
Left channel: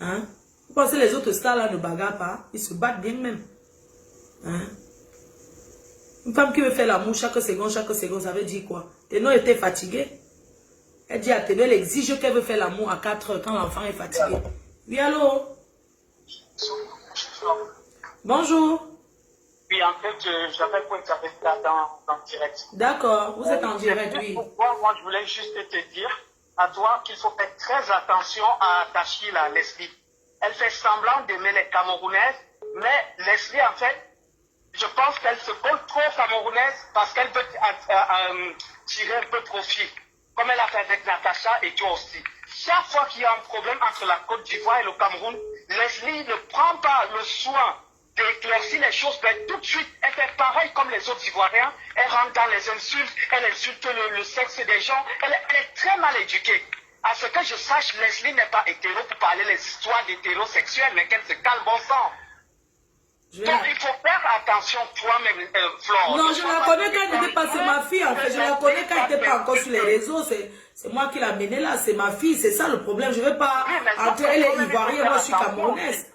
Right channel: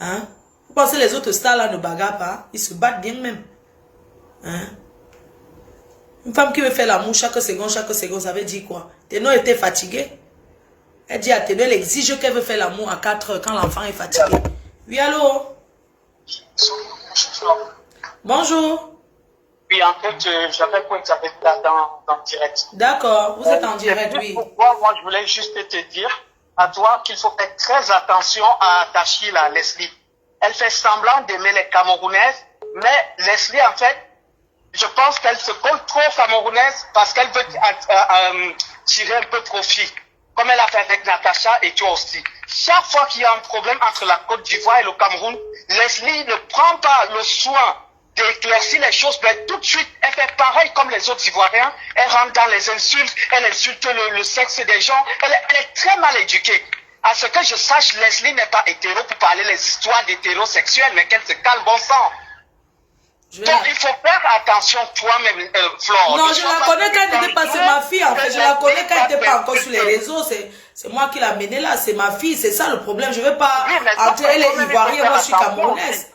Hein? Vous pensez que les autres stars là ne bagarrent pas? Ils se battent bien même. Hein? Une femme qui veut faire l'amour chaque seconde, ça veut dire quoi? Ténor était fatiguée. Elle dit à Ténor, elle exige qu'elle veut faire l'amour à 4 heures quand l'enfant est fatigué. Oui, allô? Bonjour. Oui, en fait, j'avais pour intervenir là dans direct. D'accord, vous êtes en direct, oui. Moi, je voulais juste te dire à toi qu'il faut faire très attention à ta fille, là, Leslie. Elle fait semblant d'aimer les Camerounaises, mais Leslie, en fait, je pense qu'elle se colle trop aux Camerounaises parce qu'elle veut tirer un peu profit, comme elle a fait avec Natacha et toi aussi. Chaque fois qu'il y a un problème entre la Côte d'Ivoire et le Cameroun, Leslie ne prend pas le soin d'éclaircir les choses, mais tout de suite, elle fait pareil comme les autres Ivoiriens. Elle rentre dans les insultes, elle insulte le sexe des gens, elle est très mal éduquée. À ce que je sache, Leslie n'est pas hétéro pour parler les histoires d'hétérosexuels, mais qu'elle se calme, bon sang. Donc, il faut faire attention toi-même, Flore. Non, je la connais quand elle n'était pas, c'est ma fille en fait. Je la connais quand elle n'était pas encore sur les réseaux. C'est moi qui l'ai amenée là, c'est ma fille. C'est ça le problème. Je ne veux pas entrer, elle est ivoirienne, moi je suis camerounaise.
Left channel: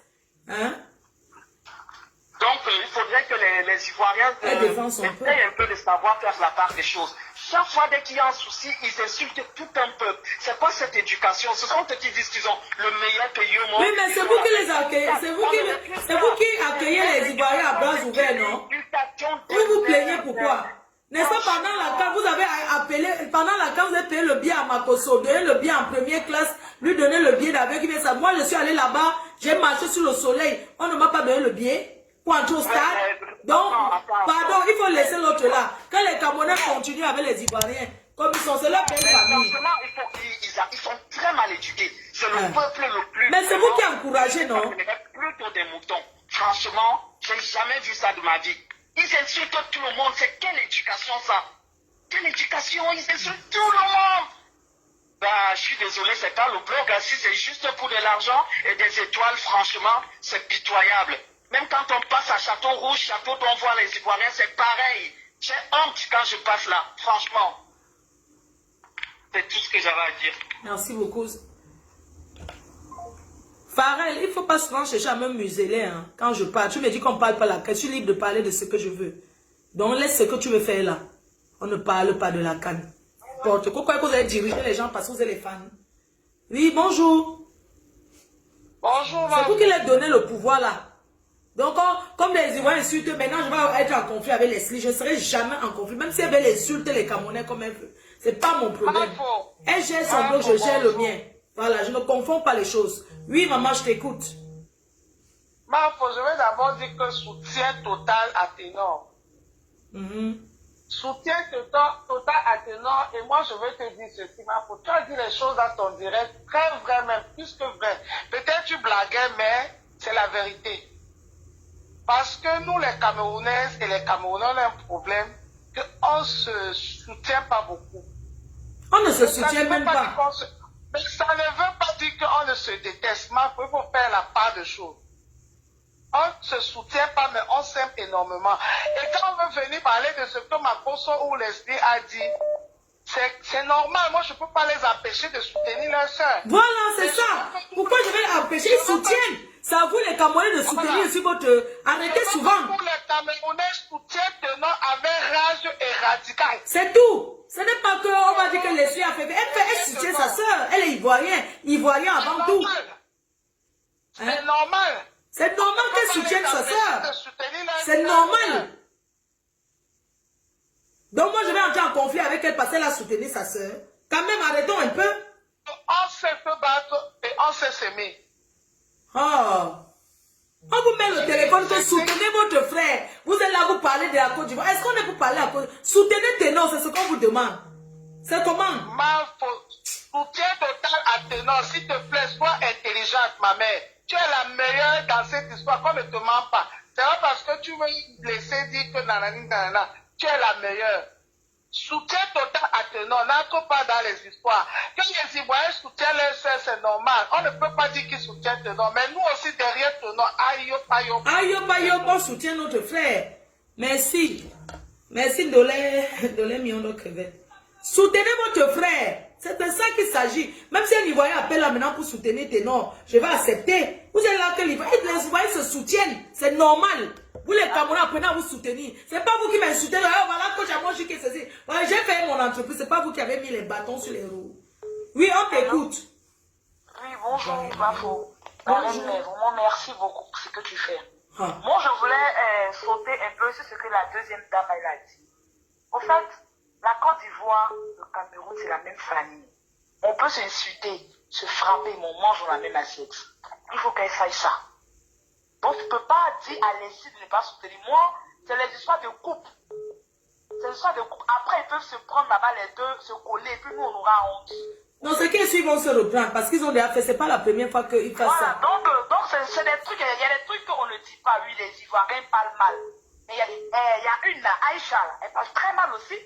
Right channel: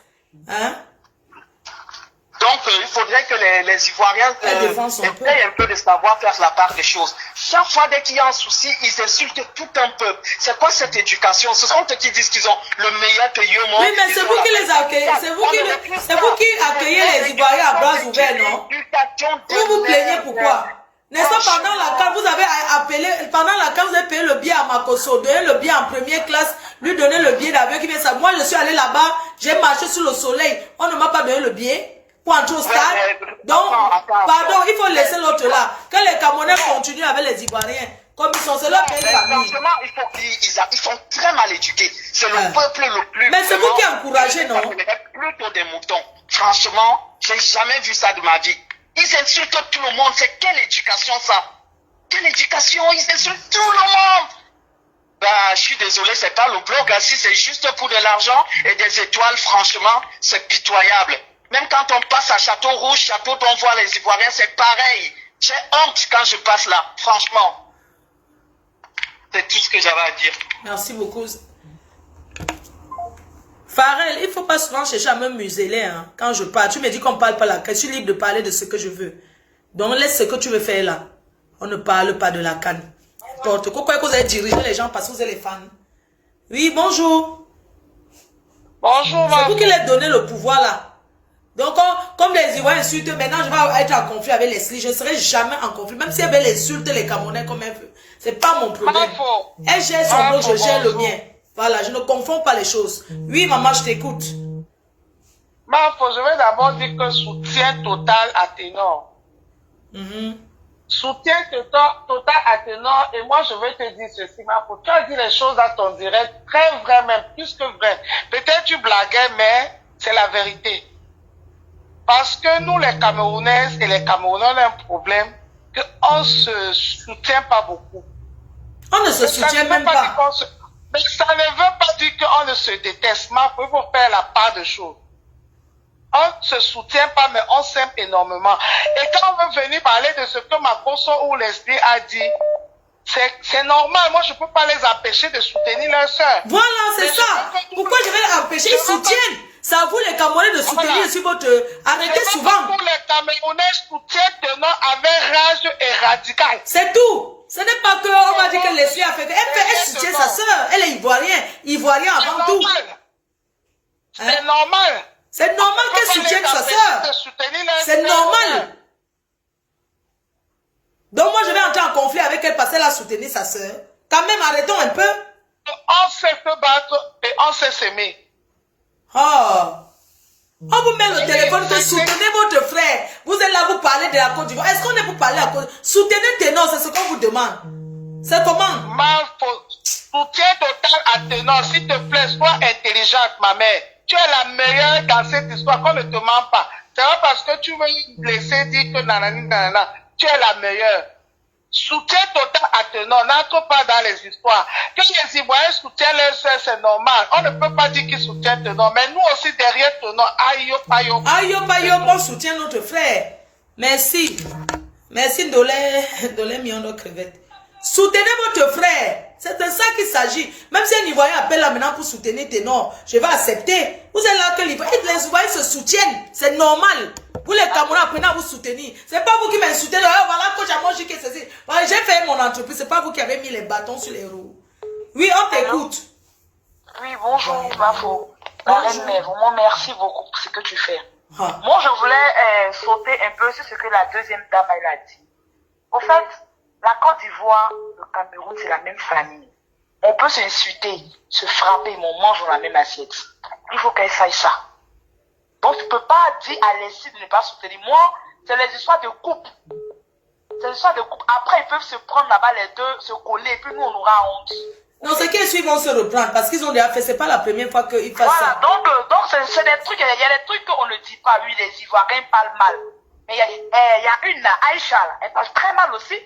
Hein? Donc, il faudrait que les Ivoiriens essayent un peu de savoir faire la part des choses. Chaque fois dès qu'il y a un souci, ils insultent tout un peuple. C'est quoi cette éducation? Ce sont eux qui disent qu'ils ont le meilleur pays au monde. Oui, mais c'est vous qui les accueillez. C'est vous qui accueillez les Ivoiriens à bras ouverts, non? Vous vous plaignez pourquoi? N'est-ce pas, pendant la CAN, vous avez appelé, pendant la CAN, vous avez payé le billet à Makosso, donné le billet en première classe, lui donner le billet d'avion qui vient ça. Moi, je suis allé là-bas, j'ai marché sur le soleil. On ne m'a pas donné le billet pour entrer au stade. Donc, pardon, il faut laisser l'autre là. Que les Camerounais continuent avec les Ivoiriens. Comme ils sont, c'est leur belle famille. Franchement, ils sont très mal éduqués. C'est le peuple le plus... Mais c'est vous qui encouragez, non? Plutôt des moutons. Franchement, j'ai jamais vu ça de ma vie. Ils insultent tout le monde. C'est quelle éducation ça? Quelle éducation? Ils insultent tout le monde. Bah, je suis désolé, c'est pas le blog. Si c'est juste pour de l'argent et des étoiles, franchement, c'est pitoyable. Même quand on passe à Château Rouge, Château dont on voit les Ivoiriens, c'est pareil. J'ai honte quand je passe là, franchement. C'est tout ce que j'avais à dire. Merci beaucoup. Farel, il ne faut pas souvent chercher à me museler hein, quand je parle. Tu me dis qu'on ne parle pas là. Je suis libre de parler de ce que je veux. Donc laisse ce que tu veux faire là. On ne parle pas de la canne. Pourquoi vous avez dirigé les gens parce que vous êtes les fans? Oui, bonjour. Bonjour, c'est vous qui leur donnez le pouvoir là. Donc, comme les Ivoiriens insultent, maintenant je vais être en conflit avec Leslie. Je ne serai jamais en conflit. Même si elle veut insulter les Camerounais comme elle veut. Ce n'est pas mon problème. Elle gère son bloc, je gère le mien. Voilà, je ne confonds pas les choses. Oui, maman, je t'écoute. Je vais d'abord dire que soutien total à Ténor. Soutien total à Ténor. Et moi, je vais te dire ceci, Marfo. Tu as dit les choses dans ton direct, très vrai même, plus que vrai. Peut-être tu blaguais, mais c'est la vérité. Parce que nous, les Camerounaises et les Camerounais, on a un problème qu'on ne se soutient pas beaucoup. On ne se soutient même pas. Mais ça ne veut pas dire qu'on ne se déteste. Il faut faire la part de choses. On ne se soutient pas, mais on s'aime énormément. Et quand on veut venir parler de ce que Makosso ou Leslie a dit, c'est normal. Moi, je ne peux pas les empêcher de soutenir leur soeur. Voilà, c'est ça. Pourquoi je vais les empêcher? Ils soutiennent. C'est à vous les Camerounais de soutenir sur votre... Arrêtez souvent. Pour les Camerounais soutiennent Ténor avec rage et radical. C'est tout. Ce n'est pas qu'on va dire que Leslie a fait... Elle soutient sa soeur. Elle est ivoirienne. Ivoirien avant tout. C'est normal. C'est normal qu'elle soutienne sa soeur. C'est normal. Donc moi je vais entrer en conflit avec elle parce qu'elle a soutenu sa soeur. Quand même, arrêtons un peu. On sait se battre et on sait s'aimer. Oh. On vous met le téléphone que soutenez votre frère. Vous êtes là, vous parlez de la Côte d'Ivoire. Est-ce qu'on est pour parler à Côte d'Ivoire? Soutenez Ténor, c'est ce qu'on vous demande. C'est comment? Soutien total à Ténor, s'il te plaît, sois intelligente, ma mère. Tu es la meilleure dans cette histoire, qu'on ne te ment pas. C'est pas parce que tu veux laisser dire que nanani, nanana, tu es la meilleure. Soutien total à Ténor, n'entre pas dans les histoires. Que les Ivoiriens soutiennent leurs soeurs, c'est normal. On ne peut pas dire qu'ils soutiennent Ténor, mais nous aussi derrière Ténor, aïe, aïe, aïe, aïe, on soutient notre frère. Merci. Merci, Dolé million de crevettes. Soutenez votre frère. C'est de ça qu'il s'agit. Même si un Ivoirien appelle là maintenant pour soutenir Ténor, je vais accepter. Vous êtes là que les Ivoiriens se soutiennent. C'est normal. Vous les Camerounais apprenez à vous soutenir. C'est pas vous qui m'insultez. Voilà, coach, moi je dis que ceci. Voilà, j'ai fait mon entreprise. C'est pas vous qui avez mis les bâtons sur les roues. Oui, on t'écoute. Oui, bonjour, Bafo. Vraiment, merci beaucoup pour ce que tu fais. Moi, je voulais sauter un peu sur ce que la deuxième dame elle a dit. Au fait, la Côte d'Ivoire, le Cameroun, c'est la même famille. On peut s'insulter, se frapper, mais on mange dans la même assiette. Il faut qu'elle sache ça. Donc, tu ne peux pas dire à Leslie de ne pas soutenir. Moi, c'est les histoires de couple. C'est les histoires de couple. Après, ils peuvent se prendre là-bas les deux, se coller, et puis nous, on aura honte. Non, c'est qu'ils vont se reprendre parce qu'ils ont déjà fait. C'est pas la première fois qu'ils fassent ça. Donc c'est des trucs, il y a des trucs qu'on ne dit pas. Oui, les Ivoiriens parlent mal. Mais il y a une là, Aïcha, là, elle parle très mal aussi.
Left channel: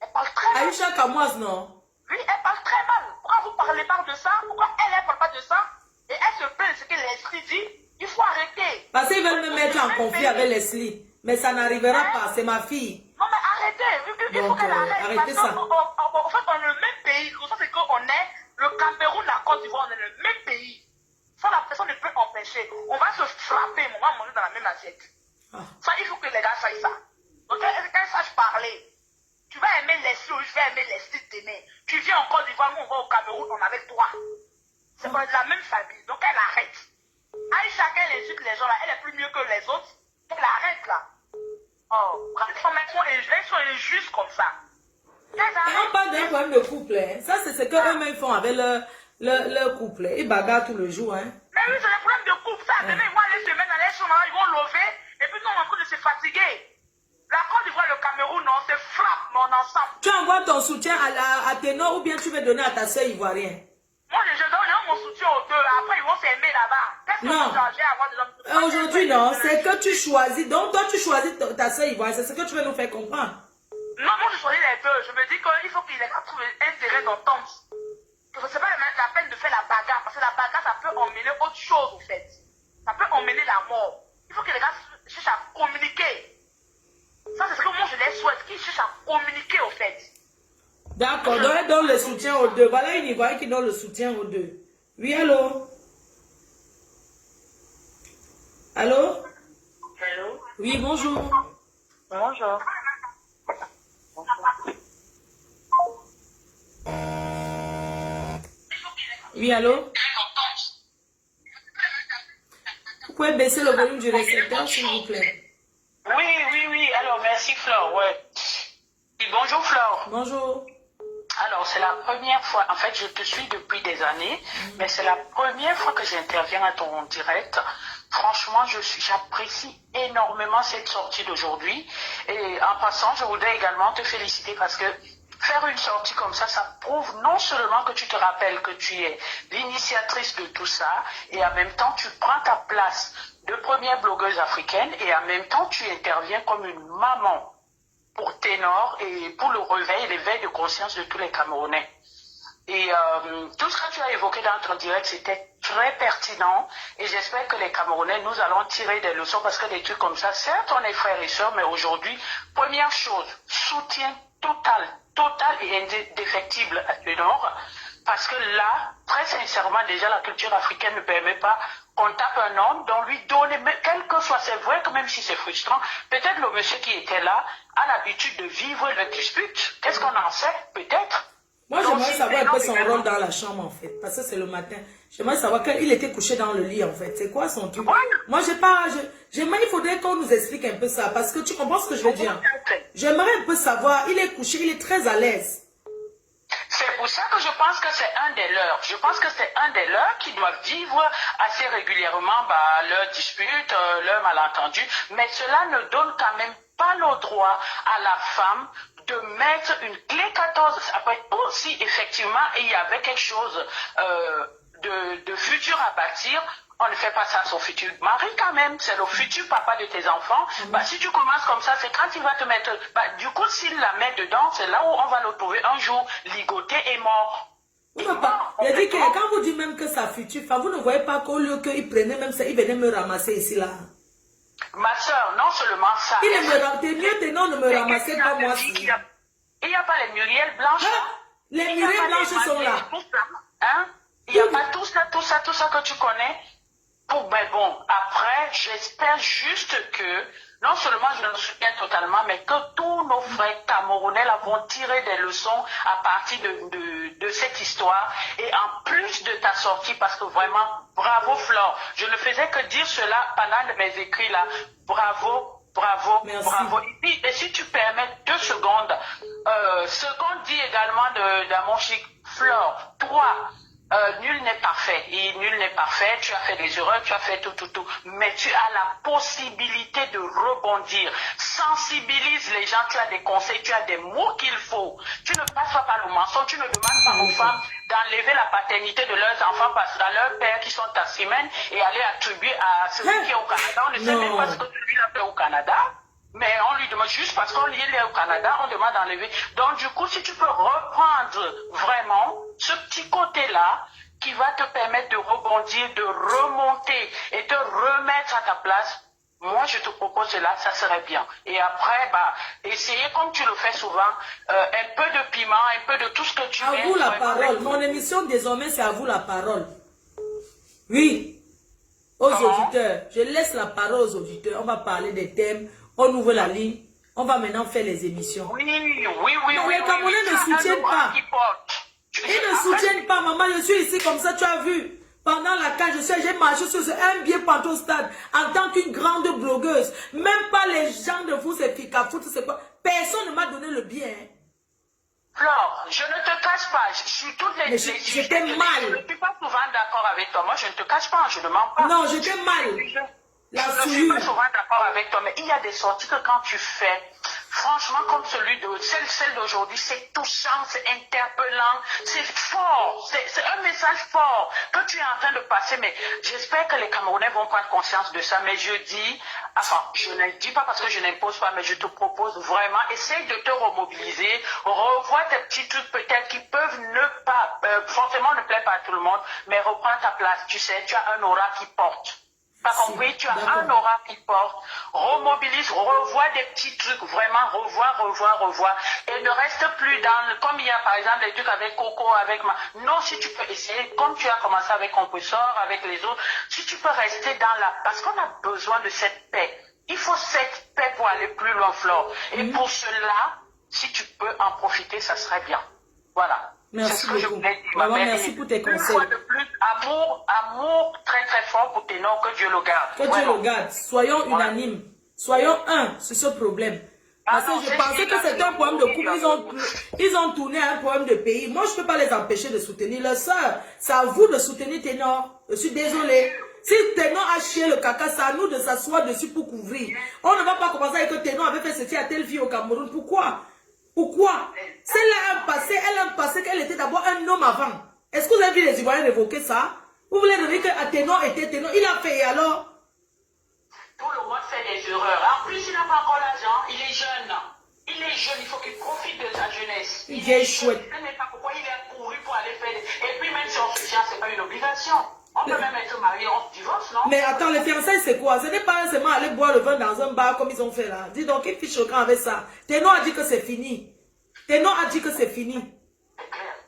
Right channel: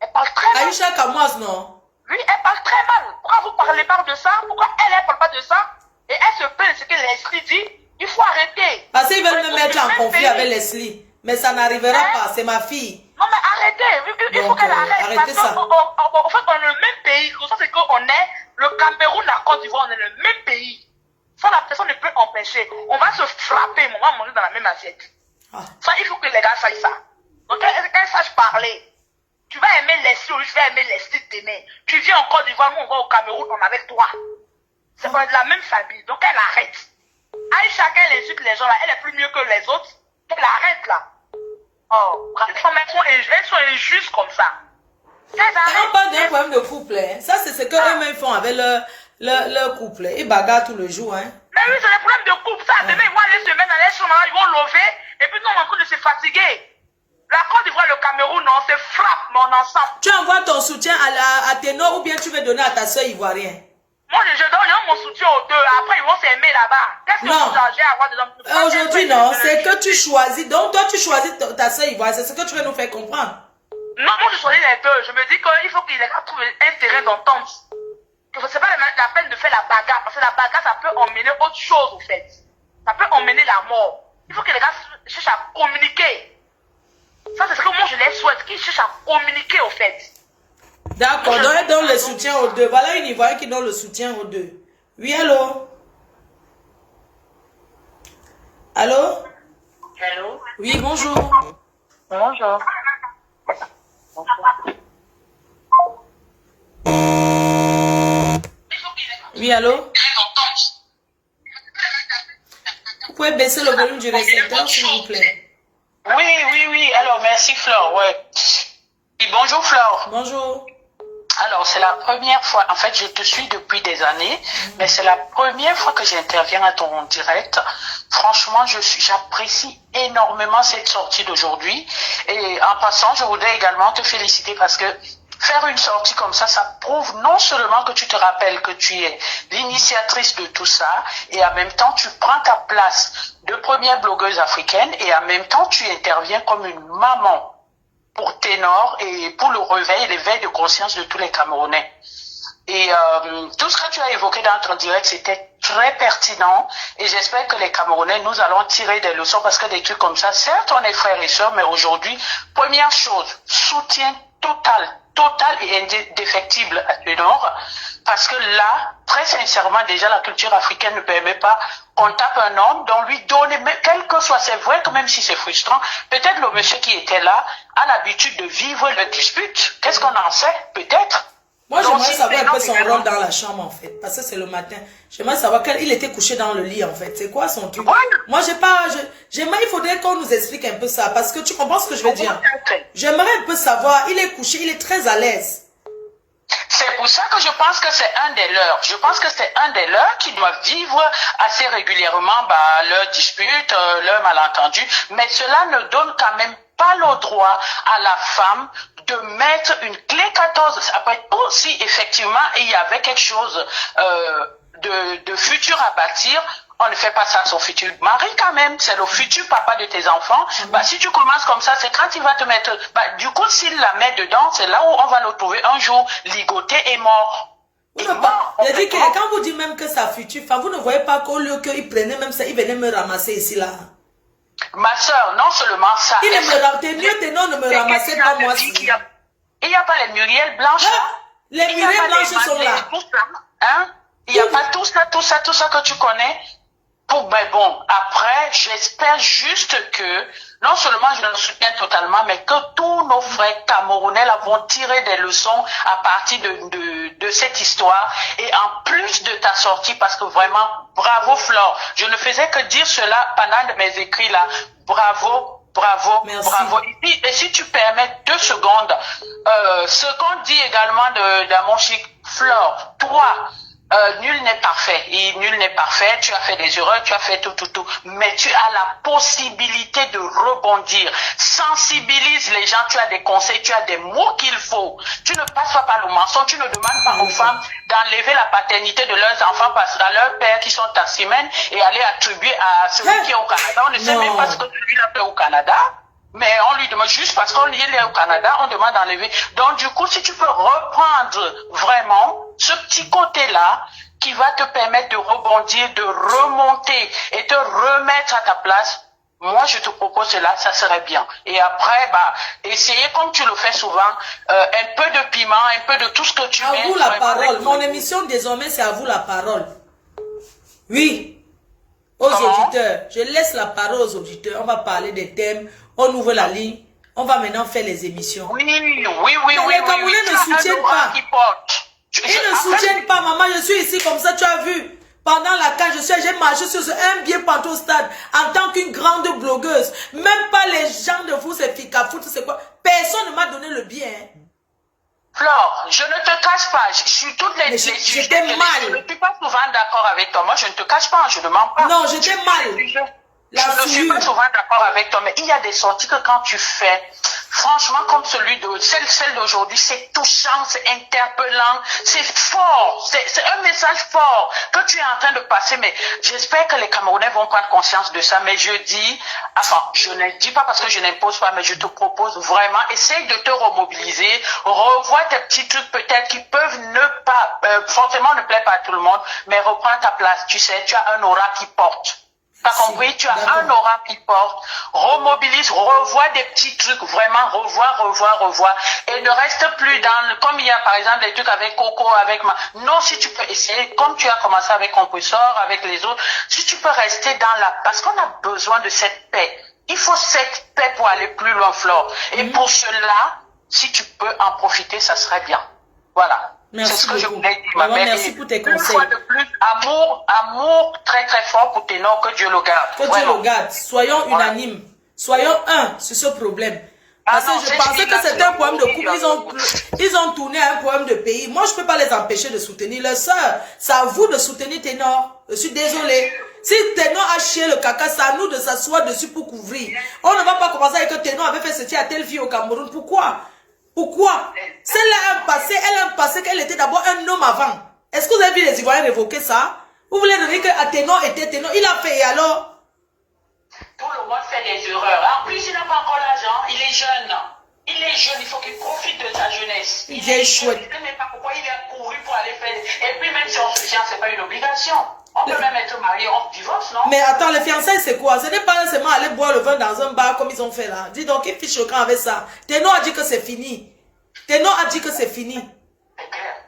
Elle parle très mal. Aïcha Kamoise, non? Oui, elle parle très mal. Pourquoi vous parlez pas de ça? Pourquoi elle ne parle pas de ça? Et elle se plaint de ce que Leslie dit. Il faut arrêter. Parce qu'ils veulent me mettre en conflit avec Leslie. Mais ça n'arrivera pas, c'est ma fille. Non, mais arrêtez. Il faut qu'elle arrête. Arrêtez ça. En fait, on est le même pays. Ça, c'est qu'on est le Cameroun, la Côte d'Ivoire, on est le même pays. Ça, la personne ne peut empêcher. On va se frapper, on va manger dans la même assiette. Ça, il faut que les gars sachent ça. Donc, qu'elle sache parler. Tu vas aimer Leslie ou tu vas aimer Leslie t'aimer. Tu viens en Côte d'Ivoire, nous on va au Cameroun, on est avec toi. C'est pas de la même famille. Donc, elle arrête. Aïcha, elle insulte les gens là, elle est plus mieux que les autres. Elle arrête là. Oh, les femmes, elles sont injustes comme ça. On parle d'un problème de couple. Hein. Ça, c'est ce qu'eux-mêmes font avec leur couple. Ils bagarrent tout le jour. Hein. Mais oui, c'est des problèmes de couple. Ça, demain, ils vont aller se mettre dans les chambres, ils vont lever. Et puis, nous, on est en train de se fatiguer. La Côte d'Ivoire, le Cameroun, on se frappe, mais on est ensemble. Tu envoies ton soutien à Ténor ou bien tu veux donner à ta soeur ivoirienne? Moi, je donne mon soutien aux deux. Après, ils vont s'aimer là-bas. Qu'est-ce que vous changez à avoir des hommes? Aujourd'hui, non. C'est que tu choisis. Donc, toi, tu choisis ta soeur ivoirienne. C'est ce que tu veux nous faire comprendre. Non, moi, je choisis les deux. Je me dis qu'il faut qu'ils trouvent un terrain d'entente. Que ce n'est pas la peine de faire la bagarre. Parce que la bagarre, ça peut emmener autre chose, au fait. Ça peut emmener la mort. Il faut que les gars cherchent à communiquer. Ça, c'est ce que moi, je les souhaite. Qu'ils cherchent à communiquer, au fait. D'accord, donc elle donne le soutien aux deux. Voilà une Ivoirienne qui donne le soutien aux deux. Oui, allô? Allô? Allô? Oui, bonjour. Bonjour. Oui, allô? Vous pouvez baisser le volume du récepteur, s'il vous plaît. Oui. Alors, merci, Flore. Ouais. Et bonjour, Flore. Bonjour. Alors, c'est la première fois, en fait, je te suis depuis des années, mais c'est la première fois que j'interviens à ton direct. Franchement, j'apprécie énormément cette sortie d'aujourd'hui. Et en passant, je voudrais également te féliciter parce que faire une sortie comme ça prouve non seulement que tu te rappelles que tu es l'initiatrice de tout ça, et en même temps, tu prends ta place de première blogueuse africaine, et en même temps, tu interviens comme une maman pour Ténor et pour le réveil, l'éveil de conscience de tous les Camerounais. Et tout ce que tu as évoqué dans ton direct, c'était très pertinent, et j'espère que les Camerounais, nous allons tirer des leçons, parce que des trucs comme ça, certes on est frères et sœurs, mais aujourd'hui, première chose, soutien total et indéfectible à Ténor, parce que là, très sincèrement, déjà la culture africaine ne permet pas qu'on tape un homme, dont lui donner, quel que soit, c'est vrai que même si c'est frustrant, peut-être le monsieur qui était là a l'habitude de vivre le dispute. Qu'est-ce qu'on en sait? Peut-être. Moi, j'aimerais savoir un peu son rôle dans la chambre, en fait. Parce que c'est le matin. J'aimerais savoir qu'il était couché dans le lit, en fait. C'est quoi son truc? Ouais. Moi, il faudrait qu'on nous explique un peu ça. Parce que tu comprends ce que je veux dire? J'aimerais un peu savoir. Il est couché, il est très à l'aise. C'est pour ça que je pense que c'est un des leurs. Je pense que c'est un des leurs qui doit vivre assez régulièrement leurs disputes, leurs malentendus. Mais cela ne donne quand même pas le droit à la femme de mettre une clé 14. Après, si effectivement il y avait quelque chose de futur à bâtir, on ne fait pas ça à son futur mari quand même. C'est le futur papa de tes enfants. Si tu commences comme ça, c'est quand il va te mettre... du coup, s'il la met dedans, c'est là où on va le trouver un jour ligoté et mort. Il a dit que quand vous dites même que sa future femme, vous ne voyez pas qu'au lieu qu'il prenait même ça, il venait me ramasser ici là. Ma soeur, non seulement ça. Il ne me ramassait, mieux Ténor ne me ramassait pas moi. Il n'y a pas les muriels blanches là. Les muriels blanches sont là. Hein? Il n'y a pas tout ça que tu connais. Mais bon, après, j'espère juste que, non seulement je le soutiens totalement, mais que tous nos frères camerounais là vont tirer des leçons à partir de cette histoire. Et en plus de ta sortie, parce que vraiment, bravo Flore. Je ne faisais que dire cela pendant mes écrits là. Bravo. Merci. Bravo. Et si tu permets 2 secondes, ce qu'on dit également dans mon chic, Flore, toi, nul n'est parfait. Et nul n'est parfait. Tu as fait des erreurs, tu as fait tout. Mais tu as la possibilité de rebondir. Sensibilise les gens. Tu as des conseils, tu as des mots qu'il faut. Tu ne passes pas par le mensonge. Tu ne demandes pas aux femmes d'enlever la paternité de leurs enfants parce à leurs pères qui sont taximens et aller attribuer à celui qui est au Canada. On ne sait même pas ce que celui là fait au Canada. Mais on lui demande juste parce qu'on est au Canada, on demande d'enlever. Donc du coup, si tu peux reprendre vraiment ce petit côté-là qui va te permettre de rebondir, de remonter et te remettre à ta place, moi je te propose cela, ça serait bien. Et après, essayer comme tu le fais souvent, un peu de piment, un peu de tout ce que tu veux. À vous la parole. Mon émission désormais, c'est à vous la parole. Oui. Aux auditeurs. Je laisse la parole aux auditeurs. On va parler des thèmes. On ouvre la ligne. On va maintenant faire les émissions. Oui. Mais les Camerounais ne soutiennent pas. Ils ne soutiennent pas, maman. Je suis ici comme ça, tu as vu. Pendant la cage, j'ai marché sur un billet partout au stade en tant qu'une grande blogueuse. Même pas les gens de vous, c'est Fika Foot, c'est quoi. Personne ne m'a donné le bien. Flore, je ne te cache pas, je suis toutes les... J'étais mal. Je ne suis pas souvent d'accord avec toi. Moi, je ne te cache pas, je ne mens pas. Non, j'étais mal. Je ne suis pas souvent d'accord avec toi, mais il y a des sorties que quand tu fais, franchement, comme celle d'aujourd'hui, c'est touchant, c'est interpellant, c'est fort, c'est un message fort que tu es en train de passer, mais j'espère que les Camerounais vont prendre conscience de ça, mais je ne dis pas parce que je n'impose pas, mais je te propose vraiment, essaye de te remobiliser, revois tes petits trucs peut-être qui peuvent ne pas, forcément ne plaire pas à tout le monde, mais reprends ta place, tu sais, tu as un aura qui porte. T'as compris, tu as un aura qui porte, remobilise, revois des petits trucs, vraiment revois, et ne reste plus comme il y a par exemple des trucs avec Coco, avec non, si tu peux essayer, comme tu as commencé avec Compressor, avec les autres, si tu peux rester parce qu'on a besoin de cette paix. Il faut cette paix pour aller plus loin, Flore. Et pour cela, si tu peux en profiter, ça serait bien. Voilà. Merci beaucoup. Maman, merci pour tes conseils. Une fois de plus, amour très très fort pour Ténor, que Dieu le garde. Que Dieu le garde. Soyons unanimes. Soyons un sur ce problème. Parce que je pensais que c'était un problème de couple. Ils ont tourné un problème de pays. Moi, je ne peux pas les empêcher de soutenir leur soeur. C'est à vous de soutenir Ténor. Je suis désolée. Si Ténor a chié le caca, c'est à nous de s'asseoir dessus pour couvrir. On ne va pas commencer avec que Ténor avait fait ceci à telle fille au Cameroun. Pourquoi? Elle a un passé qu'elle était d'abord un homme avant. Est-ce que vous avez vu les Ivoiriens révoquer ça? Vous voulez dire que Ténor était Ténor? Il a fait et alors? Tout le monde fait des erreurs. En plus, il n'a pas encore l'argent. Il est jeune. Il faut qu'il profite de sa jeunesse. Il est chouette. Je ne sais même pas pourquoi il est couru pour aller faire. Et puis même si on se tient, ce n'est pas une obligation. On peut même être marié, on divorce, non? Mais attends, les fiançailles, c'est quoi? Ce n'est pas seulement aller boire le vin dans un bar comme ils ont fait là. Dis donc, qui fiche au camp avec ça? Ténor a dit que c'est fini.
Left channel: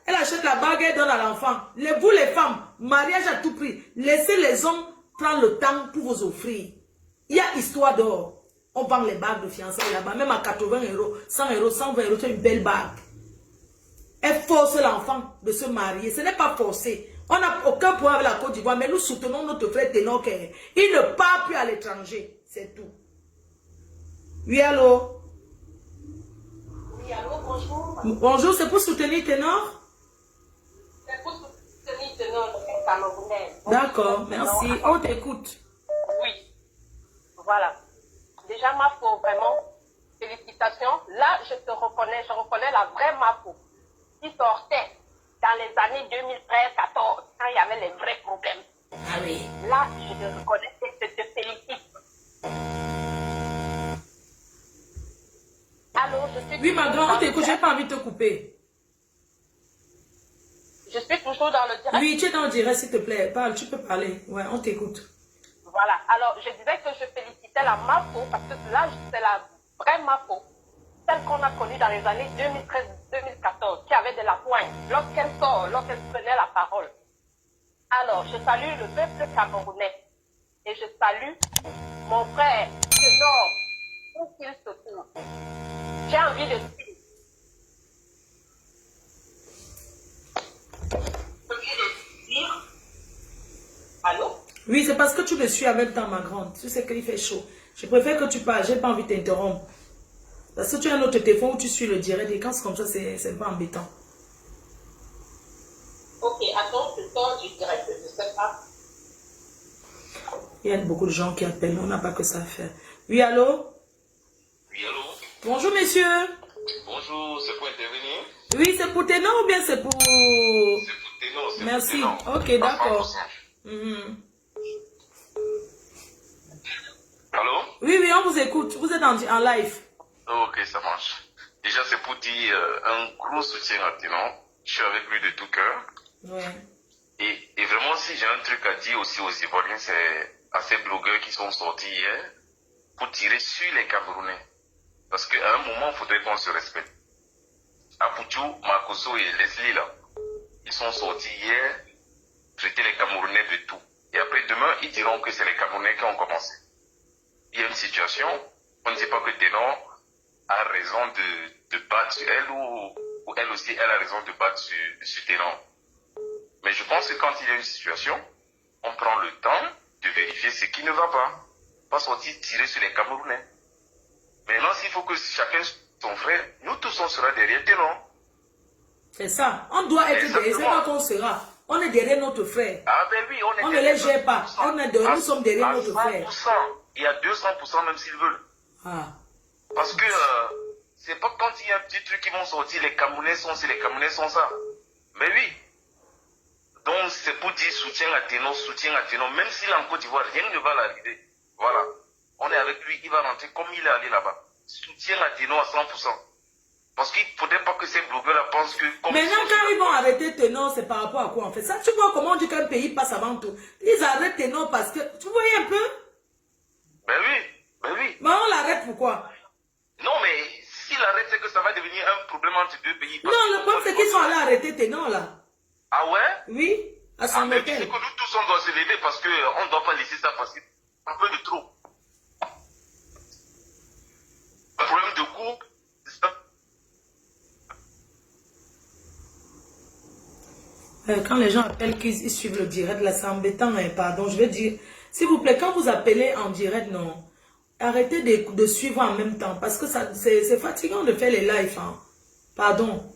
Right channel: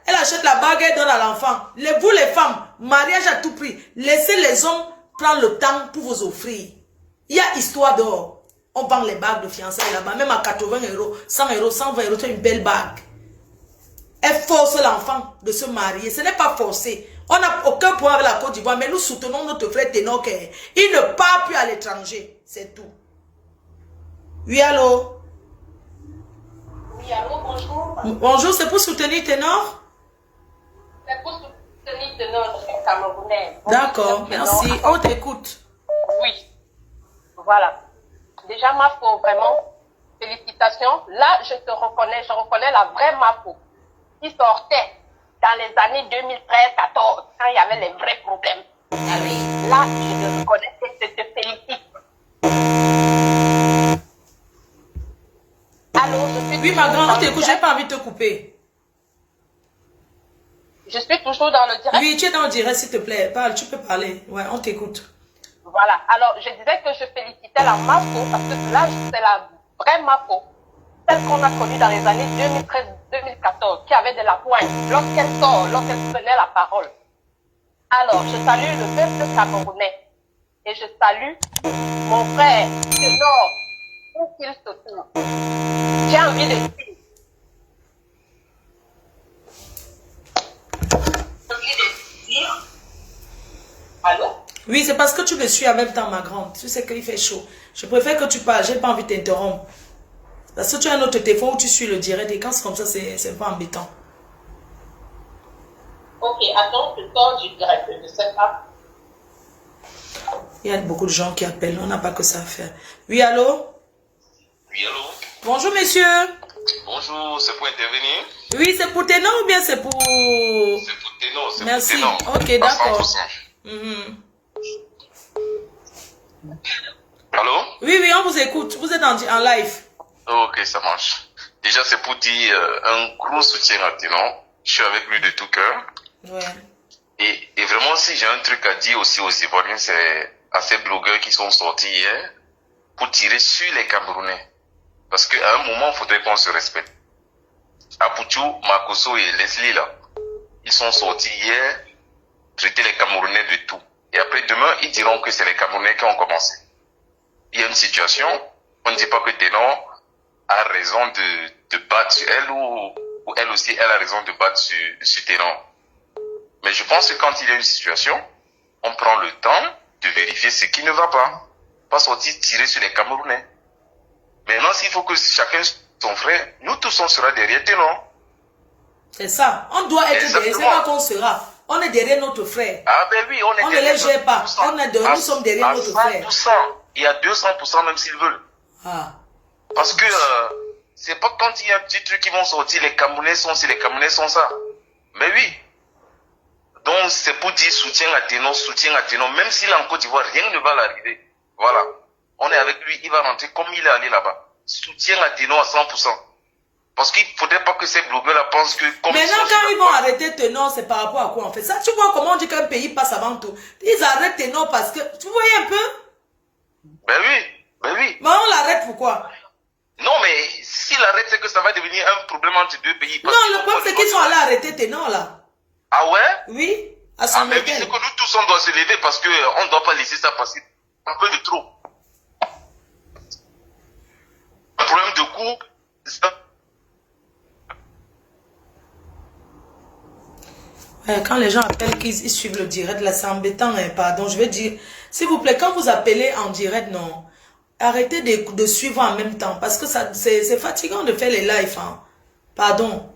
Elle achète la bague, elle donne à l'enfant. Vous les femmes, mariage à tout prix. Laissez les hommes prendre le temps pour vous offrir. Il y a histoire d'or. On vend les bagues de fiançailles là-bas, même à 80 €, 100 €, 120 €, c'est une belle bague. Elle force l'enfant de se marier. Ce n'est pas forcé. On n'a aucun problème avec la Côte d'Ivoire, mais nous soutenons notre frère Ténor. Il ne part plus à l'étranger. C'est tout. Oui, allô? Oui, allô, bonjour. Bonjour, c'est pour soutenir Ténor? C'est pour soutenir Ténor, je suis camerounaise. D'accord, merci. On t'écoute. Oui. Voilà. Déjà, Mafo, vraiment, félicitations. Là, je reconnais la vraie Mafo qui sortait dans les années 2013-14, quand il y avait les vrais problèmes. Là, je te reconnais et je te félicite. Allô, oui, ma grande, on t'écoute, j'ai pas envie de te couper. Je suis toujours dans le direct. Oui, tu es dans le direct, s'il te plaît. Parle, tu peux parler. Ouais, on t'écoute. Voilà. Alors, je disais que je félicitais la Mafo parce que là, c'est la vraie Mafo. Celle qu'on a connue dans les années 2013-2014, qui avait de la pointe lorsqu'elle prenait la parole. Alors, je salue le peuple camerounais et je salue mon frère Ténor, où qu'il se trouve. J'ai envie de dire. Allô? Oui, c'est parce que tu me suis en même temps, ma grande. Tu sais qu'il fait chaud. Je préfère que tu parles, j'ai pas envie de t'interrompre. Parce que tu as un autre téléphone où tu suis le direct et quand c'est comme ça, c'est un peu embêtant. Ok, attends, je sors du direct, je ne sais pas. Il y a beaucoup de gens qui appellent, on n'a pas que ça à faire. Oui, allô? Oui, allô? Bonjour, monsieur. Bonjour, c'est pour intervenir? Oui, c'est pour Ténor ou bien c'est pour... C'est pour Ténor, c'est Merci. pour Ténor. Ok, d'accord. Allô? Oui, oui, on vous écoute. Vous êtes en live. Ok, ça marche. Déjà, c'est pour dire un gros soutien à Ténor. Je suis avec lui de tout cœur. Ouais. Et vraiment, si j'ai un truc à dire aussi aux Ivoiriens, c'est à ces blogueurs qui sont sortis hier pour tirer sur les Camerounais. Parce qu'à un moment, il faudrait qu'on se respecte. Apoutou, Makoso et Leslie, là, ils sont sortis hier, traiter les Camerounais de tout. Et après, demain, ils diront que c'est les Camerounais qui ont commencé. Il y a une situation, on ne dit pas que Ténor a raison de battre sur elle ou elle aussi, elle a raison de battre sur Ténor. Mais je pense que quand il y a une situation, on prend le temps de vérifier ce qui ne va pas. Pas sortir tirer sur les Camerounais. Maintenant, s'il faut que chacun son frère, nous tous on sera derrière Ténor. C'est ça. On doit être derrière. C'est pas qu'on sera. On est derrière notre frère. Ah ben oui, on est on derrière. On ne les gère pas. Nous sommes derrière notre frère. Il y a 200% même s'ils veulent. Ah. Parce que c'est pas quand il y a un petit truc qui vont sortir, les Camerounais sont ci, les Camerounais sont ça. Mais oui. Donc c'est pour dire soutien à Ténor, même s'il est en Côte d'Ivoire, rien ne va l'arriver. Voilà. On est avec lui, il va rentrer comme il est allé là-bas. Soutien à Ténor à 100%. Parce qu'il ne faudrait pas que ces blogueurs-là pensent que... Maintenant, quand ils vont arrêter Ténor, c'est par rapport à quoi en fait? Ça, tu vois comment on dit qu'un pays passe avant tout. Ils arrêtent Ténor parce que... Tu voyais un peu? Ben oui. Mais on l'arrête pourquoi? Non, mais s'il arrête, c'est que ça va devenir un problème entre deux pays. Non, le problème, c'est qu'ils sont allés arrêter Ténor, là. Ah ouais? Oui, à son hôtel. C'est que nous tous, on doit se lever parce qu'on ne doit pas laisser ça passer. Un peu de trop. Un problème de couple, quand les gens appellent qu'ils suivent le direct, là, c'est embêtant, hein, pardon. Je vais dire, s'il vous plaît, quand vous appelez en direct, non, arrêtez de suivre en même temps, parce que c'est fatigant de faire les lives, hein. Pardon.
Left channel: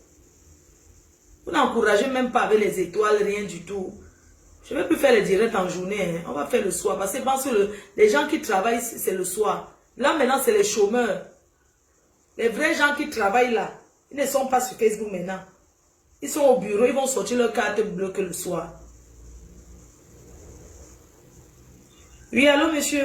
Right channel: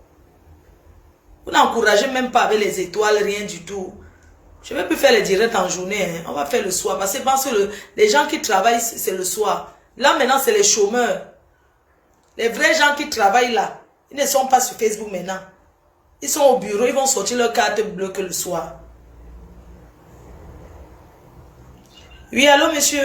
Vous n'encouragez même pas avec les étoiles, rien du tout. Je ne vais plus faire les directs en journée, hein. On va faire le soir, parce que les gens qui travaillent, c'est le soir. Là, maintenant, c'est les chômeurs. Les vrais gens qui travaillent là, ils ne sont pas sur Facebook maintenant. Ils sont au bureau, ils vont sortir leur carte bleue que le soir. Oui, allô, monsieur?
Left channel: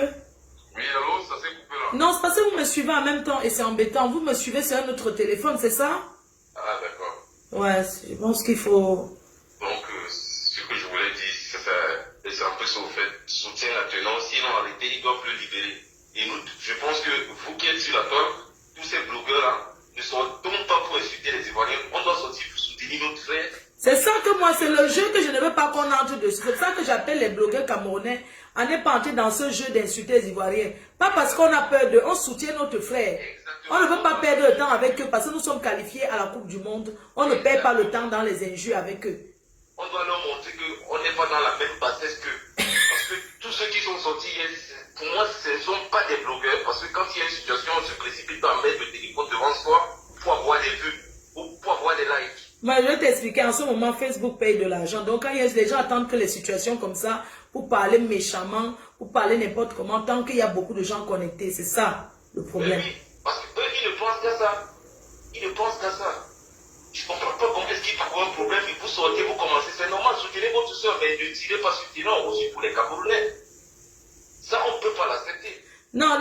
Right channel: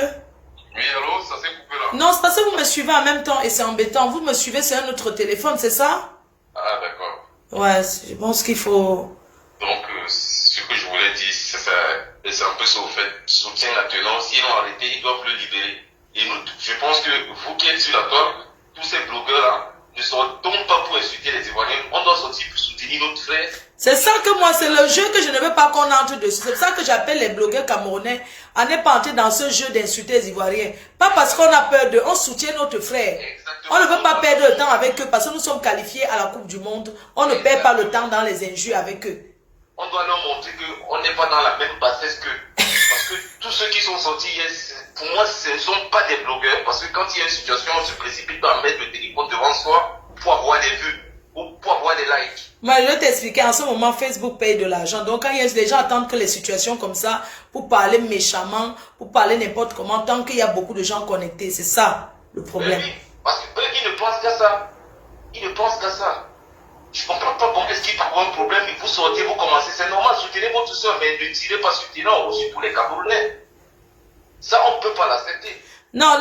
Oui, allô, ça s'est coupé là. Non, c'est parce que vous me suivez en même temps et c'est embêtant. Vous me suivez sur un autre téléphone, c'est ça? Ah, d'accord. Ouais, je pense qu'il faut... Donc, ce que je voulais dire, c'est un peu ça au fait. Soutien à Ténor, s'ils l'ont arrêté, ils doivent le libérer. Et nous, je pense que vous qui êtes sur la table, tous ces blogueurs-là, ne sortons pas pour insulter les Ivoiriens. On doit sortir pour soutenir notre frère. C'est ça que moi, c'est le jeu que je ne veux pas qu'on entre dessus. C'est ça que j'appelle les blogueurs camerounais à ne pas entrer dans ce jeu d'insulter les Ivoiriens. Pas parce qu'on a peur d'eux, on soutient notre frère. Exactement. On ne veut pas perdre le temps avec eux parce que nous sommes qualifiés à la Coupe du Monde. On ne perd pas le temps dans les injures avec eux. On doit leur montrer qu'on n'est pas dans la même bassesse qu'eux. Parce que tous ceux qui sont sortis hier, pour moi, ce ne sont pas des blogueurs. Parce que quand il y a une situation, on se précipite à mettre le téléphone devant soi pour avoir des vues ou pour avoir des likes. Moi, je vais t'expliquer, en ce moment, Facebook paye de l'argent. Donc, quand il y a des gens attendent que les situations comme ça, pour parler méchamment, pour parler n'importe comment, tant qu'il y a beaucoup de gens connectés, c'est ça le problème. Oui, parce qu'eux, ils ne pensent qu'à ça. Ils ne pensent qu'à ça. Je ne comprends pas comment est-ce qu'il peut avoir un problème, et vous sortez, vous commencez, c'est normal, soutenez votre soeur, mais ne tirez pas sur Ténor ou sur tous les Camerounais. Ça, on ne peut pas l'accepter. Non,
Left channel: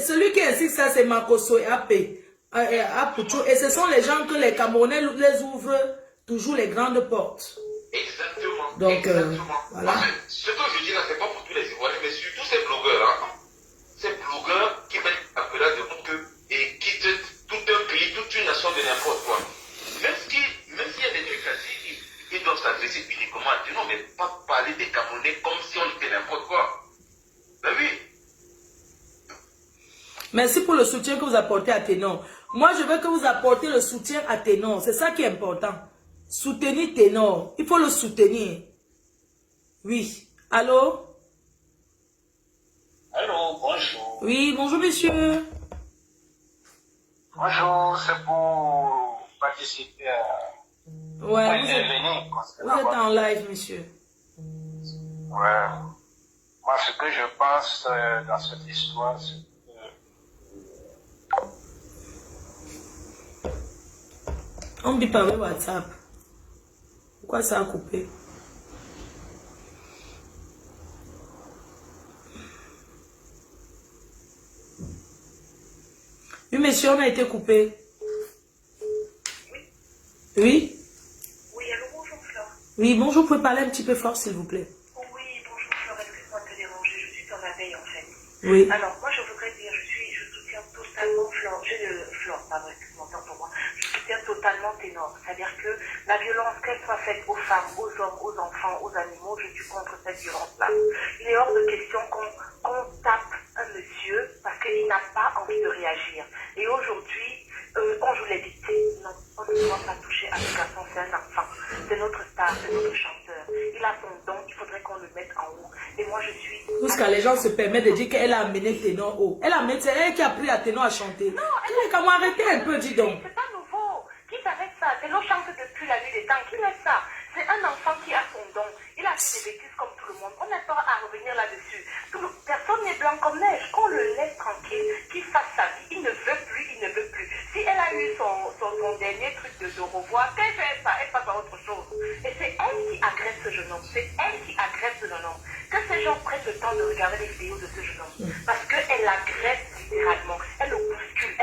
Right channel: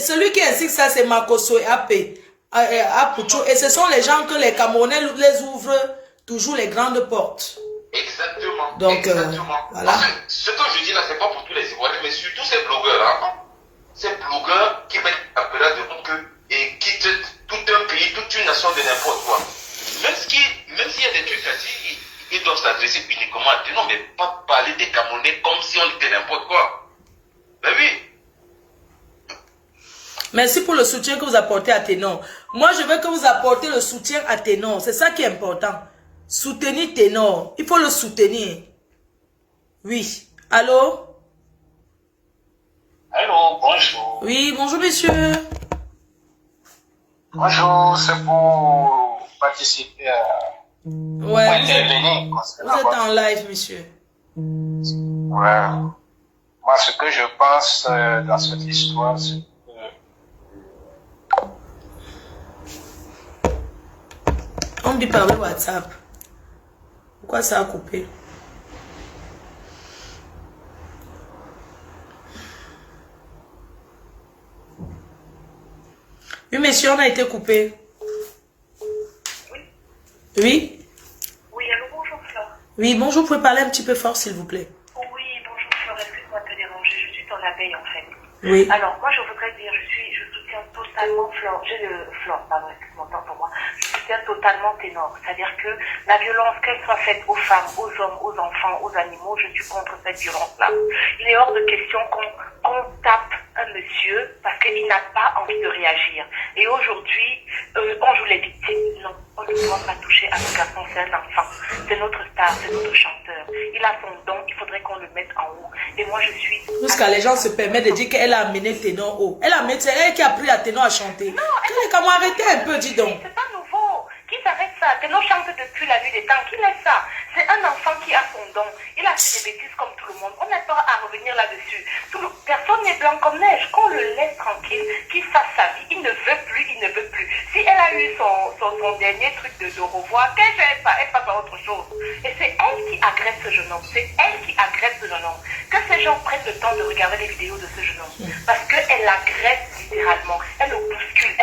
celui qui insiste ça, c'est Makoso et AP. Et ce sont les gens que les Camerounais les ouvrent toujours les grandes portes. Exactement. Donc, exactement. voilà. Ce que je dis là, ce n'est pas pour tous les Ivoiriens, mais surtout ces blogueurs-là. Ces blogueurs qui mettent la pelade de que et qui traitent tout un pays, toute une nation de n'importe quoi. Même s'il y a des trucs à dire, ils doivent s'adresser uniquement à Ténor, mais pas parler des Camerounais comme si on était n'importe quoi. Ben oui. Merci pour le soutien que vous apportez à Ténor. Moi, je veux que vous apportez le soutien à Ténor. C'est ça qui est important. Soutenir Ténor. Il faut le soutenir. Oui. Allô? Allô, bonjour. Oui, bonjour, monsieur. Bonjour, c'est pour participer à... Ouais, intervenir. Vous êtes en live, monsieur. Ouais. Moi, ce que je pense dans cette histoire, c'est que... On me dit par le WhatsApp. Pourquoi ça a coupé? Oui, monsieur, on a été coupé. Oui. Oui? Oui, allô, bonjour Flore. Oui, bonjour, vous pouvez parler un petit peu fort, s'il vous plaît. Oui, bonjour Flore, excuse-moi de te déranger, je suis ton abeille en fait. Oui. Alors, moi je voudrais dire, je soutiens totalement Flore, pardon, excuse-moi, autant pour moi, je soutiens totalement Ténor. C'est-à-dire que la violence, qu'elle soit faite aux femmes, aux hommes, aux enfants, aux animaux, je suis contre cette violence-là. Il est hors de question qu'on tape un monsieur parce qu'il n'a pas envie de réagir. Et aujourd'hui, on joue les victimes. Non, on ne doit pas toucher à ce garçon, c'est un enfant. C'est notre star, c'est notre chanteur. Il a son don, il faudrait qu'on le mette en haut. Et moi, je suis... Jusqu'à les gens se permettent de dire qu'elle a amené Ténor haut. C'est elle qui a appris à Ténor à chanter. Non, comment arrêter un peu, dis donc. C'est pas nouveau. Qui s'arrête ça? Ténor chante depuis la nuit des temps. Qui laisse ça? C'est un enfant qui a son don. Il a fait des bêtises comme tout le monde. On n'a pas à revenir là-dessus. Personne n'est blanc comme neige. Qu'on le laisse tranquille, qu'il fasse sa vie. Il ne veut plus, il ne veut plus. Si elle a eu son dernier truc de revoir, qu'elle fait ça? Elle passe à autre chose. Et c'est elle qui agresse ce jeune homme. C'est elle qui agresse ce jeune homme. Que ces gens prennent le temps de regarder les vidéos de ce jeune homme. Parce qu'elle l'agresse littéralement. Elle le bouscule.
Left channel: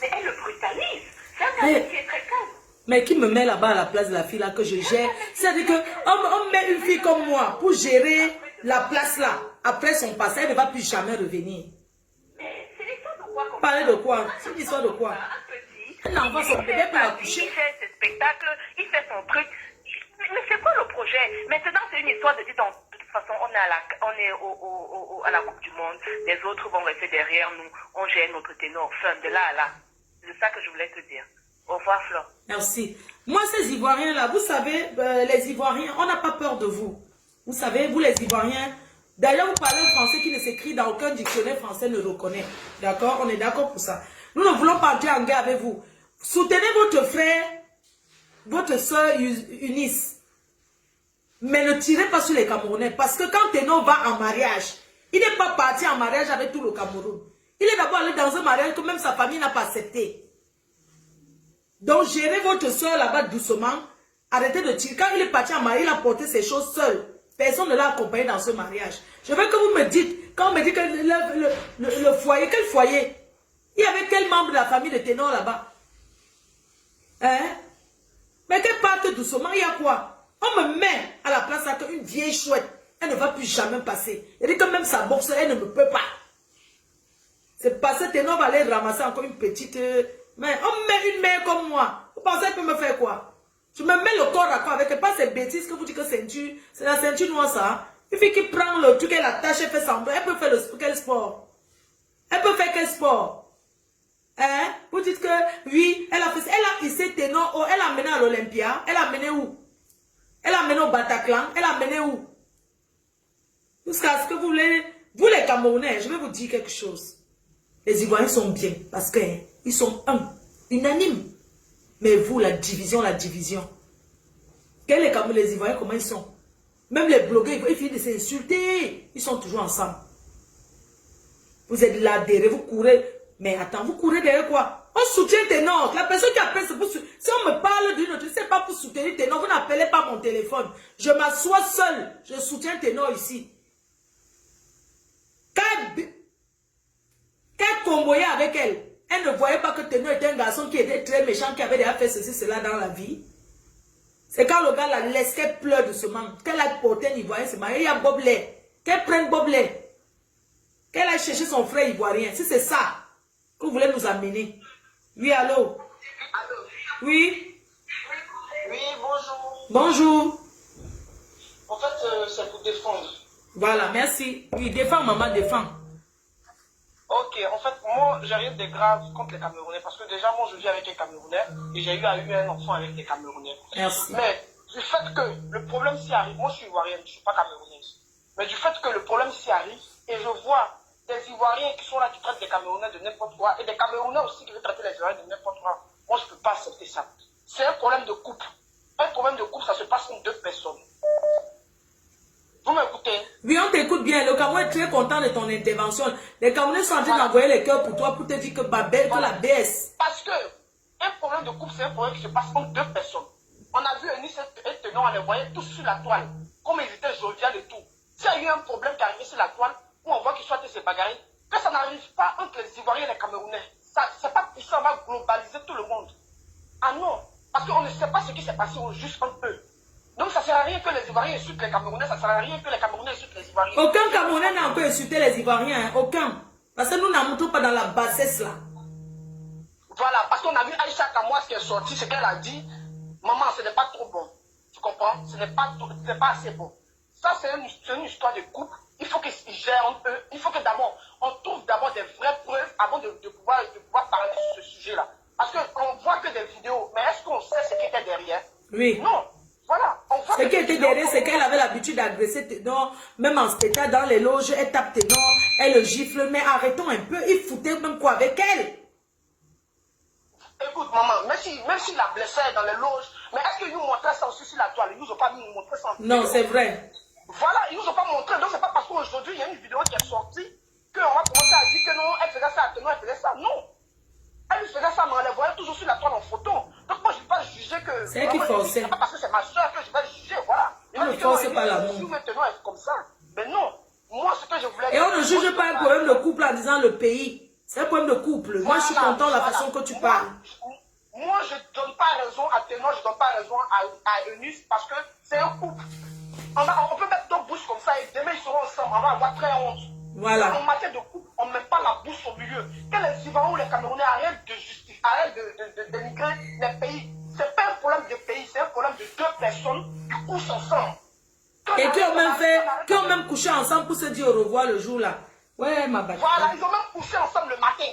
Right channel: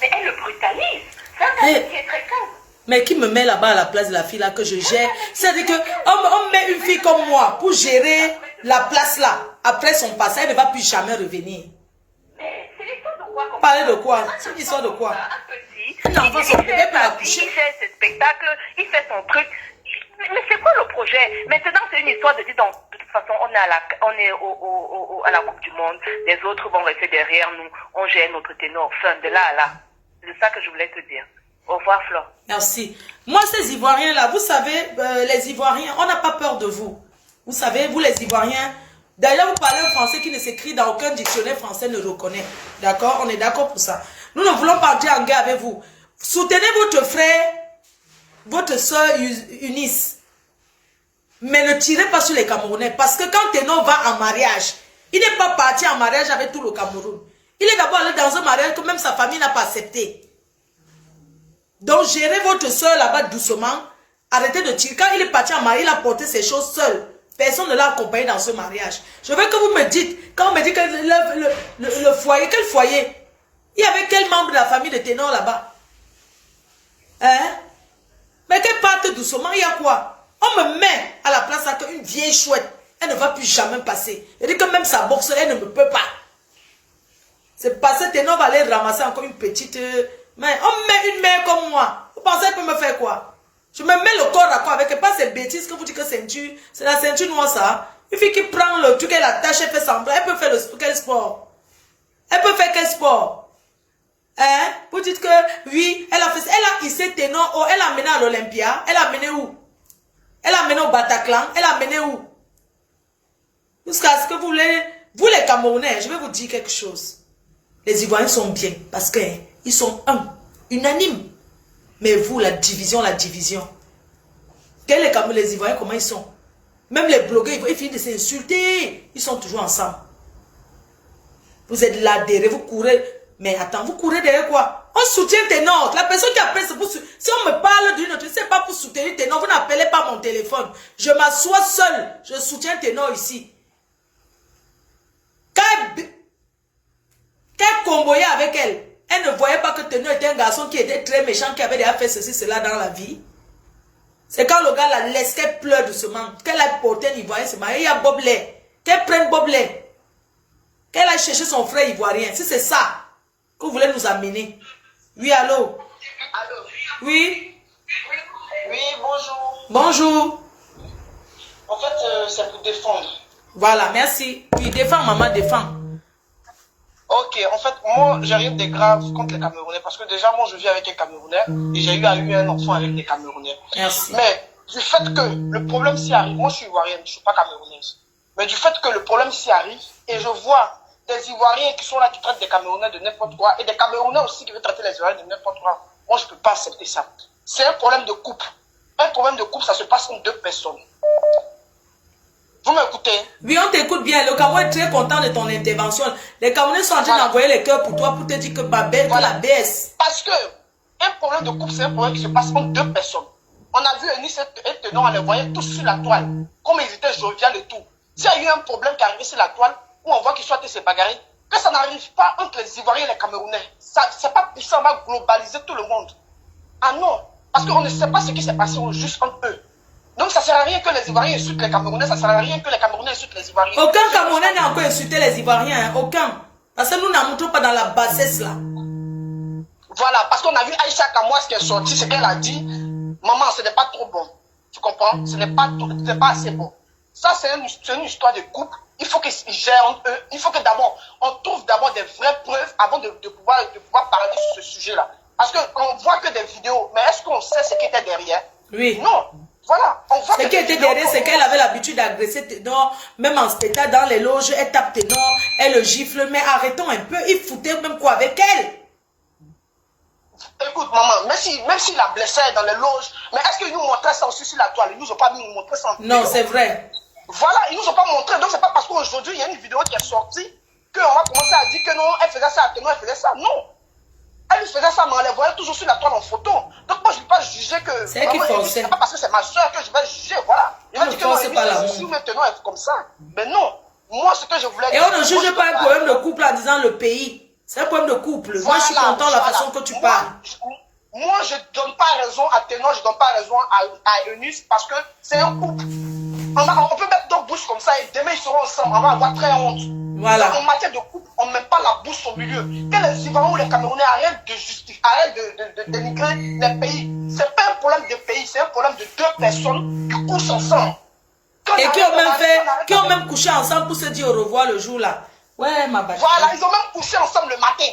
Mais elle le brutalise. C'est un homme qui est très calme. Mais qui me met là-bas à la place de la fille là que je gère? C'est-à-dire qu'on met une fille comme moi pour gérer la place là. Après son passé, elle ne va plus jamais revenir. Mais c'est l'histoire de quoi? Parler de quoi? C'est l'histoire de quoi? Un petit. Un enfant, son bébé peut la coucher. Il fait ses spectacles, il fait son truc. Mais c'est quoi le projet? Maintenant, c'est une histoire de dire, donc, de toute façon, on est à la Coupe du Monde. Les autres vont rester derrière nous. On gère notre ténor. Fin de là à là. C'est ça que je voulais te dire. Au revoir, Flore. Merci. Moi, ces Ivoiriens là, vous savez, les Ivoiriens, on n'a pas peur de vous. Vous savez, vous les Ivoiriens, d'ailleurs, vous parlez un français qui ne s'écrit dans aucun dictionnaire français ne reconnaît. D'accord? On est d'accord pour ça. Nous ne voulons pas entrer en guerre avec vous. Soutenez votre frère, votre soeur Eunice. Mais ne tirez pas sur les Camerounais. Parce que quand Ténor va en mariage, il n'est pas parti en mariage avec tout le Cameroun. Il est d'abord allé dans un mariage que même sa famille n'a pas accepté. Donc, gérez votre soeur là-bas doucement. Arrêtez de tirer. Quand il est parti en mariage, il a porté ses choses seul. Personne ne l'a accompagné dans ce mariage. Je veux que vous me dites, quand on me dit que le foyer, quel foyer? Il y avait quel membre de la famille de Ténor là-bas? Hein? Mais qu'elle parte doucement, il y a quoi? On me met à la place qu'une vieille chouette, elle ne va plus jamais passer. Elle dit que même sa boxe, elle ne me peut pas. C'est parce que Ténor va aller ramasser encore une petite... Mais on met une mère comme moi. Vous pensez qu'elle peut me faire quoi? Je me mets le corps à quoi avec pas ces bêtises que vous dites que ceinture. C'est la ceinture noire ça. Une fille qui prend le truc, elle attache, elle fait semblant. Elle peut faire quel sport? Elle peut faire quel sport? Hein? Vous dites que oui, elle a fait ça. Elle a hissé Ténor. Oh, elle a mené à l'Olympia. Elle a mené où? Elle a mené au Bataclan. Elle a mené où? Jusqu'à ce que vous voulez. Vous les Camerounais, je vais vous dire quelque chose. Les Ivoiriens sont bien parce qu'ils sont unanimes. Mais vous, la division. Les Ivoiriens, comment ils sont? Même les blogueurs, ils finissent de s'insulter. Ils sont toujours ensemble. Vous êtes là derrière, vous courez. Mais attends, vous courez derrière quoi? On soutient Ténor. La personne qui appelle, c'est pour... Si on me parle d'une autre, c'est pas pour soutenir Ténor. Vous n'appelez pas mon téléphone. Je m'assois seul. Je soutiens Ténor ici. Quand elle comboyait avec elle ne voyait pas que Ténor était un garçon qui était très méchant, qui avait déjà fait ceci, cela dans la vie. C'est quand le gars la laisse qu'elle pleure doucement, qu'elle a porté un Ivoirien se marier, il y a Boblet, qu'elle prenne Boblet, qu'elle aille chercher son frère Ivoirien. Si c'est ça que vous voulez nous amener. Oui, allô? Allô? Oui? Oui, bonjour. Bonjour. En fait, c'est pour défendre. Voilà, merci. Oui, défends, maman, défends. Ok, en fait, moi, j'ai rien de grave contre les Camerounais parce que déjà, moi, je vis avec un Camerounais et j'ai eu un enfant avec des Camerounais. Merci. Mais du fait que le problème s'y arrive, moi, je suis ivoirienne, je ne suis pas camerounaise. Mais du fait que le problème s'y arrive et je vois des Ivoiriens qui sont là, qui traitent des Camerounais de n'importe quoi et des Camerounais aussi qui veulent traiter les Ivoiriens de n'importe quoi, moi, je ne peux pas accepter ça. C'est un problème de couple. Un problème problème de couple, ça se passe entre 2 personnes. Vous m'écoutez? Oui, on t'écoute bien. Le Cameroun est très content de ton intervention. Les Camerounais sont en train d'envoyer les cœurs pour toi, pour te dire que Babel, que la baisse. Parce que un problème de couple, c'est un problème qui se passe entre 2 personnes. On a vu Eunice et Tenon, on les voyait tous sur la toile. Comme ils étaient jovial et tout. S'il y a eu un problème qui est arrivé sur la toile, où on voit qu'ils sont se bagarrer, que ça n'arrive pas entre les Ivoiriens et les Camerounais. C'est pas pour ça, on va globaliser tout le monde. Ah non, parce qu'on ne sait pas ce qui s'est passé juste entre eux. Donc ça ne sert à rien que les Ivoiriens insultent les Camerounais, ça ne sert à rien que les Camerounais insultent les Ivoiriens. Aucun Camerounais n'a encore insulté les Ivoiriens, hein, aucun. Parce que nous n'en montrons pas dans la bassesse là. Voilà, parce qu'on a vu Aïcha Kamouas qui est sortie, ce qu'elle a dit, maman, ce n'est pas trop bon. Tu comprends? Ce n'est pas assez bon. Ça, c'est une histoire de couple. Il faut qu'ils gèrent entre eux. Il faut que d'abord, on trouve d'abord des vraies preuves avant de pouvoir parler sur ce sujet-là. Parce qu'on voit que des vidéos, mais est-ce qu'on sait ce qui était derrière? Oui. Non. Voilà. Ce qui était derrière, c'est qu'elle avait l'habitude d'agresser Ténor, même en spectacle, dans les loges, elle tape Ténor, elle le gifle, mais arrêtons un peu, il foutait même quoi avec elle? Écoute, maman, même s'il la blessait dans les loges, mais est-ce qu'ils nous montraient ça aussi sur la toile? Ils nous ont pas nous montré ça en vidéo. Non, c'est vrai. Voilà, ils nous ont pas montré. Donc, c'est pas parce qu'aujourd'hui, il y a une vidéo qui est sortie qu'on va commencer à dire que non, elle faisait ça à Ténor, elle faisait ça. Non. Elle faisait ça, mais on les voyait toujours sur la toile en photo. Donc, moi, je ne vais pas juger que. C'est elle qui forçait. C'est pas parce que c'est ma soeur que je vais juger, voilà. Il va dire que non, c'est pas l'amour. si maintenant elle est comme ça. Mais non. Moi, ce que je voulais dire. Et on ne juge pas un problème de couple en disant le pays. C'est un problème de couple. Voilà, moi, je suis content de la façon que tu parles. Moi, je ne donne pas raison à Ténor, je ne donne pas raison à Eunice parce que c'est un couple. On peut mettre 2 bouches comme ça et demain ils seront ensemble. On va avoir très honte. Voilà. En matière de couple, on ne met pas la bouche au milieu. Que les Ivoiriens ou les Camerounais arrêtent de justifier, arrêtent de dénigrer les pays. Ce n'est pas un problème de pays, c'est un problème de 2 personnes qui couchent ensemble. Et qui ont même couché ensemble pour se dire au revoir le jour là. Ouais, ma bâche. Voilà, ils ont même couché ensemble le matin.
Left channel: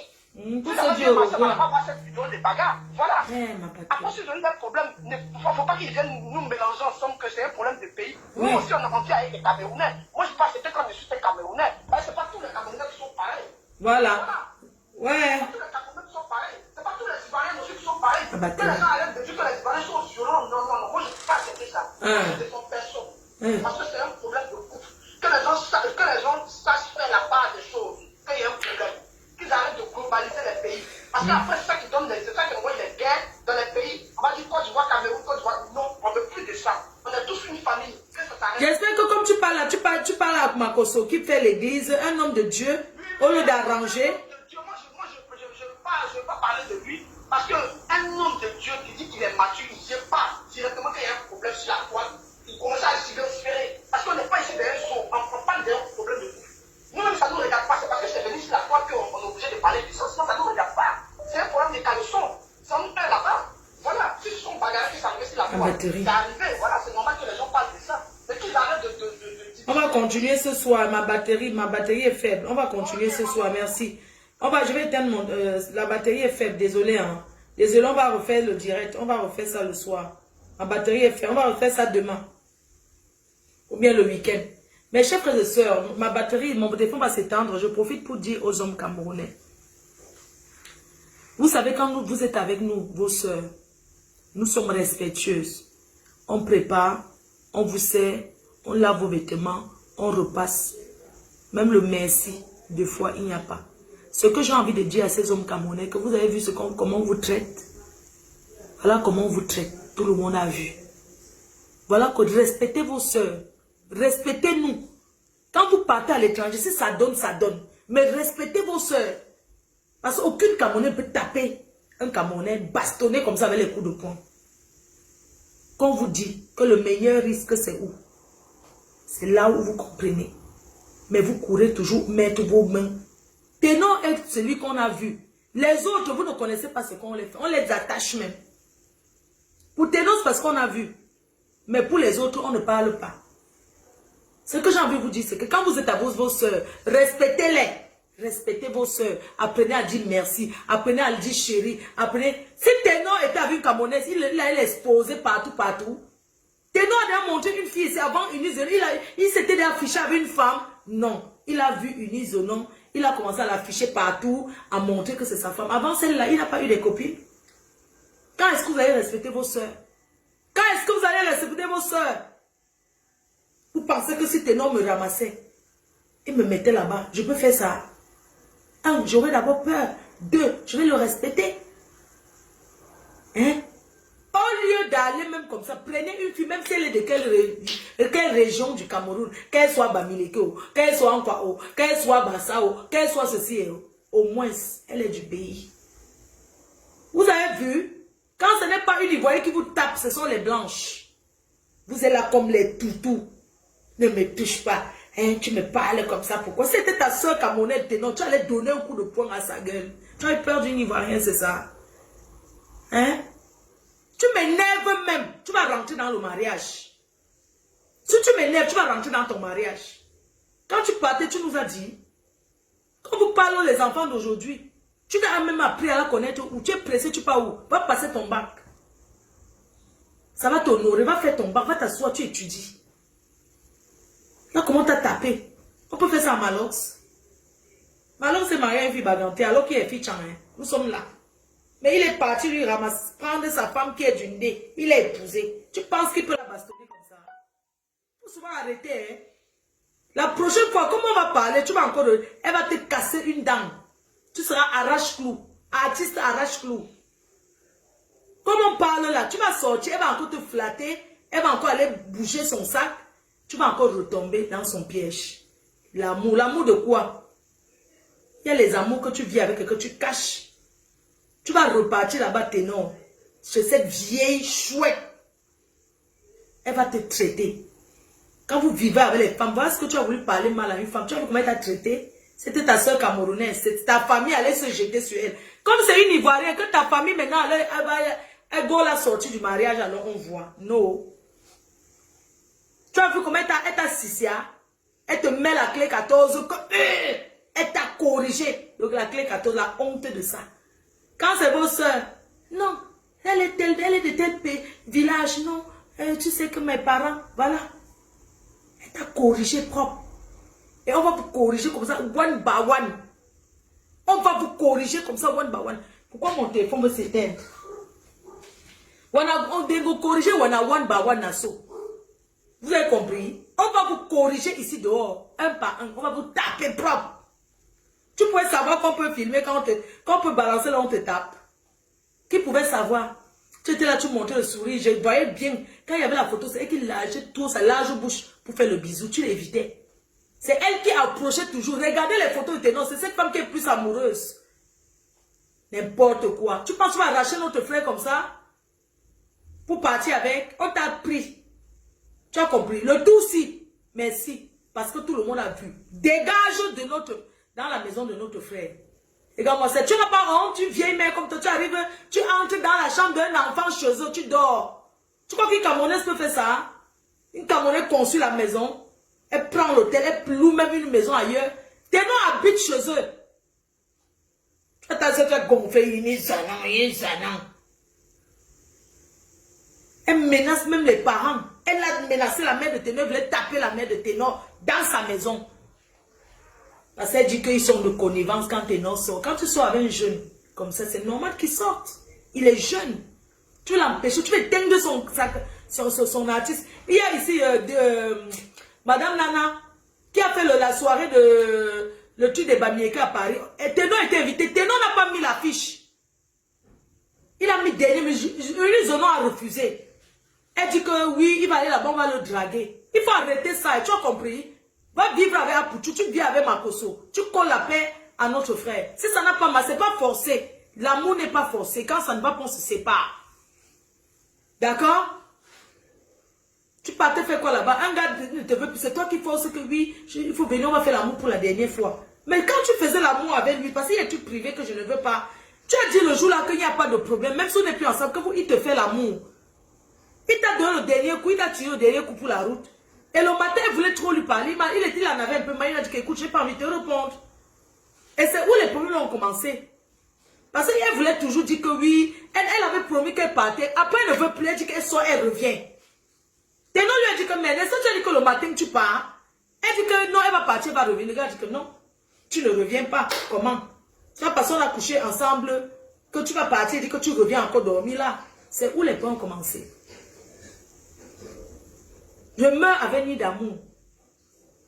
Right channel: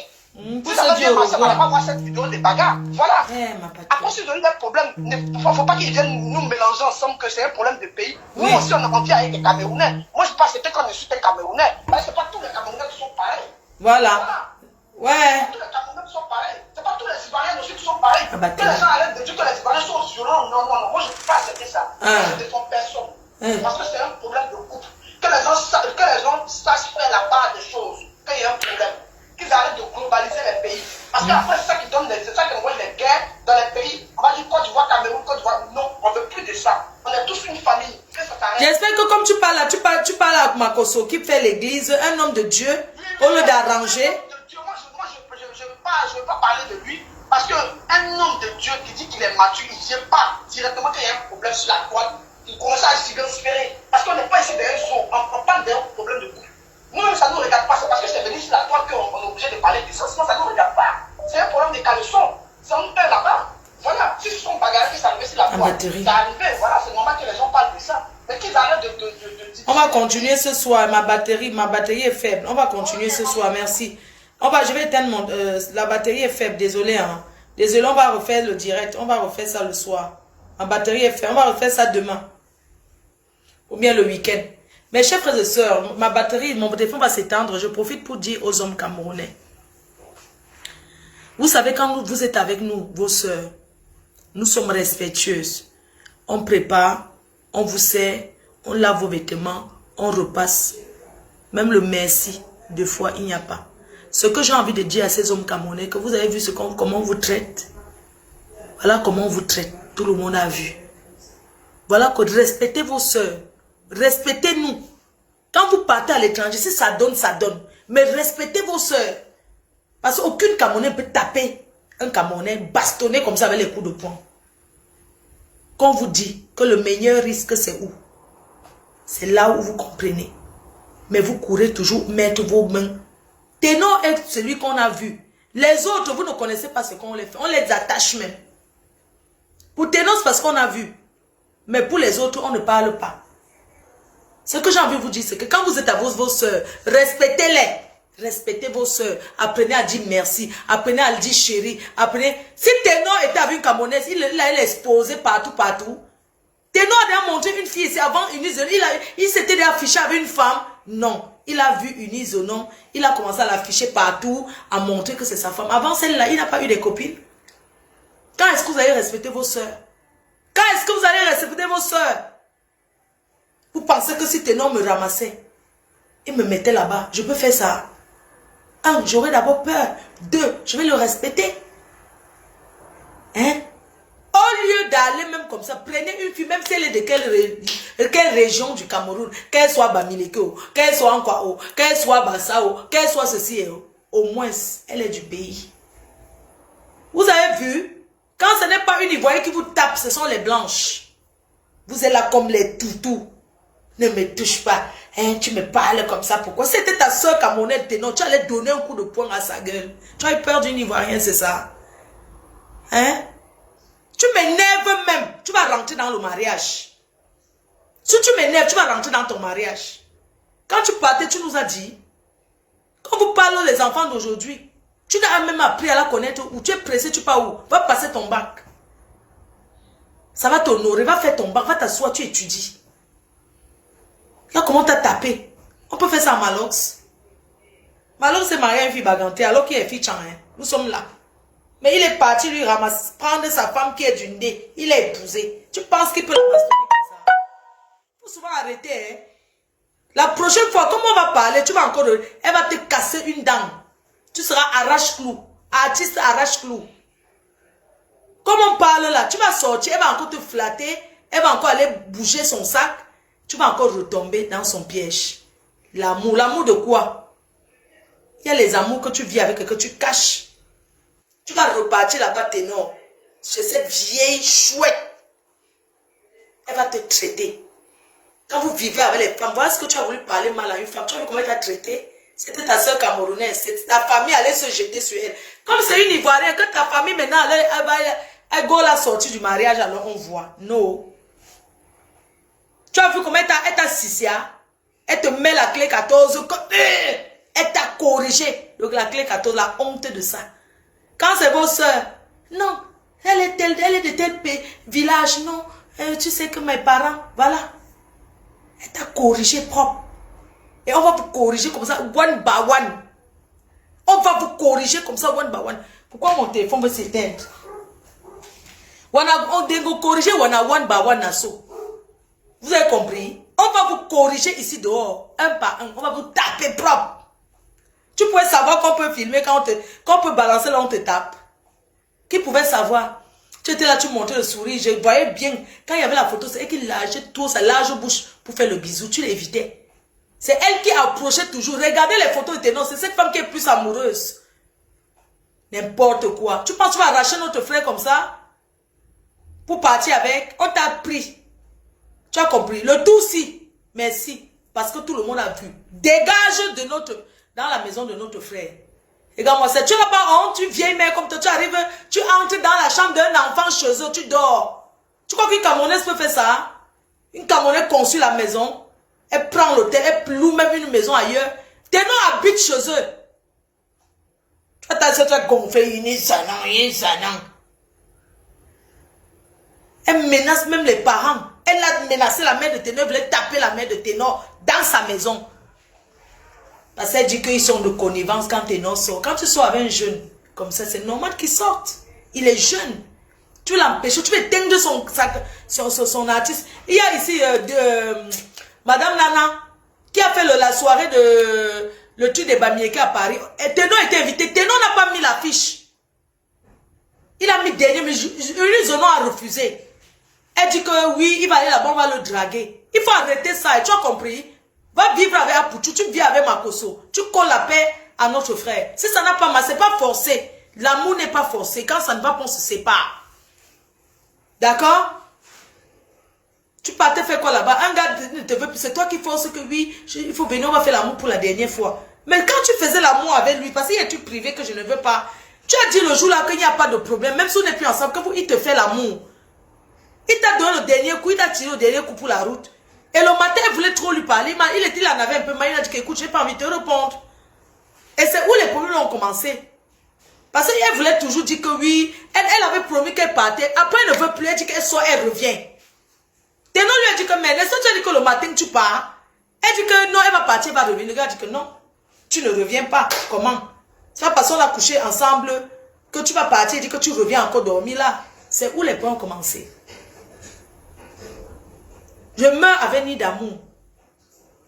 Pour se dire au revoir. On va pas voir cette vidéo de bagarre. Voilà. Ouais, après, si on a des problèmes, il ne faut pas qu'ils viennent nous mélanger ensemble que c'est un problème de pays. Nous aussi, on a envie avec les Camerounais. Moi, je pense que quand on insulte un Camerounais, ce n'est pas tous les Camerounais qui sont pareils. Voilà. Ouais. C'est pas tous les Camerounais qui sont pareils. Ce n'est pas tous les Ivoiriens aussi qui sont pareils. Que les gens arrêtent de dire que les Ivoiriens sont violents. Non, non, non. Moi, je ne peux pas accepter ça. Moi, je défends personne. Parce que c'est un problème de couple. Que les gens sachent faire la part des choses. Qu'il y a un problème. Qu'ils arrêtent de globaliser les pays. Parce qu'après, c'est ça qui donne c'est ça qui envoie les guerres dans les pays. On va dire Côte d'Ivoire, Cameroun, Côte d'Ivoire. Non, on ne veut plus de ça. On est tous une famille. J'espère que comme tu parles là, tu parles avec Makoso qui fait l'église, un homme de Dieu, au lieu d'arranger. Moi, je ne veux pas parler de lui. Parce qu'un homme de Dieu qui dit qu'il est mature, il ne vient pas directement quand il y a un problème sur la toile. Il commence à s'y parce qu'on n'est pas ici derrière son. On parle d'un problème de couple. Nous-mêmes, ça ne nous regarde pas. C'est parce que c'est venu sur la toile qu'on est obligé de parler de ça. Sinon, ça ne nous regarde pas. C'est un problème de caleçon. Ça nous perd là-bas. Voilà. Si ce sont bagarres qui s'arrivent sur la toile, c'est arrivé. Voilà, c'est normal que les gens parlent de ça. Mais qu'ils arrêtent de on va continuer ce soir. Ma batterie est faible. On va continuer ce soir. Merci. Je vais éteindre la batterie est faible. Désolé. Hein. Désolé, on va refaire le direct. On va refaire ça le soir. Ma batterie est faible. On va refaire ça demain. Ou bien le week-end. Mes chers frères et sœurs, mon téléphone va s'éteindre. Je profite pour dire aux hommes camerounais. Vous savez, quand vous êtes avec nous, vos sœurs, nous sommes respectueuses. On prépare, on vous sert, on lave vos vêtements, on repasse. Même le merci, deux fois, il n'y a pas. Ce que j'ai envie de dire à ces hommes camerounais, que vous avez vu comment on vous traite. Voilà comment on vous traite. Tout le monde a vu. Voilà que respectez vos sœurs. Respectez-nous. Quand vous partez à l'étranger, si ça donne, ça donne. Mais respectez vos sœurs. Parce qu'aucune Camerounais peut taper un Camerounais bastonné comme ça avec les coups de poing. Qu'on vous dit que le meilleur risque, c'est où? C'est là où vous comprenez. Mais vous courez toujours mettre vos mains. Ténor est celui qu'on a vu. Les autres, vous ne connaissez pas ce qu'on les fait. On les attache même. Pour Ténor, c'est parce qu'on a vu. Mais pour les autres, on ne parle pas. Ce que j'ai envie de vous dire, c'est que quand vous êtes à vos soeurs, respectez-les. Respectez vos soeurs. Apprenez à dire merci. Apprenez à dire chérie. Apprenez. Si Ténor était avec une Camerounaise, il a exposé partout. Ténor a déjà montré une fille ici avant Eunice. Il s'était déjà affiché avec une femme. Non. Il a vu Eunice au nom. Il a commencé à l'afficher partout, à montrer que c'est sa femme. Avant celle-là, il n'a pas eu de copines. Quand est-ce que vous allez respecter vos soeurs? Quand est-ce que vous allez vos soeurs. Vous pensez que si Ténor me ramassait, il me mettait là-bas, je peux faire ça. 1, j'aurais d'abord peur. 2, je vais le respecter. Hein? Au lieu d'aller même comme ça, prenez une fille, même si elle est de quelle région du Cameroun, qu'elle soit Bamileke, qu'elle soit Nkwao, qu'elle soit Bassao, qu'elle soit ceci, au moins, elle est du pays. Vous avez vu? Quand ce n'est pas une Ivoirienne qui vous tape, ce sont les blanches. Vous êtes là comme les toutous. Ne me touche pas. Hein, tu me parles comme ça. Pourquoi? C'était ta soeur Camerounaise Ténor. Tu allais donner un coup de poing à sa gueule. Tu as eu peur d'une Ivoirienne, c'est ça? Hein? Tu m'énerves même. Tu vas rentrer dans le mariage. Si tu m'énerves, tu vas rentrer dans ton mariage. Quand tu partais, tu nous as dit, quand vous parlez les enfants d'aujourd'hui, tu n'as même appris à la connaître où tu es pressé, tu pars où? Va passer ton bac. Ça va t'honorer, va faire ton bac, va t'asseoir, tu étudies. Là, comment t'as tapé? On peut faire ça à Malox. Malox s'est marié à une fille bagantée, alors qu'il est fille Chan. Nous sommes là. Mais il est parti lui ramasser, prendre sa femme qui est d'une dé. Il l'a épousée. Tu penses qu'il peut la bastonner comme ça? Il faut souvent arrêter. Hein? La prochaine fois, comme on va parler, tu vas encore... Elle va te casser une dent. Tu seras arrache-clou. Artiste arrache-clou. Comme on parle là, tu vas sortir, elle va encore te flatter. Elle va encore aller bouger son sac. Tu vas encore retomber dans son piège. L'amour. L'amour de quoi? Il y a les amours que tu vis avec et que tu caches. Tu vas repartir là-bas, Ténor. Chez cette vieille chouette. Elle va te traiter. Quand vous vivez avec les femmes, voilà ce que tu as voulu parler mal à une femme. Tu as vu comment elle t'a traité? C'était ta soeur camerounaise. C'était ta famille allait se jeter sur elle. Comme c'est une Ivoirienne, que ta famille maintenant, elle go la sortie du mariage, alors on voit. Non. Tu as vu comment elle t'a sissia? Elle te met la clé 14. Elle t'a corrigé. Donc la clé 14, la honte de ça. Quand c'est vos soeurs, non, elle est de tel village, non. Tu sais que mes parents, voilà. Elle t'a corrigé propre. Et on va vous corriger comme ça, one by one. On va vous corriger comme ça, one by one. Pourquoi mon téléphone veut s'éteindre? On va vous corriger one by one. Vous avez compris? On va vous corriger ici dehors, un par un. On va vous taper propre. Tu pouvais savoir qu'on peut filmer, qu'on peut balancer là, on te tape. Qui pouvait savoir? Tu étais là, tu montrais le sourire. Je voyais bien, quand il y avait la photo, c'est elle qui lâchait tout sa large bouche pour faire le bisou. Tu l'évitais. C'est elle qui approchait toujours. Regardez les photos de Ténor. C'est cette femme qui est plus amoureuse. N'importe quoi. Tu penses que tu vas arracher notre frère comme ça? Pour partir avec? On t'a pris. Tu as compris? Le tout si. Merci. Parce que tout le monde a vu. Dégage de dans la maison de notre frère. Regarde-moi ça. Tu n'as pas honte, tu vieille mère comme toi. Tu arrives, tu entres dans la chambre d'un enfant chez eux. Tu dors. Tu crois qu'une Camerounaise peut faire ça? Une Camerounaise conçue la maison. Elle prend l'hôtel, elle loue même une maison ailleurs. Ténor habite chez eux. Tu as gonflé, elle menace même les parents. Elle a menacé la mère de Ténor, elle voulait taper la mère de Ténor dans sa maison. Parce qu'elle dit qu'ils sont de connivence quand Ténor sort. Quand tu sors avec un jeune comme ça, c'est normal qu'il sorte. Il est jeune. Tu l'empêches, tu veux éteindre son artiste. Il y a ici Madame Nana, qui a fait la soirée de le truc de Bamieke à Paris. Et Ténor était invité. Ténor n'a pas mis l'affiche. Il a mis dernier, mais Zono a refusé. Elle dit que oui, il va aller là-bas, on va le draguer. Il faut arrêter ça, et tu as compris? Va vivre avec Apouchou, tu vis avec Makoso. Tu colles la paix à notre frère. Si ça n'a pas mal, c'est pas forcé. L'amour n'est pas forcé. Quand ça ne va pas, on se sépare. D'accord? Tu partais faire quoi là-bas? Un gars ne te veut plus. C'est toi qui force que oui, il faut venir, on va faire l'amour pour la dernière fois. Mais quand tu faisais l'amour avec lui, parce qu'il y a un truc privé que je ne veux pas, tu as dit le jour là qu'il n'y a pas de problème, même si on n'est plus ensemble, il te fait l'amour. Il t'a donné le dernier coup, il t'a tiré le dernier coup pour la route. Et le matin, il voulait trop lui parler. Il en avait un peu mal, il a dit qu'écoute, je n'ai pas envie de te répondre. Et c'est où les problèmes ont commencé. Parce qu'elle voulait toujours dire que oui, elle avait promis qu'elle partait. Après, elle ne veut plus, elle dit qu'elle sort, elle revient. Ténor lui a dit que, mais laisse-toi, tu as dit que le matin tu pars. Elle dit que non, elle va partir, elle va revenir. Le gars a dit que non, tu ne reviens pas. Comment? C'est pas parce qu'on a couché ensemble que tu vas partir, elle dit que tu reviens encore dormir là. C'est où les points ont commencé. Je meurs avec ni d'amour.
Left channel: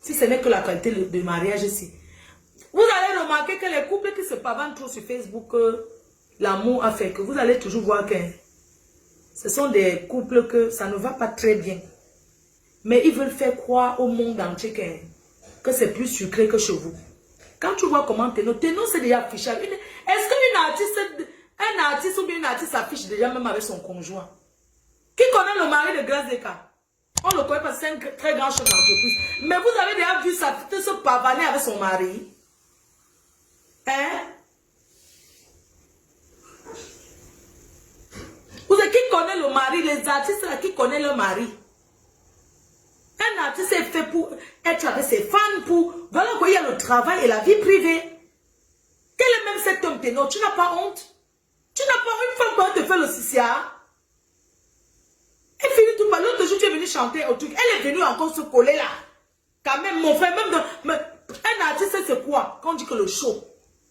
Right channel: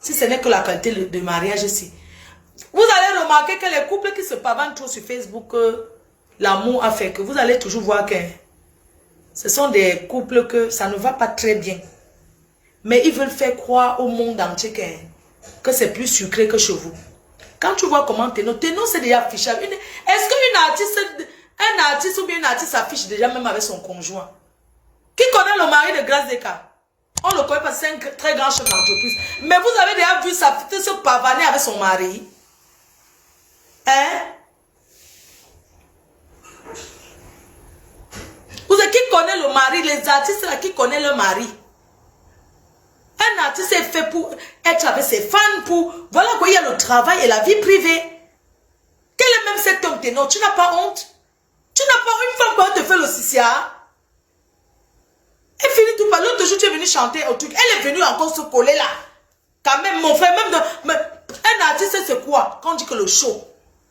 Si ce n'est que la qualité de mariage ici. Vous allez remarquer que les couples qui se pavanent trop sur Facebook, l'amour a fait que vous allez toujours voir que ce sont des couples que ça ne va pas très bien. Mais ils veulent faire croire au monde entier que c'est plus sucré que chez vous. Quand tu vois comment Téno c'est déjà affichable. Est-ce qu'un artiste ou bien une artiste s'affiche déjà même avec son conjoint? Qui connaît le mari de Grace Deka? On le connaît parce que c'est un très grand chef d'entreprise. Mais vous avez déjà vu sa fille se pavaner avec son mari? Hein? Vous savez qui connaît le mari? Les artistes là qui connaissent le mari. Un artiste est fait pour être avec ses fans, pour... Voilà quoi, il y a le travail et la vie privée. Quel est même cet homme Téno? Tu n'as pas honte? Tu n'as pas une femme quand elle te fait le CCA? Elle finit tout par l'autre jour, tu es venu chanter au truc. Elle est venue encore se coller là. Quand même, mon frère, même un artiste, c'est quoi? Quand on dit que le show,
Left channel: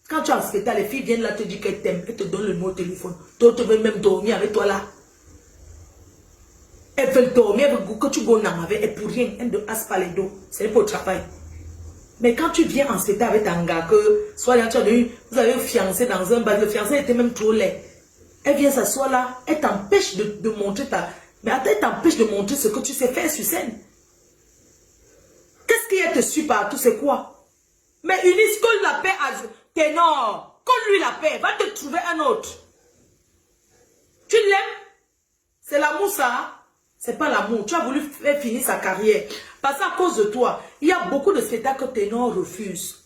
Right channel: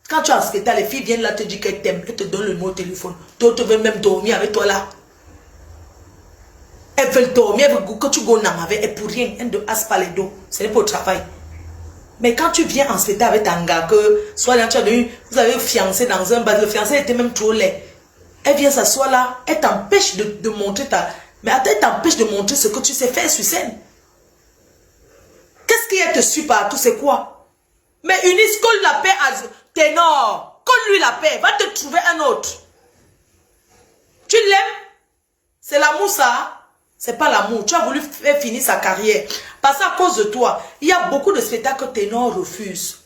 quand tu as un spectacle, les filles viennent là te dire qu'elles t'aiment, elles te donnent le mot au téléphone. D'autres veulent même dormir avec toi là. Elles veulent dormir avec que tu gonnes avec et pour rien, elles ne hassent pas les dos. C'est pour le travail. Mais quand tu viens en spectacle avec un gars, que soit là, vous avez fiancé dans un bar, le fiancé était même trop laid. Elle vient s'asseoir là, elle t'empêche de montrer ta... Mais attends, elle t'empêche de montrer ce que tu sais faire sur scène. Qu'est-ce qui te suit partout, c'est quoi? Mais Eunice, colle la paix à Ténor. Colle-lui la paix, va te trouver un autre. Tu l'aimes? C'est l'amour ça? C'est pas l'amour. Tu as voulu faire finir sa carrière. Parce qu'à cause de toi, il y a beaucoup de spectacles que Ténor refuse.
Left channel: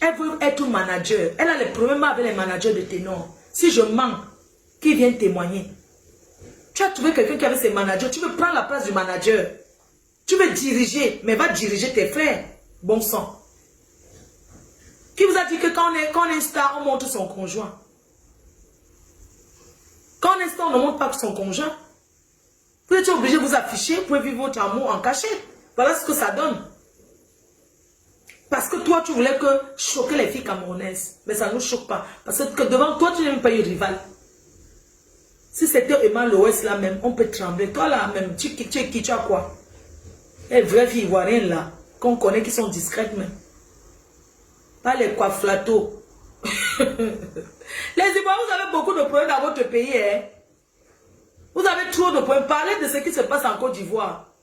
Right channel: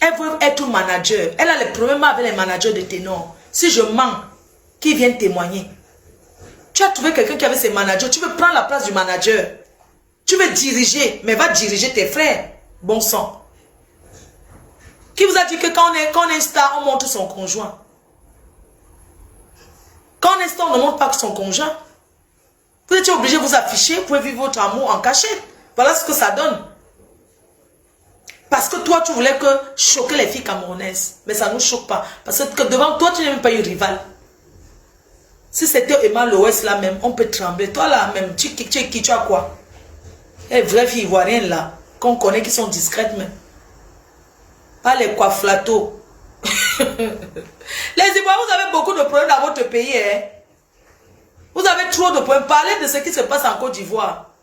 Elle veut être manager. Elle a les problèmes avec les managers de Ténor. Si je mens, qui viennent témoigner? Tu as trouvé quelqu'un qui avait ses managers. Tu veux prendre la place du manager. Tu veux diriger, mais va diriger tes frères. Bon sang. Qui vous a dit que quand on est star, on montre son conjoint? Quand on est star, on ne montre pas son conjoint. Vous êtes obligé de vous afficher, vous pouvez vivre votre amour en cachette. Voilà ce que ça donne. Parce que toi, tu voulais que choquer les filles camerounaises. Mais ça ne nous choque pas. Parce que devant toi, tu n'es même pas eu rival. Si c'était Emma Loès là même, on peut trembler. Toi là même, tu es qui, tu as quoi? Les vraies filles ivoiriennes là, qu'on connaît qui sont discrètes même. Pas les coifflatos. Les Ivoiriens, vous avez beaucoup de problèmes dans votre pays. Hein? Vous avez trop de problèmes. Parlez de ce qui se passe en Côte d'Ivoire.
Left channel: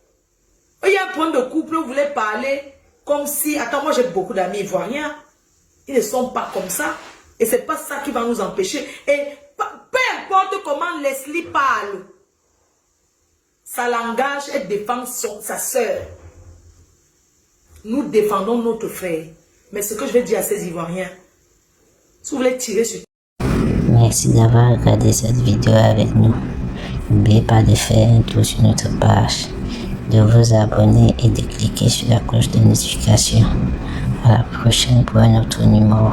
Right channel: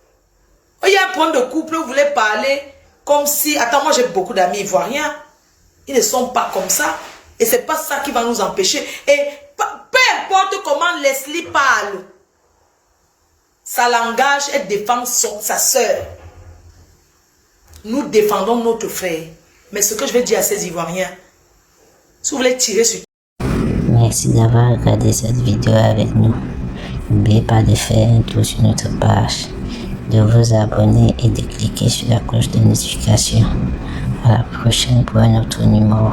Il y a un problème de couple, vous voulez parler comme si... Attends, moi j'ai beaucoup d'amis ivoiriens. Ils ne sont pas comme ça. Et c'est pas ça qui va nous empêcher. Et peu importe comment Leslie parle, sa langage, elle défend sa soeur. Nous défendons notre frère. Mais ce que je vais dire à ces Ivoiriens, si vous voulez tirer sur... Merci d'avoir regardé cette vidéo avec nous. N'oubliez pas de faire un tour sur notre page, de vous abonner et de cliquer sur la cloche de notification. À la prochaine pour un autre numéro.